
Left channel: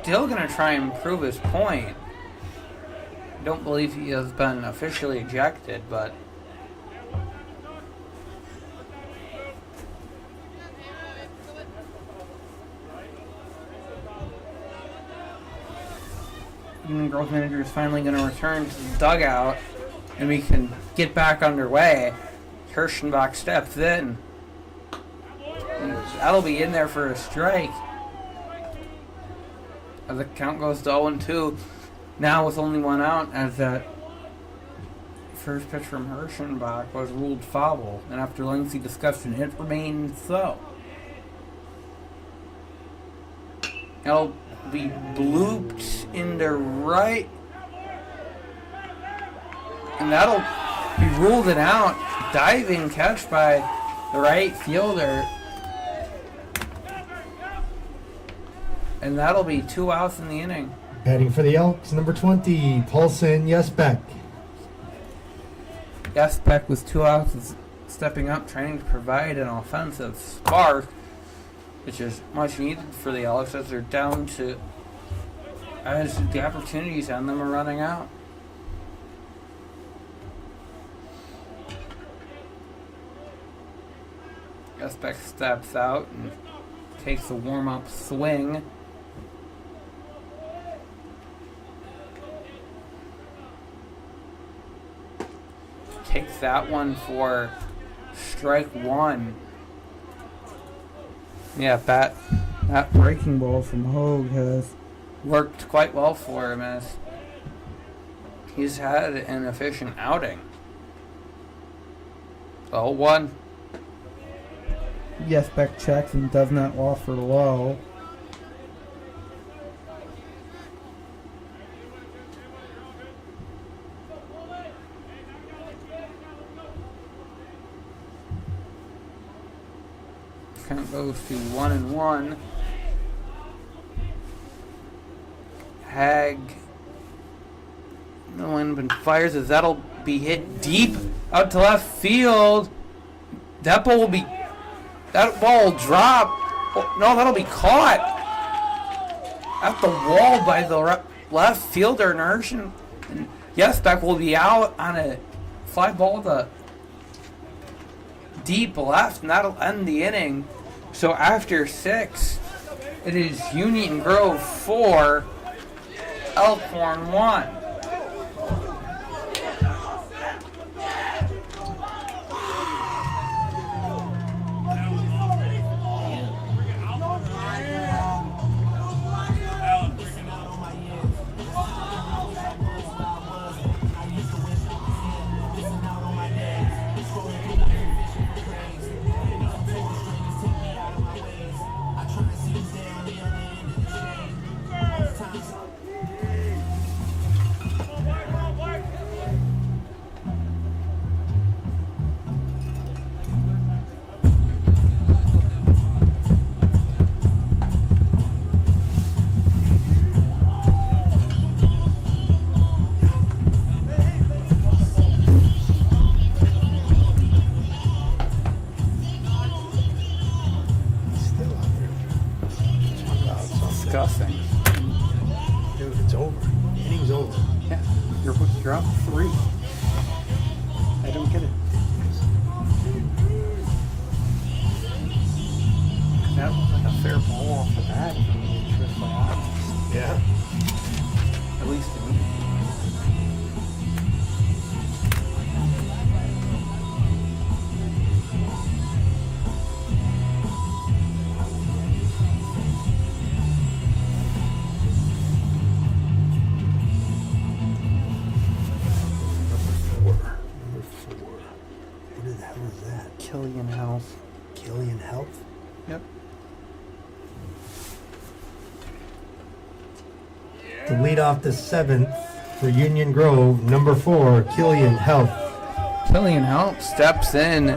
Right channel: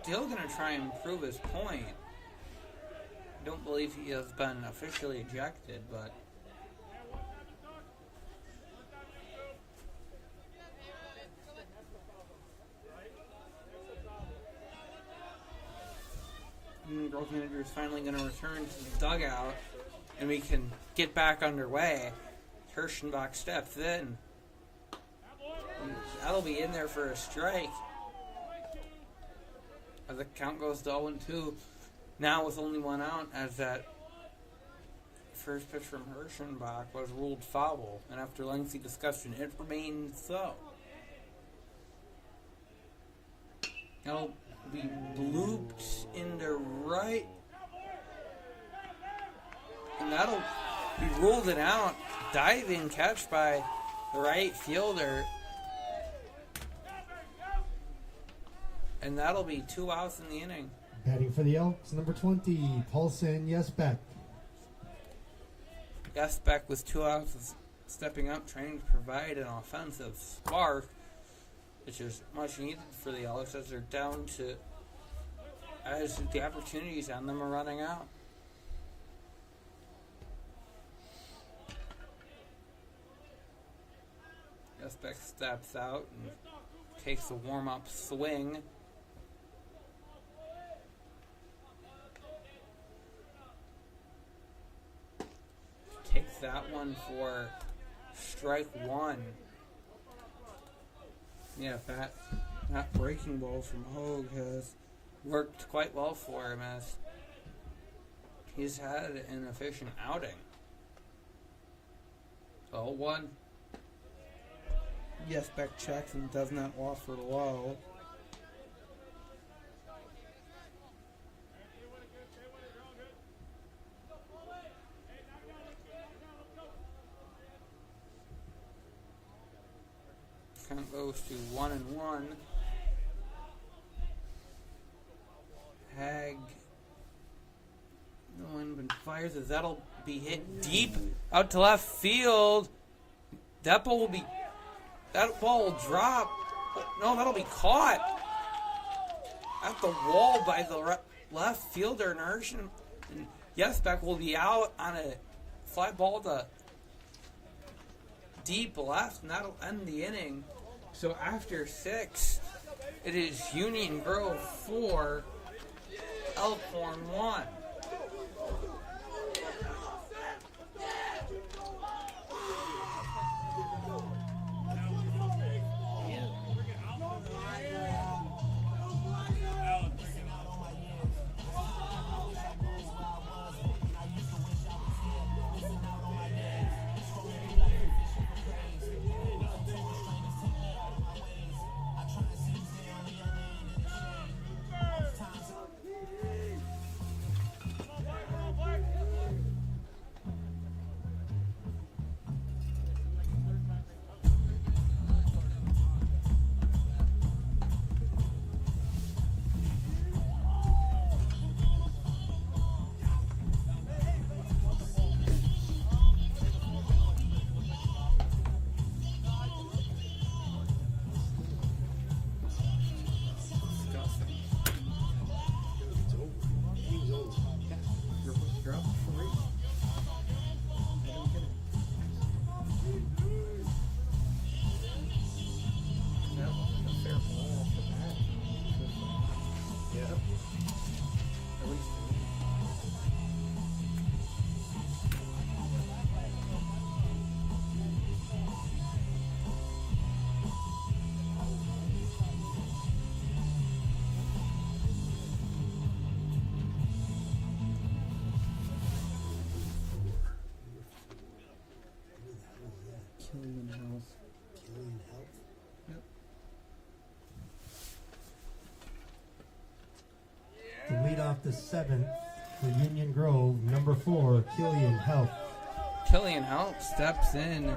still going to try and prove his point. I don't believe he has been officially ejected, but Union Grove manager is finally going to return to the dugout, and we can get back underway. Hirschenbach steps in. And that'll be in there for a strike. The count goes to 0-2. Now with only one out, as that first pitch from Hirschenbach was ruled foul, and after lengthy discussion, it remains so. It'll be blooped into right, and that'll be ruled an out. Diving catch by the right fielder. And that'll be 2 outs in the inning. Batting for the Elks, number 20, Paulson Yesbeck. Yesbeck with 2 outs is stepping up, trying to provide an offensive spark, which is much needed for the Elks as they're down to, as the opportunities on them are running out. Yesbeck steps out and takes a warm-up swing. Takes that one for strike one. Yeah, that breaking ball from Hogue has worked quite well for him, as he's had an efficient outing. 0-1. Yesbeck checks and does not offer low. Count goes to 1-1. Hag, no one but fires as that'll be hit deep out to left field. That ball will drop. Oh, no, that'll be caught at the wall by the left fielder. And Yesbeck will be out on a fly ball to deep left, and that'll end the inning. So after 6, it is Union Grove 4, Elkhorn 1. disgusting. Dude, it's over. Inning's over. Yeah, you're up 3. I don't get it. That was like a fair ball off the bat. Yeah. At least to me. Number 4. Who the hell is that? Killian House. Killian Health? Yep. To lead off the 7th for Union Grove, number 4, Killian Health. Killian House steps in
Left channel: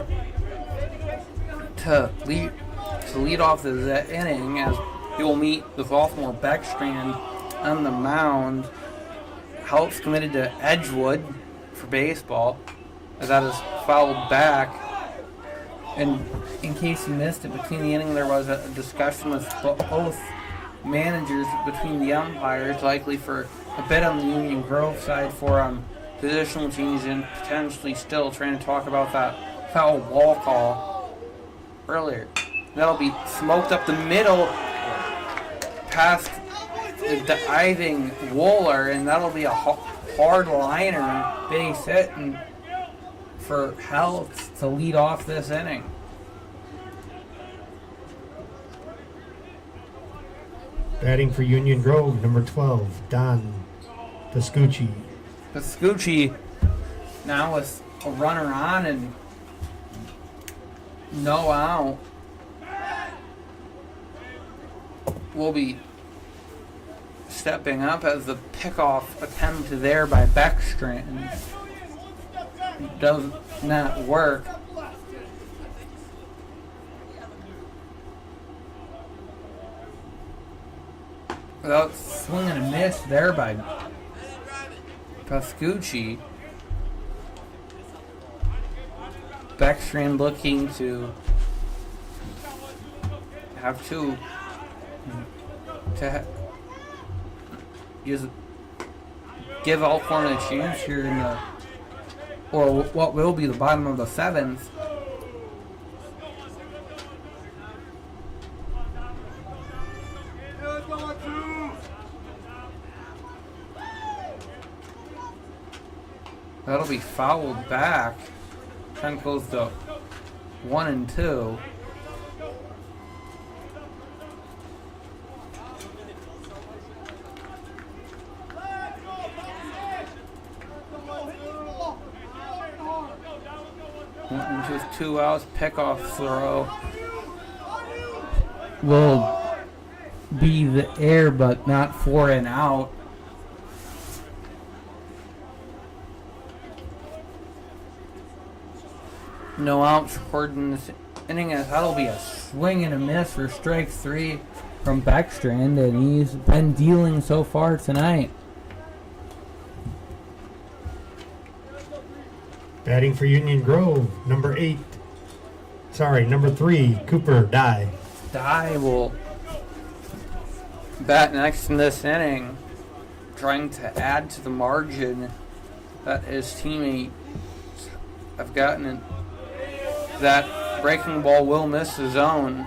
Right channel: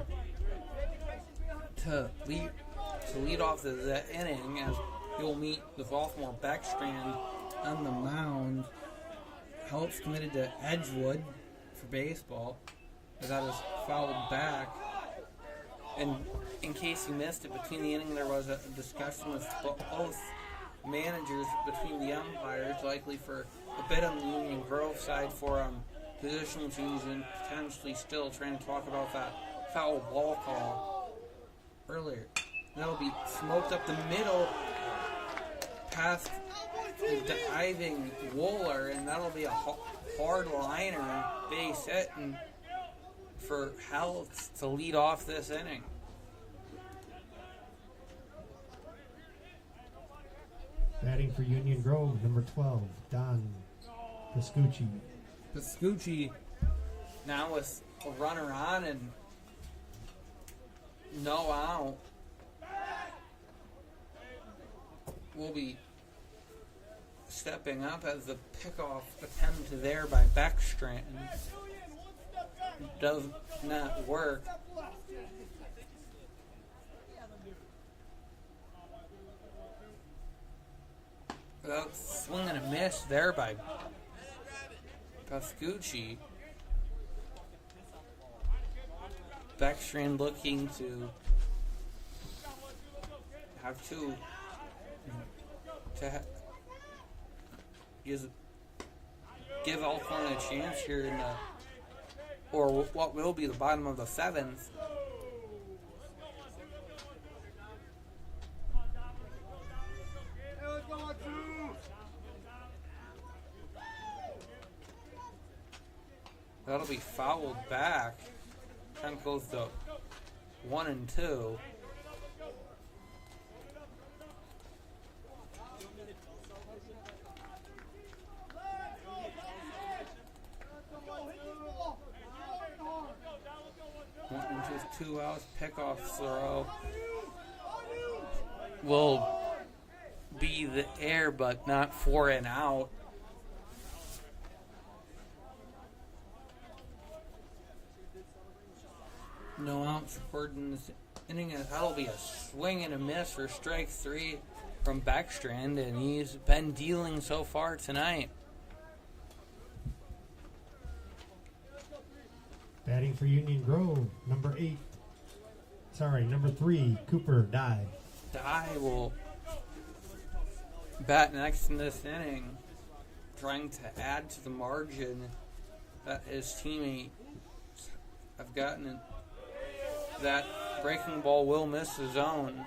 to lead off the inning as he will meet the sophomore Beckstrand on the mound. Helps committed to Edgewood for baseball, as that is fouled back. And in case you missed it, between the inning there was a discussion with both managers between the umpires, likely for a bit on the Union Grove side for positional change and potentially still trying to talk about that foul ball call earlier. That'll be smoked up the middle past the diving Wooler, and that'll be a hard liner base hit and for Health to lead off this inning. Batting for Union Grove, number 12, Don Pascucci. Pascucci now with a runner on and no out will be stepping up as the pickoff attempt there by Beckstrand does not work. Without swinging a miss there by Pascucci. Beckstrand looking to have just give Elkhorn a chance here in the, or what will be the bottom of the 7th. That'll be fouled back. Count goes to 1 and 2. Just 2 outs, pickoff throw will be the air, but not 4 and out. No outs recorded in this inning, as that'll be a swing and a miss for strike 3 from Beckstrand, and he's been dealing so far tonight. Batting for Union Grove, number 3, Cooper Dye. Dye will bat next in this inning, trying to add to the margin that his teammates have gotten in. That breaking ball will miss the zone.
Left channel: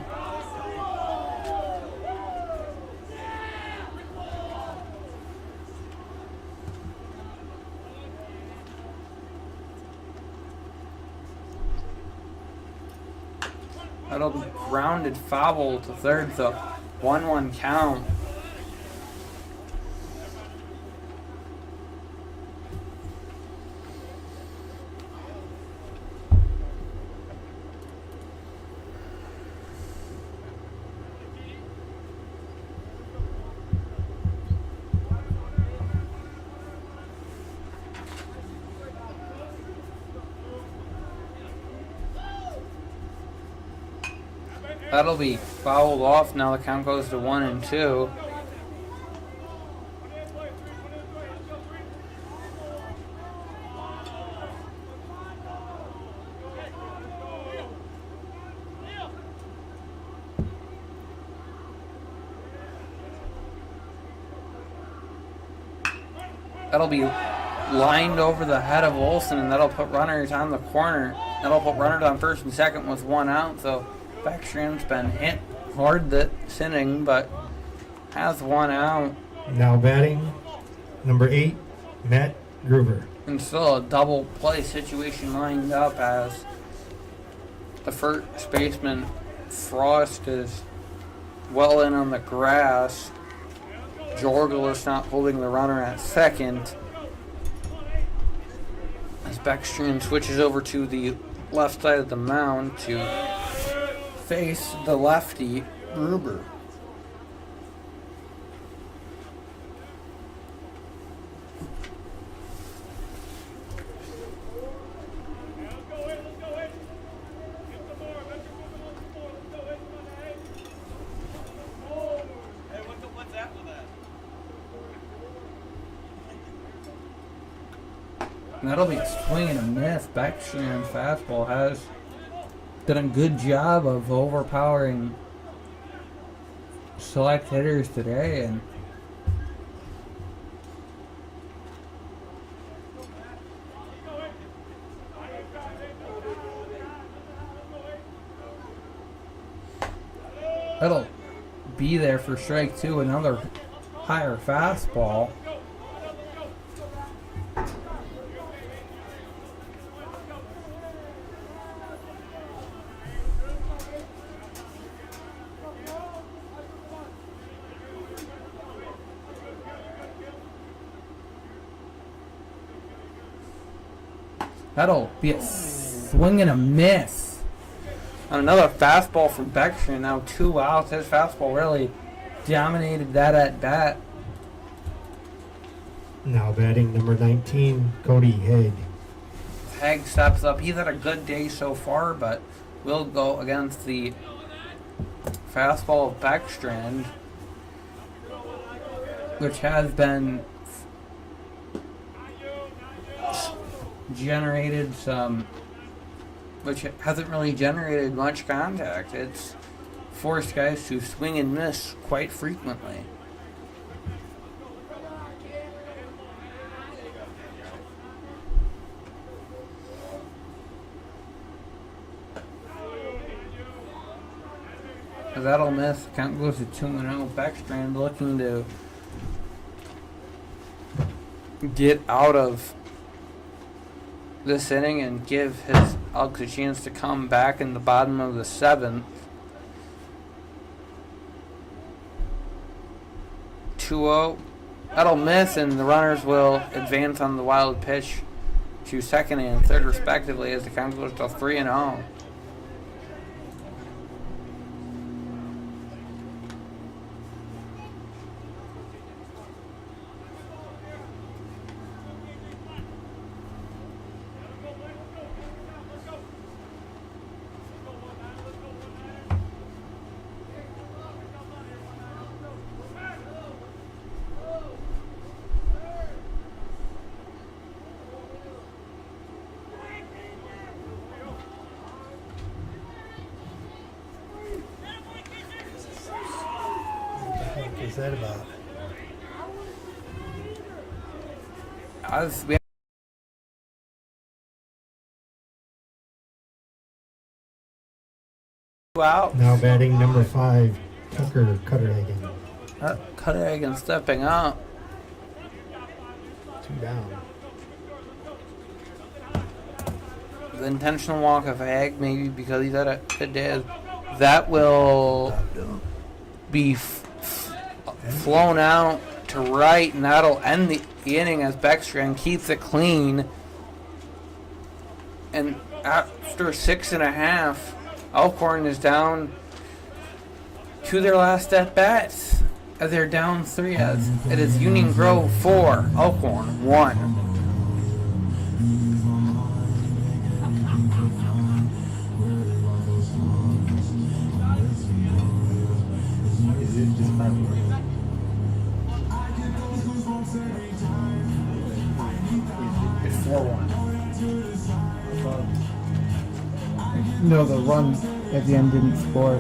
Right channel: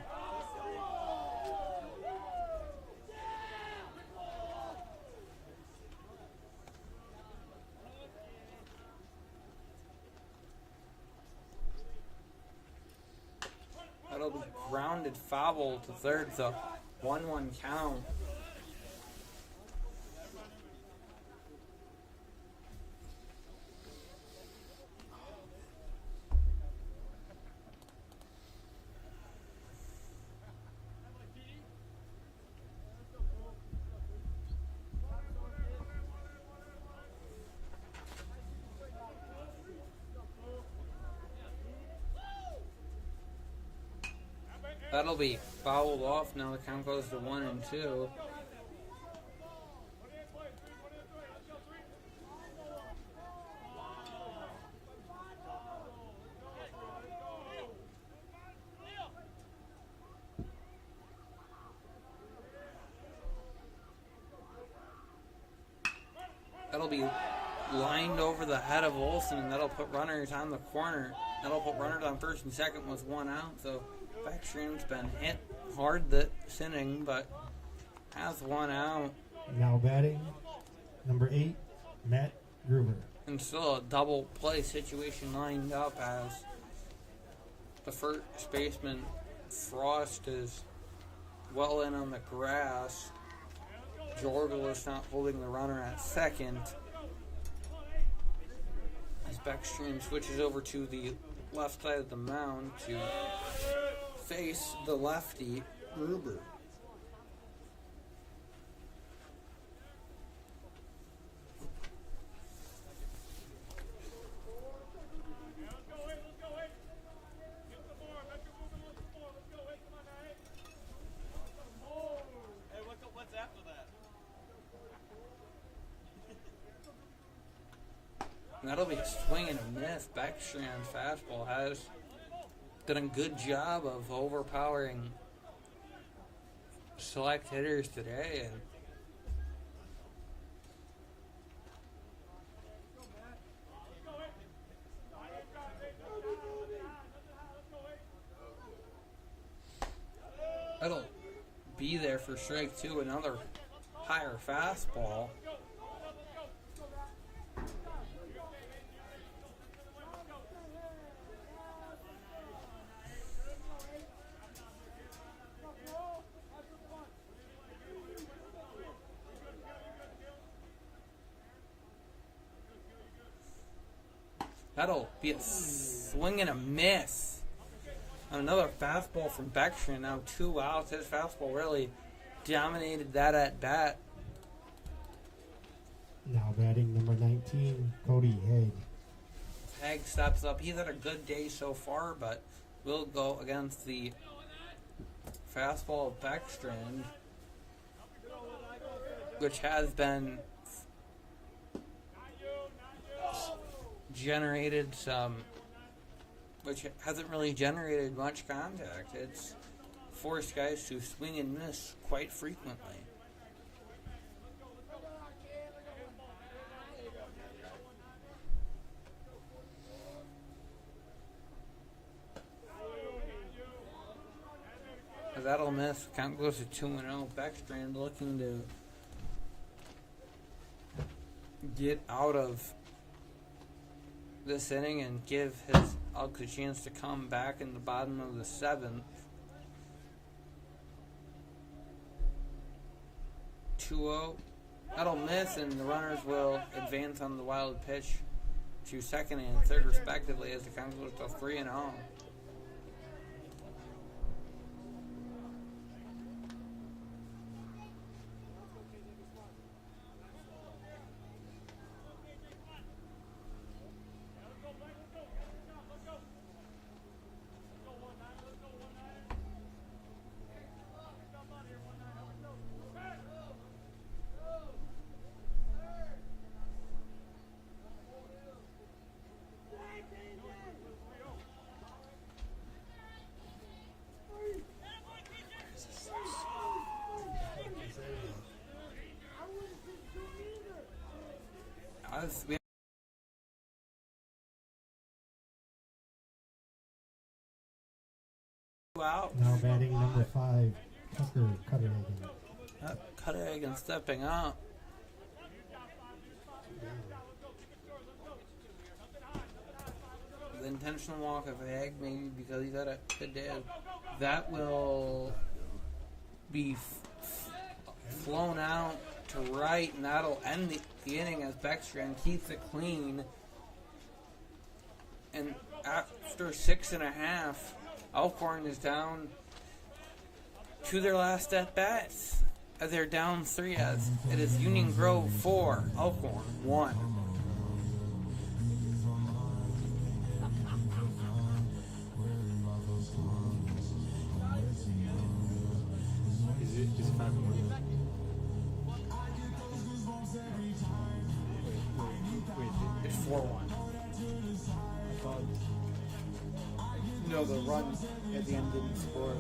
That'll be grounded foul to third, the 1-1 count. That'll be fouled off. Now the count goes to 1 and 2. That'll be lined over the head of Olson, and that'll put runners on the corner. That'll put runners on first and second with 1 out. So Beckstrand's been hit hard this inning, but has 1 out. Now batting, number 8, Matt Gruber. And still a double play situation lined up as the first baseman Frost is well in on the grass. Jorgel is not holding the runner at second. As Beckstrand switches over to the left side of the mound to face the lefty, Gruber. That'll be a swing and a miss. Beckstrand's fastball has done a good job of overpowering select hitters today, and that'll be there for strike 2. Another higher fastball. That'll be a swing and a miss. On another fastball from Beckstrand. Now 2 outs. His fastball really dominated that at bat. Now batting, number 19, Cody Haig. Haig steps up. He's had a good day so far, but will go against the fastball of Beckstrand, which has been generated which hasn't really generated much contact. It's forced guys to swing and miss quite frequently. That'll miss. Count goes to 2-0. Beckstrand looking to get out of this inning and give his Elks a chance to come back in the bottom of the 7th. 2-0. That'll miss, and the runners will advance on the wild pitch to second and third respectively as the count goes to 3-0. What's that about? We out. Now batting, number 5, Tucker Cutterhagen. Cutterhagen stepping up. 2 down. The intentional walk of Haig, maybe because he's had a good day. That will be flown out to right, and that'll end the inning as Beckstrand keeps it clean. And after 6.5, Elkhorn is down to their last at bats. As they're down 3, as it is Union Grove 4, Elkhorn 1. It's 4-1. No, the run at the end didn't score.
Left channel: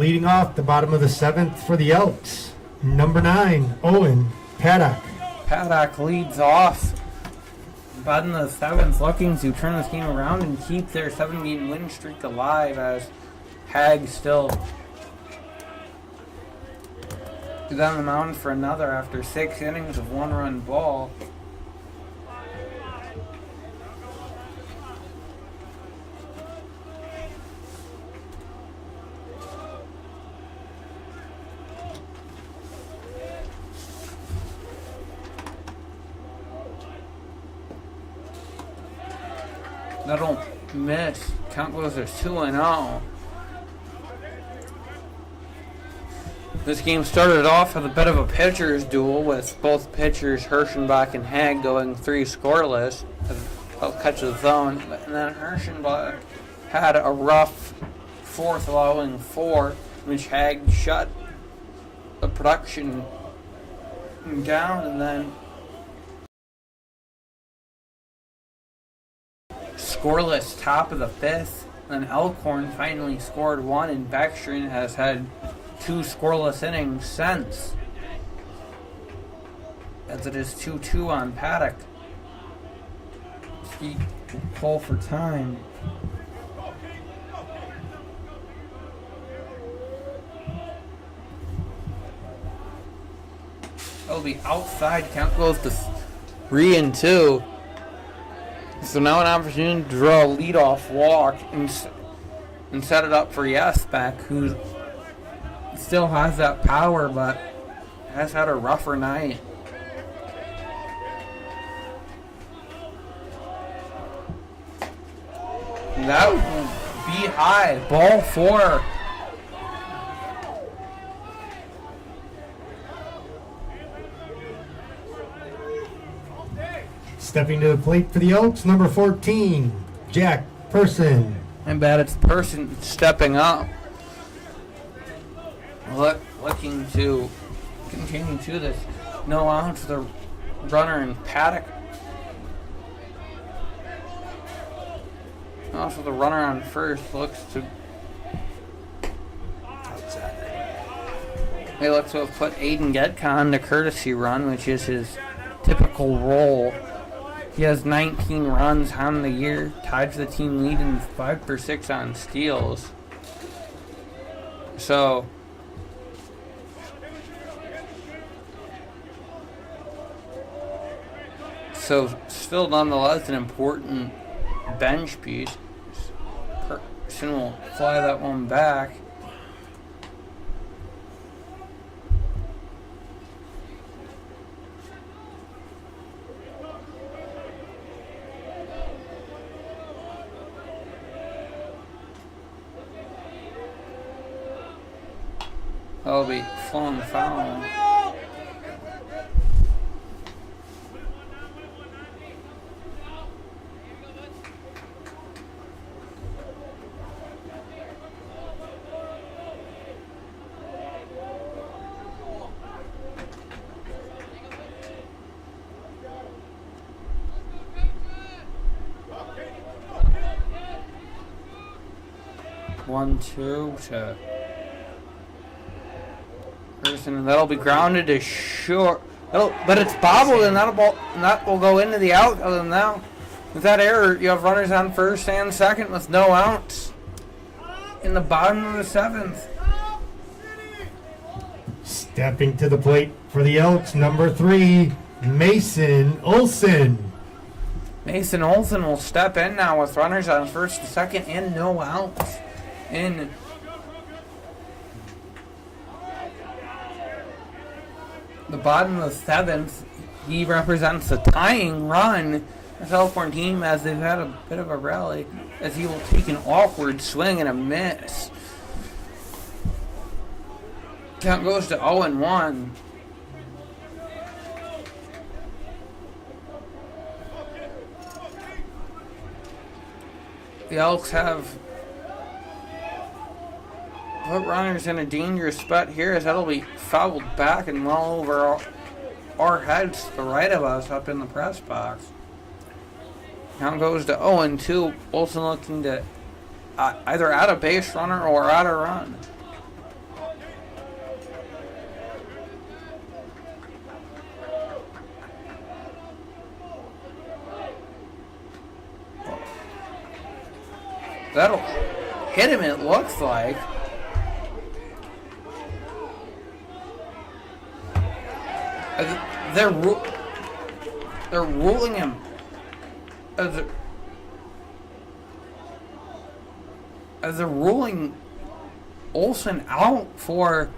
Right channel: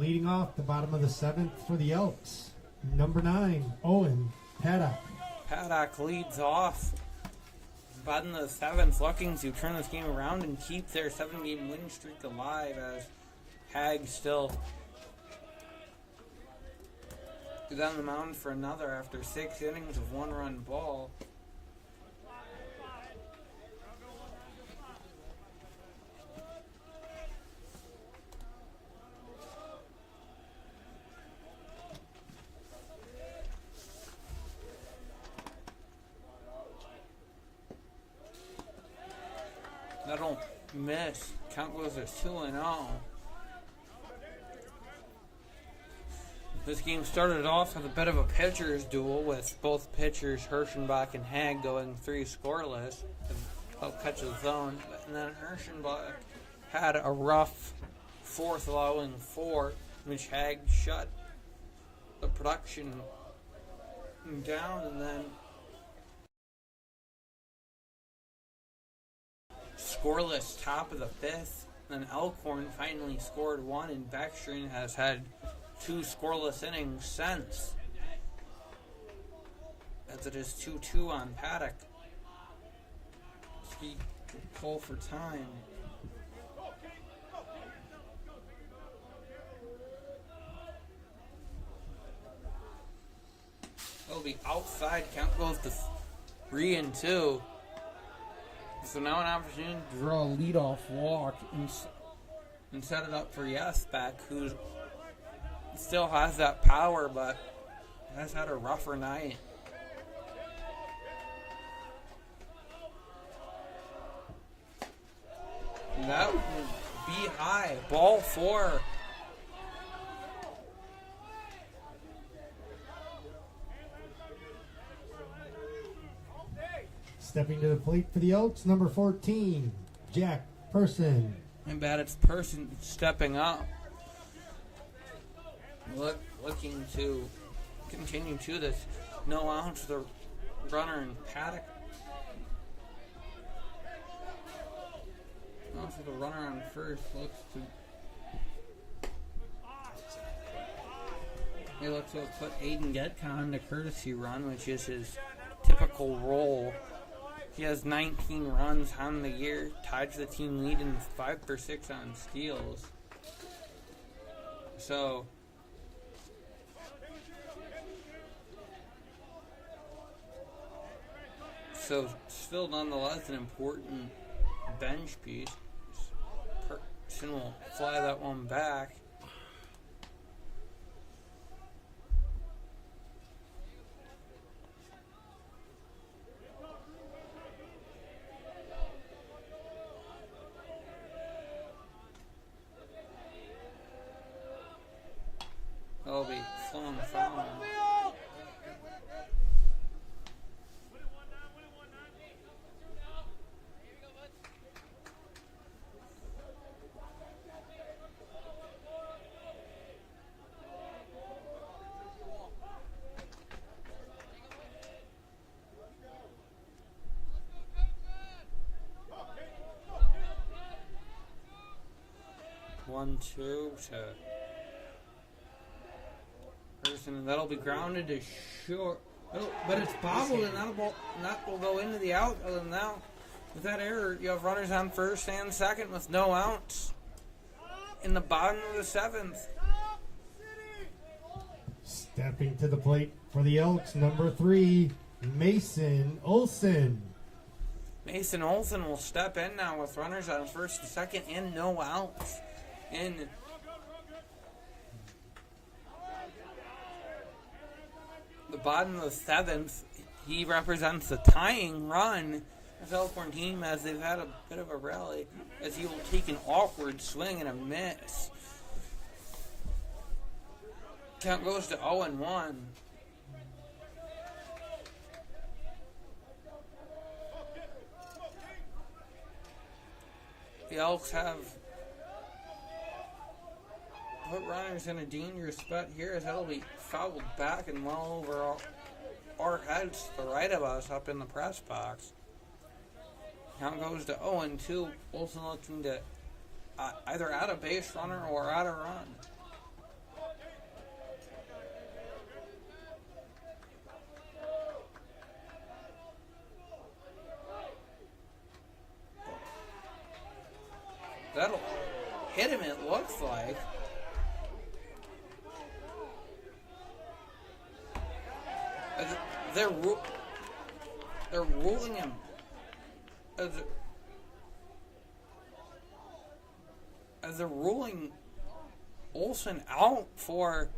Leading off the bottom of the 7th for the Elks, number 9, Owen Paddock. Paddock leads off. Bottom of the 7th, looking to turn this game around and keep their 7-game win streak alive as Hag still is on the mound for another after 6 innings of 1-run ball. That'll miss. Count goes to 2-0. This game started off with a bit of a pitcher's duel with both pitchers, Hirschenbach and Hag, going 3 scoreless. I'll catch the zone. And then Hirschenbach had a rough 4th, allowing 4, which Hag shut the production down, and then scoreless top of the 5th. Then Elkhorn finally scored 1, and Beckstrom has had 2 scoreless innings since, as it is 2-2 on Paddock. He call for time. It'll be outside. Count goes to 3-2. So now an opportunity to draw a leadoff walk and set it up for Yesbeck, who still has that power but has had a rougher night. That would be high. Ball 4. Stepping to the plate for the Elks, number 14, Jack Person. I bet it's Person stepping up. Looking to continue to this. No out to the runner in Paddock. Also the runner on first looks to... They look to have put Aiden Getka on the courtesy run, which is his typical role. He has 19 runs on the year, tied for the team lead in 5 for 6 on steals. So still nonetheless an important bench piece. Person will fly that one back. That'll be flung foul. One, two to Person, and that'll be grounded to short. But it's bobbled, and that will go into the out. Other than that, with that error, you have runners on first and second with no outs in the bottom of the 7th. Stepping to the plate for the Elks, number 3, Mason Olson. Mason Olson will step in now with runners on first and second and no outs in the bottom of the 7th. He represents the tying run. The Elkhorn team, as they've had a bit of a rally, as he will take an awkward swing and a miss. Count goes to 0-1. The Elks have put runners in a dangerous spot here, as that'll be fouled back and well over our heads to the right of us up in the press box. Count goes to 0-2. Olsen looking to either add a base runner or add a run. That'll hit him, it looks like. They're ruling him as they're ruling Olsen out for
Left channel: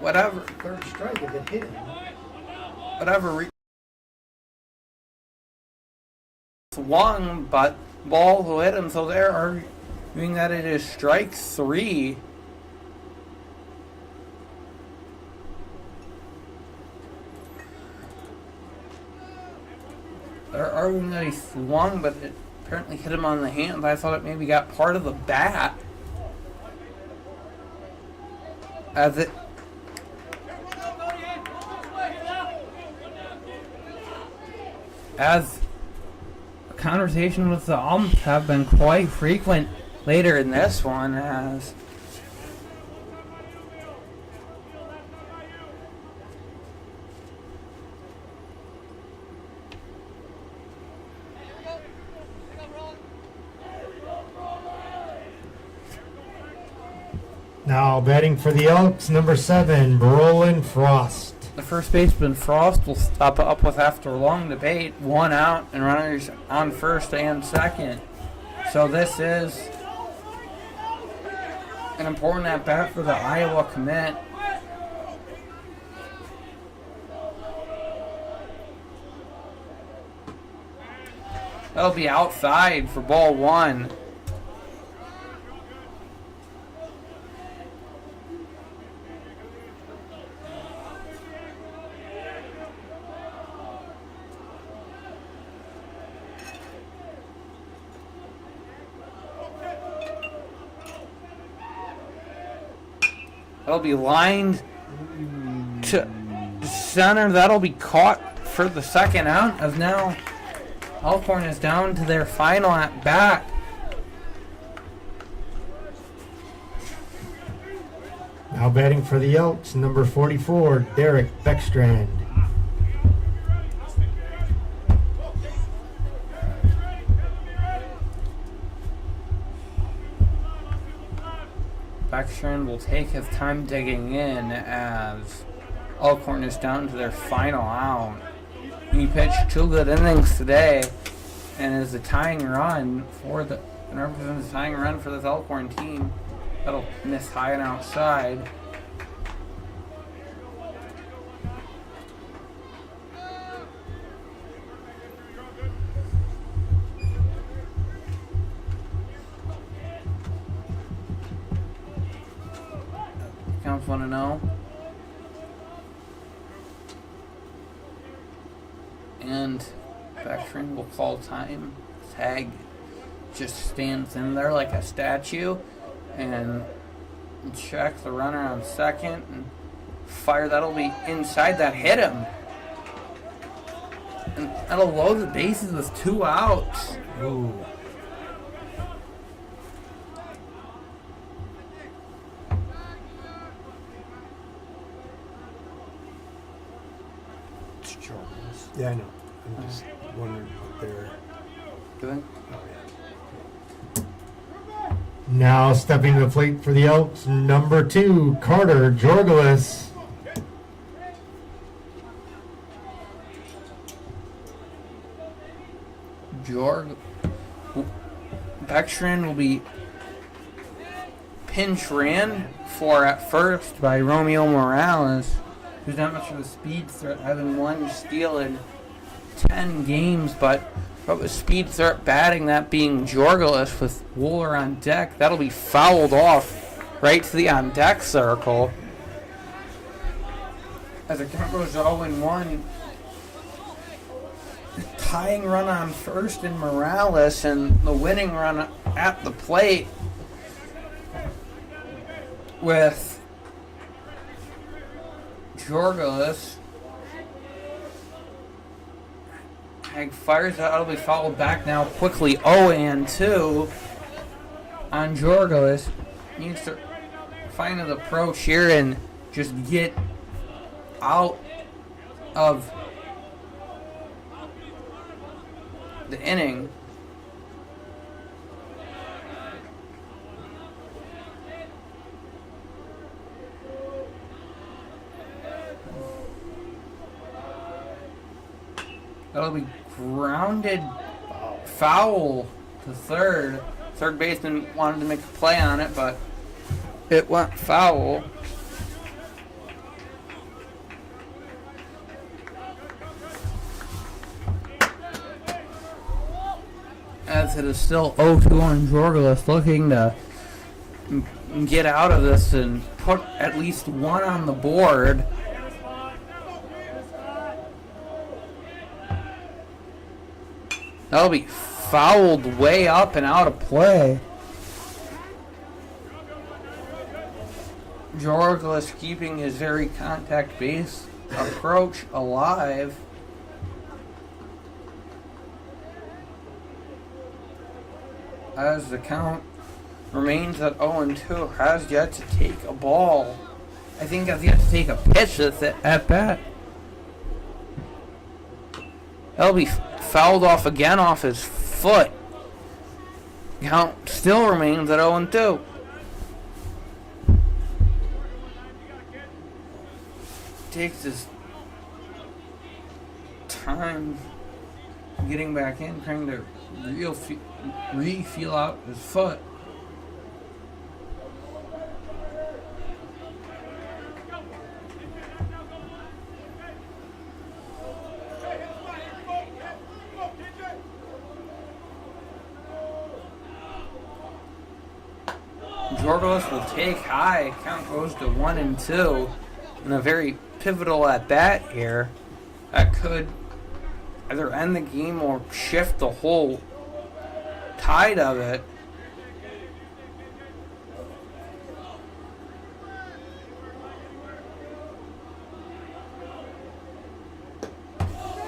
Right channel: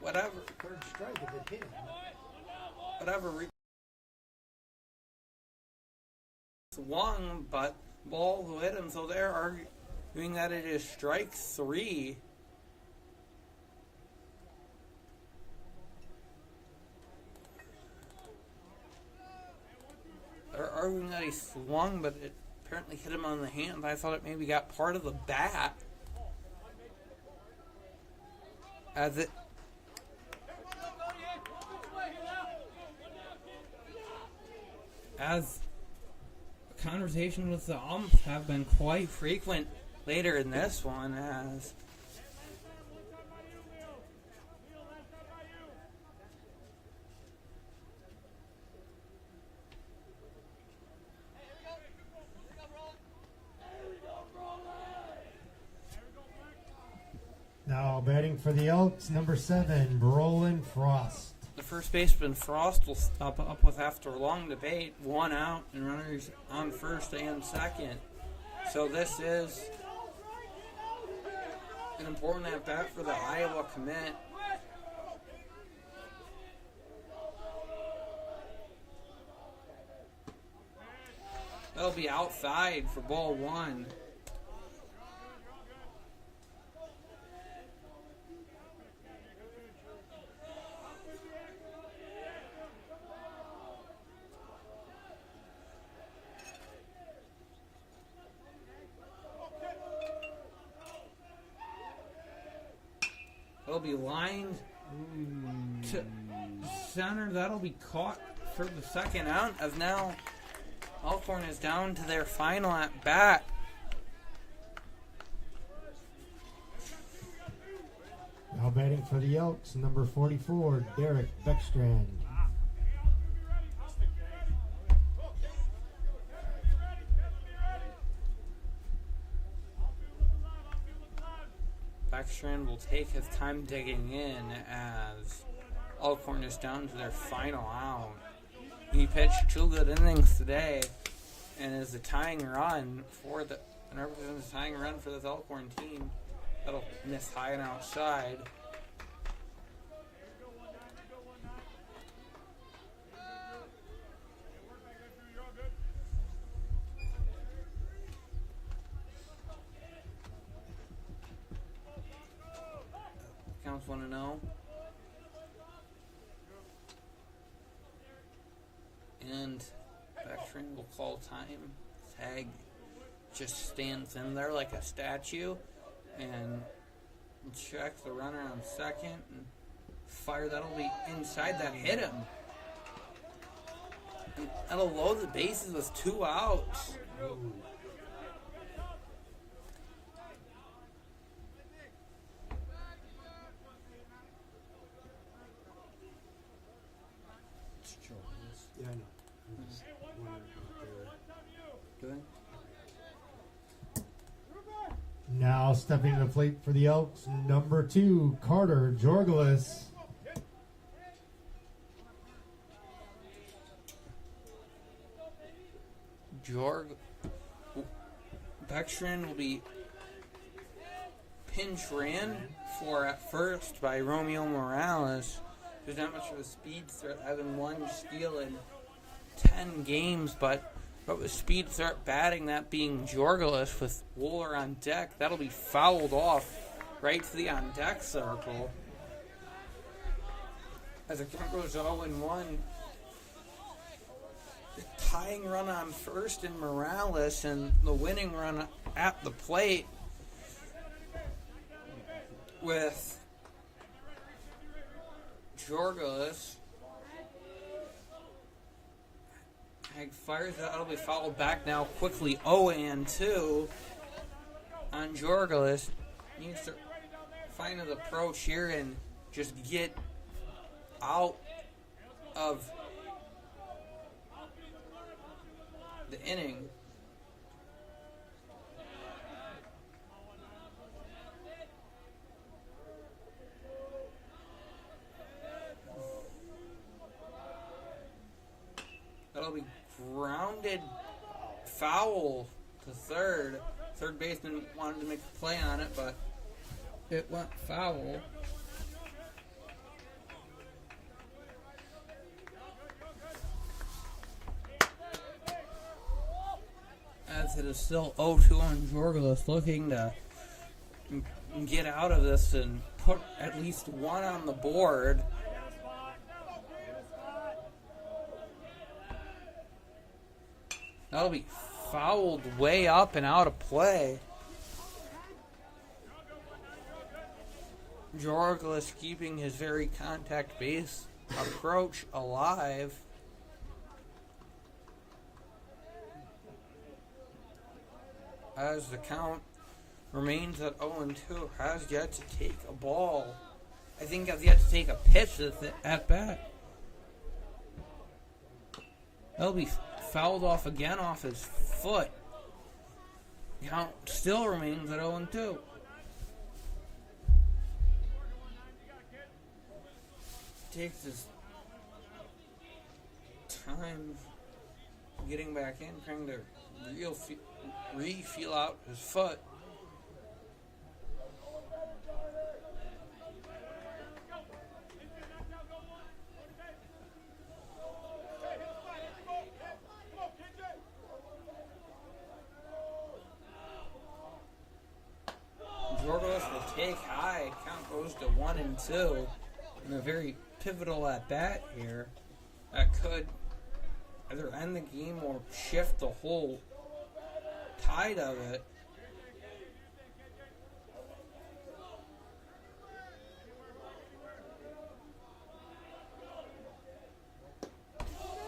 whatever. Third strike if it hit him. Whatever. Swung, but ball will hit him, so they're arguing that it is strike 3. They're arguing that he swung, but it apparently hit him on the hand. I thought it maybe got part of the bat. As conversation with the umps have been quite frequent later in this one, as Now batting for the Elks, number 7, Brolin Frost. the first baseman Frost will stop up with, after a long debate, 1 out and runners on first and second. So this is an important at bat for the Iowa commit. That'll be outside for ball 1. That'll be lined to center. That'll be caught for the second out, as now Elkhorn is down to their final at bat. Now batting for the Elks, number 44, Derek Beckstrand. Beckstrand will take his time digging in, as Elkhorn is down to their final out. He pitched 2 good innings today and is the tying run for the represents the tying run for this Elkhorn team. That'll miss high and outside. Counts 1-0. And Beckstrand will call time. Tag just stands in there like a statue and check the runner on second and fire. That'll be inside. That hit him. And that'll load the bases with 2 outs. Ooh. Yeah, I know. I'm just wondering what they're Doing? Now stepping to the plate for the Elks, number 2, Carter Jorgelis. Beckstrand will be pinch ran for at first by Romeo Morales, who's not much of a speed threat, having 1 steal in 10 games, but with speed threat batting, that being Jorgelis with Wooler on deck. That'll be fouled off right to the on deck circle. As the count goes 0-1, tying run on first in Morales and the winning run at the plate with Jorgelis. Hag fires out. It'll be fouled back now quickly. 0-2 on Jorgelis. Needs to find an approach here and just get out of the inning. That'll be grounded foul to third. Third baseman wanted to make a play on it, but it went foul. As it is still 0-2 on Jorgelis, looking to get out of this and put at least one on the board. That'll be fouled way up and out of play. Jorgelis keeping his very contact-based approach alive. As the count remains at 0-2, has yet to take a ball. I think has yet to take a pitch that's at bat. That'll be fouled off again off his foot. Count still remains at 0-2. Takes his time getting back in, trying to feel out his foot. Jorgelis will take high. Count goes to 1-2 in a very pivotal at bat here. That could either end the game or shift the whole tide of it.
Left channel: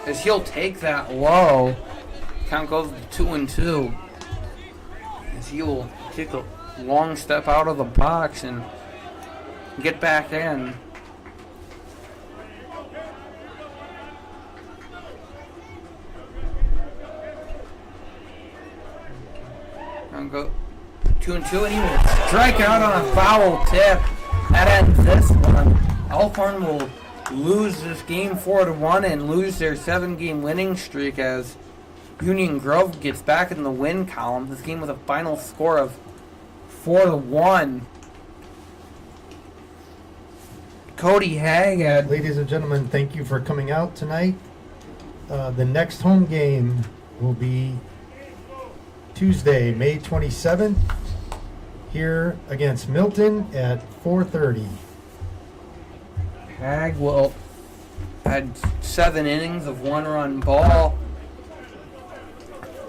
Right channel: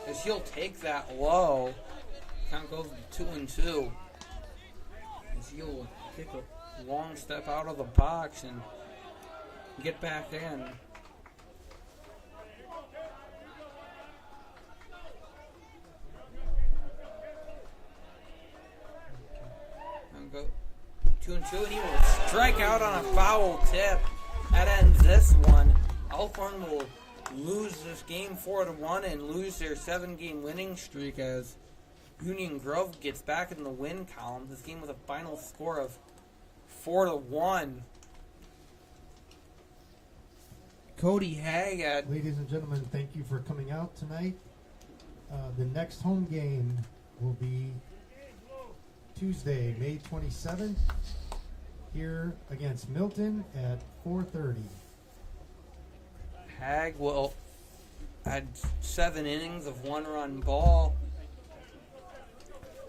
As he'll take that low. Count goes to 2-2. As he will take a long step out of the box and get back in. And go 2-2, and he will strike out on a foul tip. That ends this one. Elkhorn will lose this game 4-1 and lose their 7-game winning streak as Union Grove gets back in the win column. This game with a final score of 4-1. Cody Haggad. Ladies and gentlemen, thank you for coming out tonight. The next home game will be Tuesday, May 27th, here against Milton at 4:30. Hag will had 7 innings of 1-run ball.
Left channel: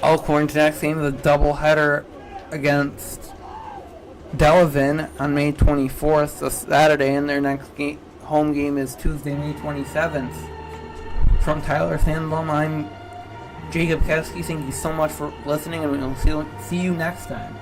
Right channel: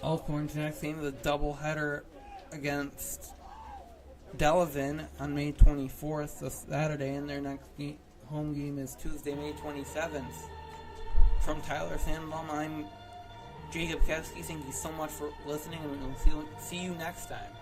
Elkhorn's next game is a doubleheader against Delavan on May 24th, so Saturday, and their next home game is Tuesday, May 27th. From Tyler Sandblom, I'm Jacob Keski. Thank you so much for listening, and we'll see you next time.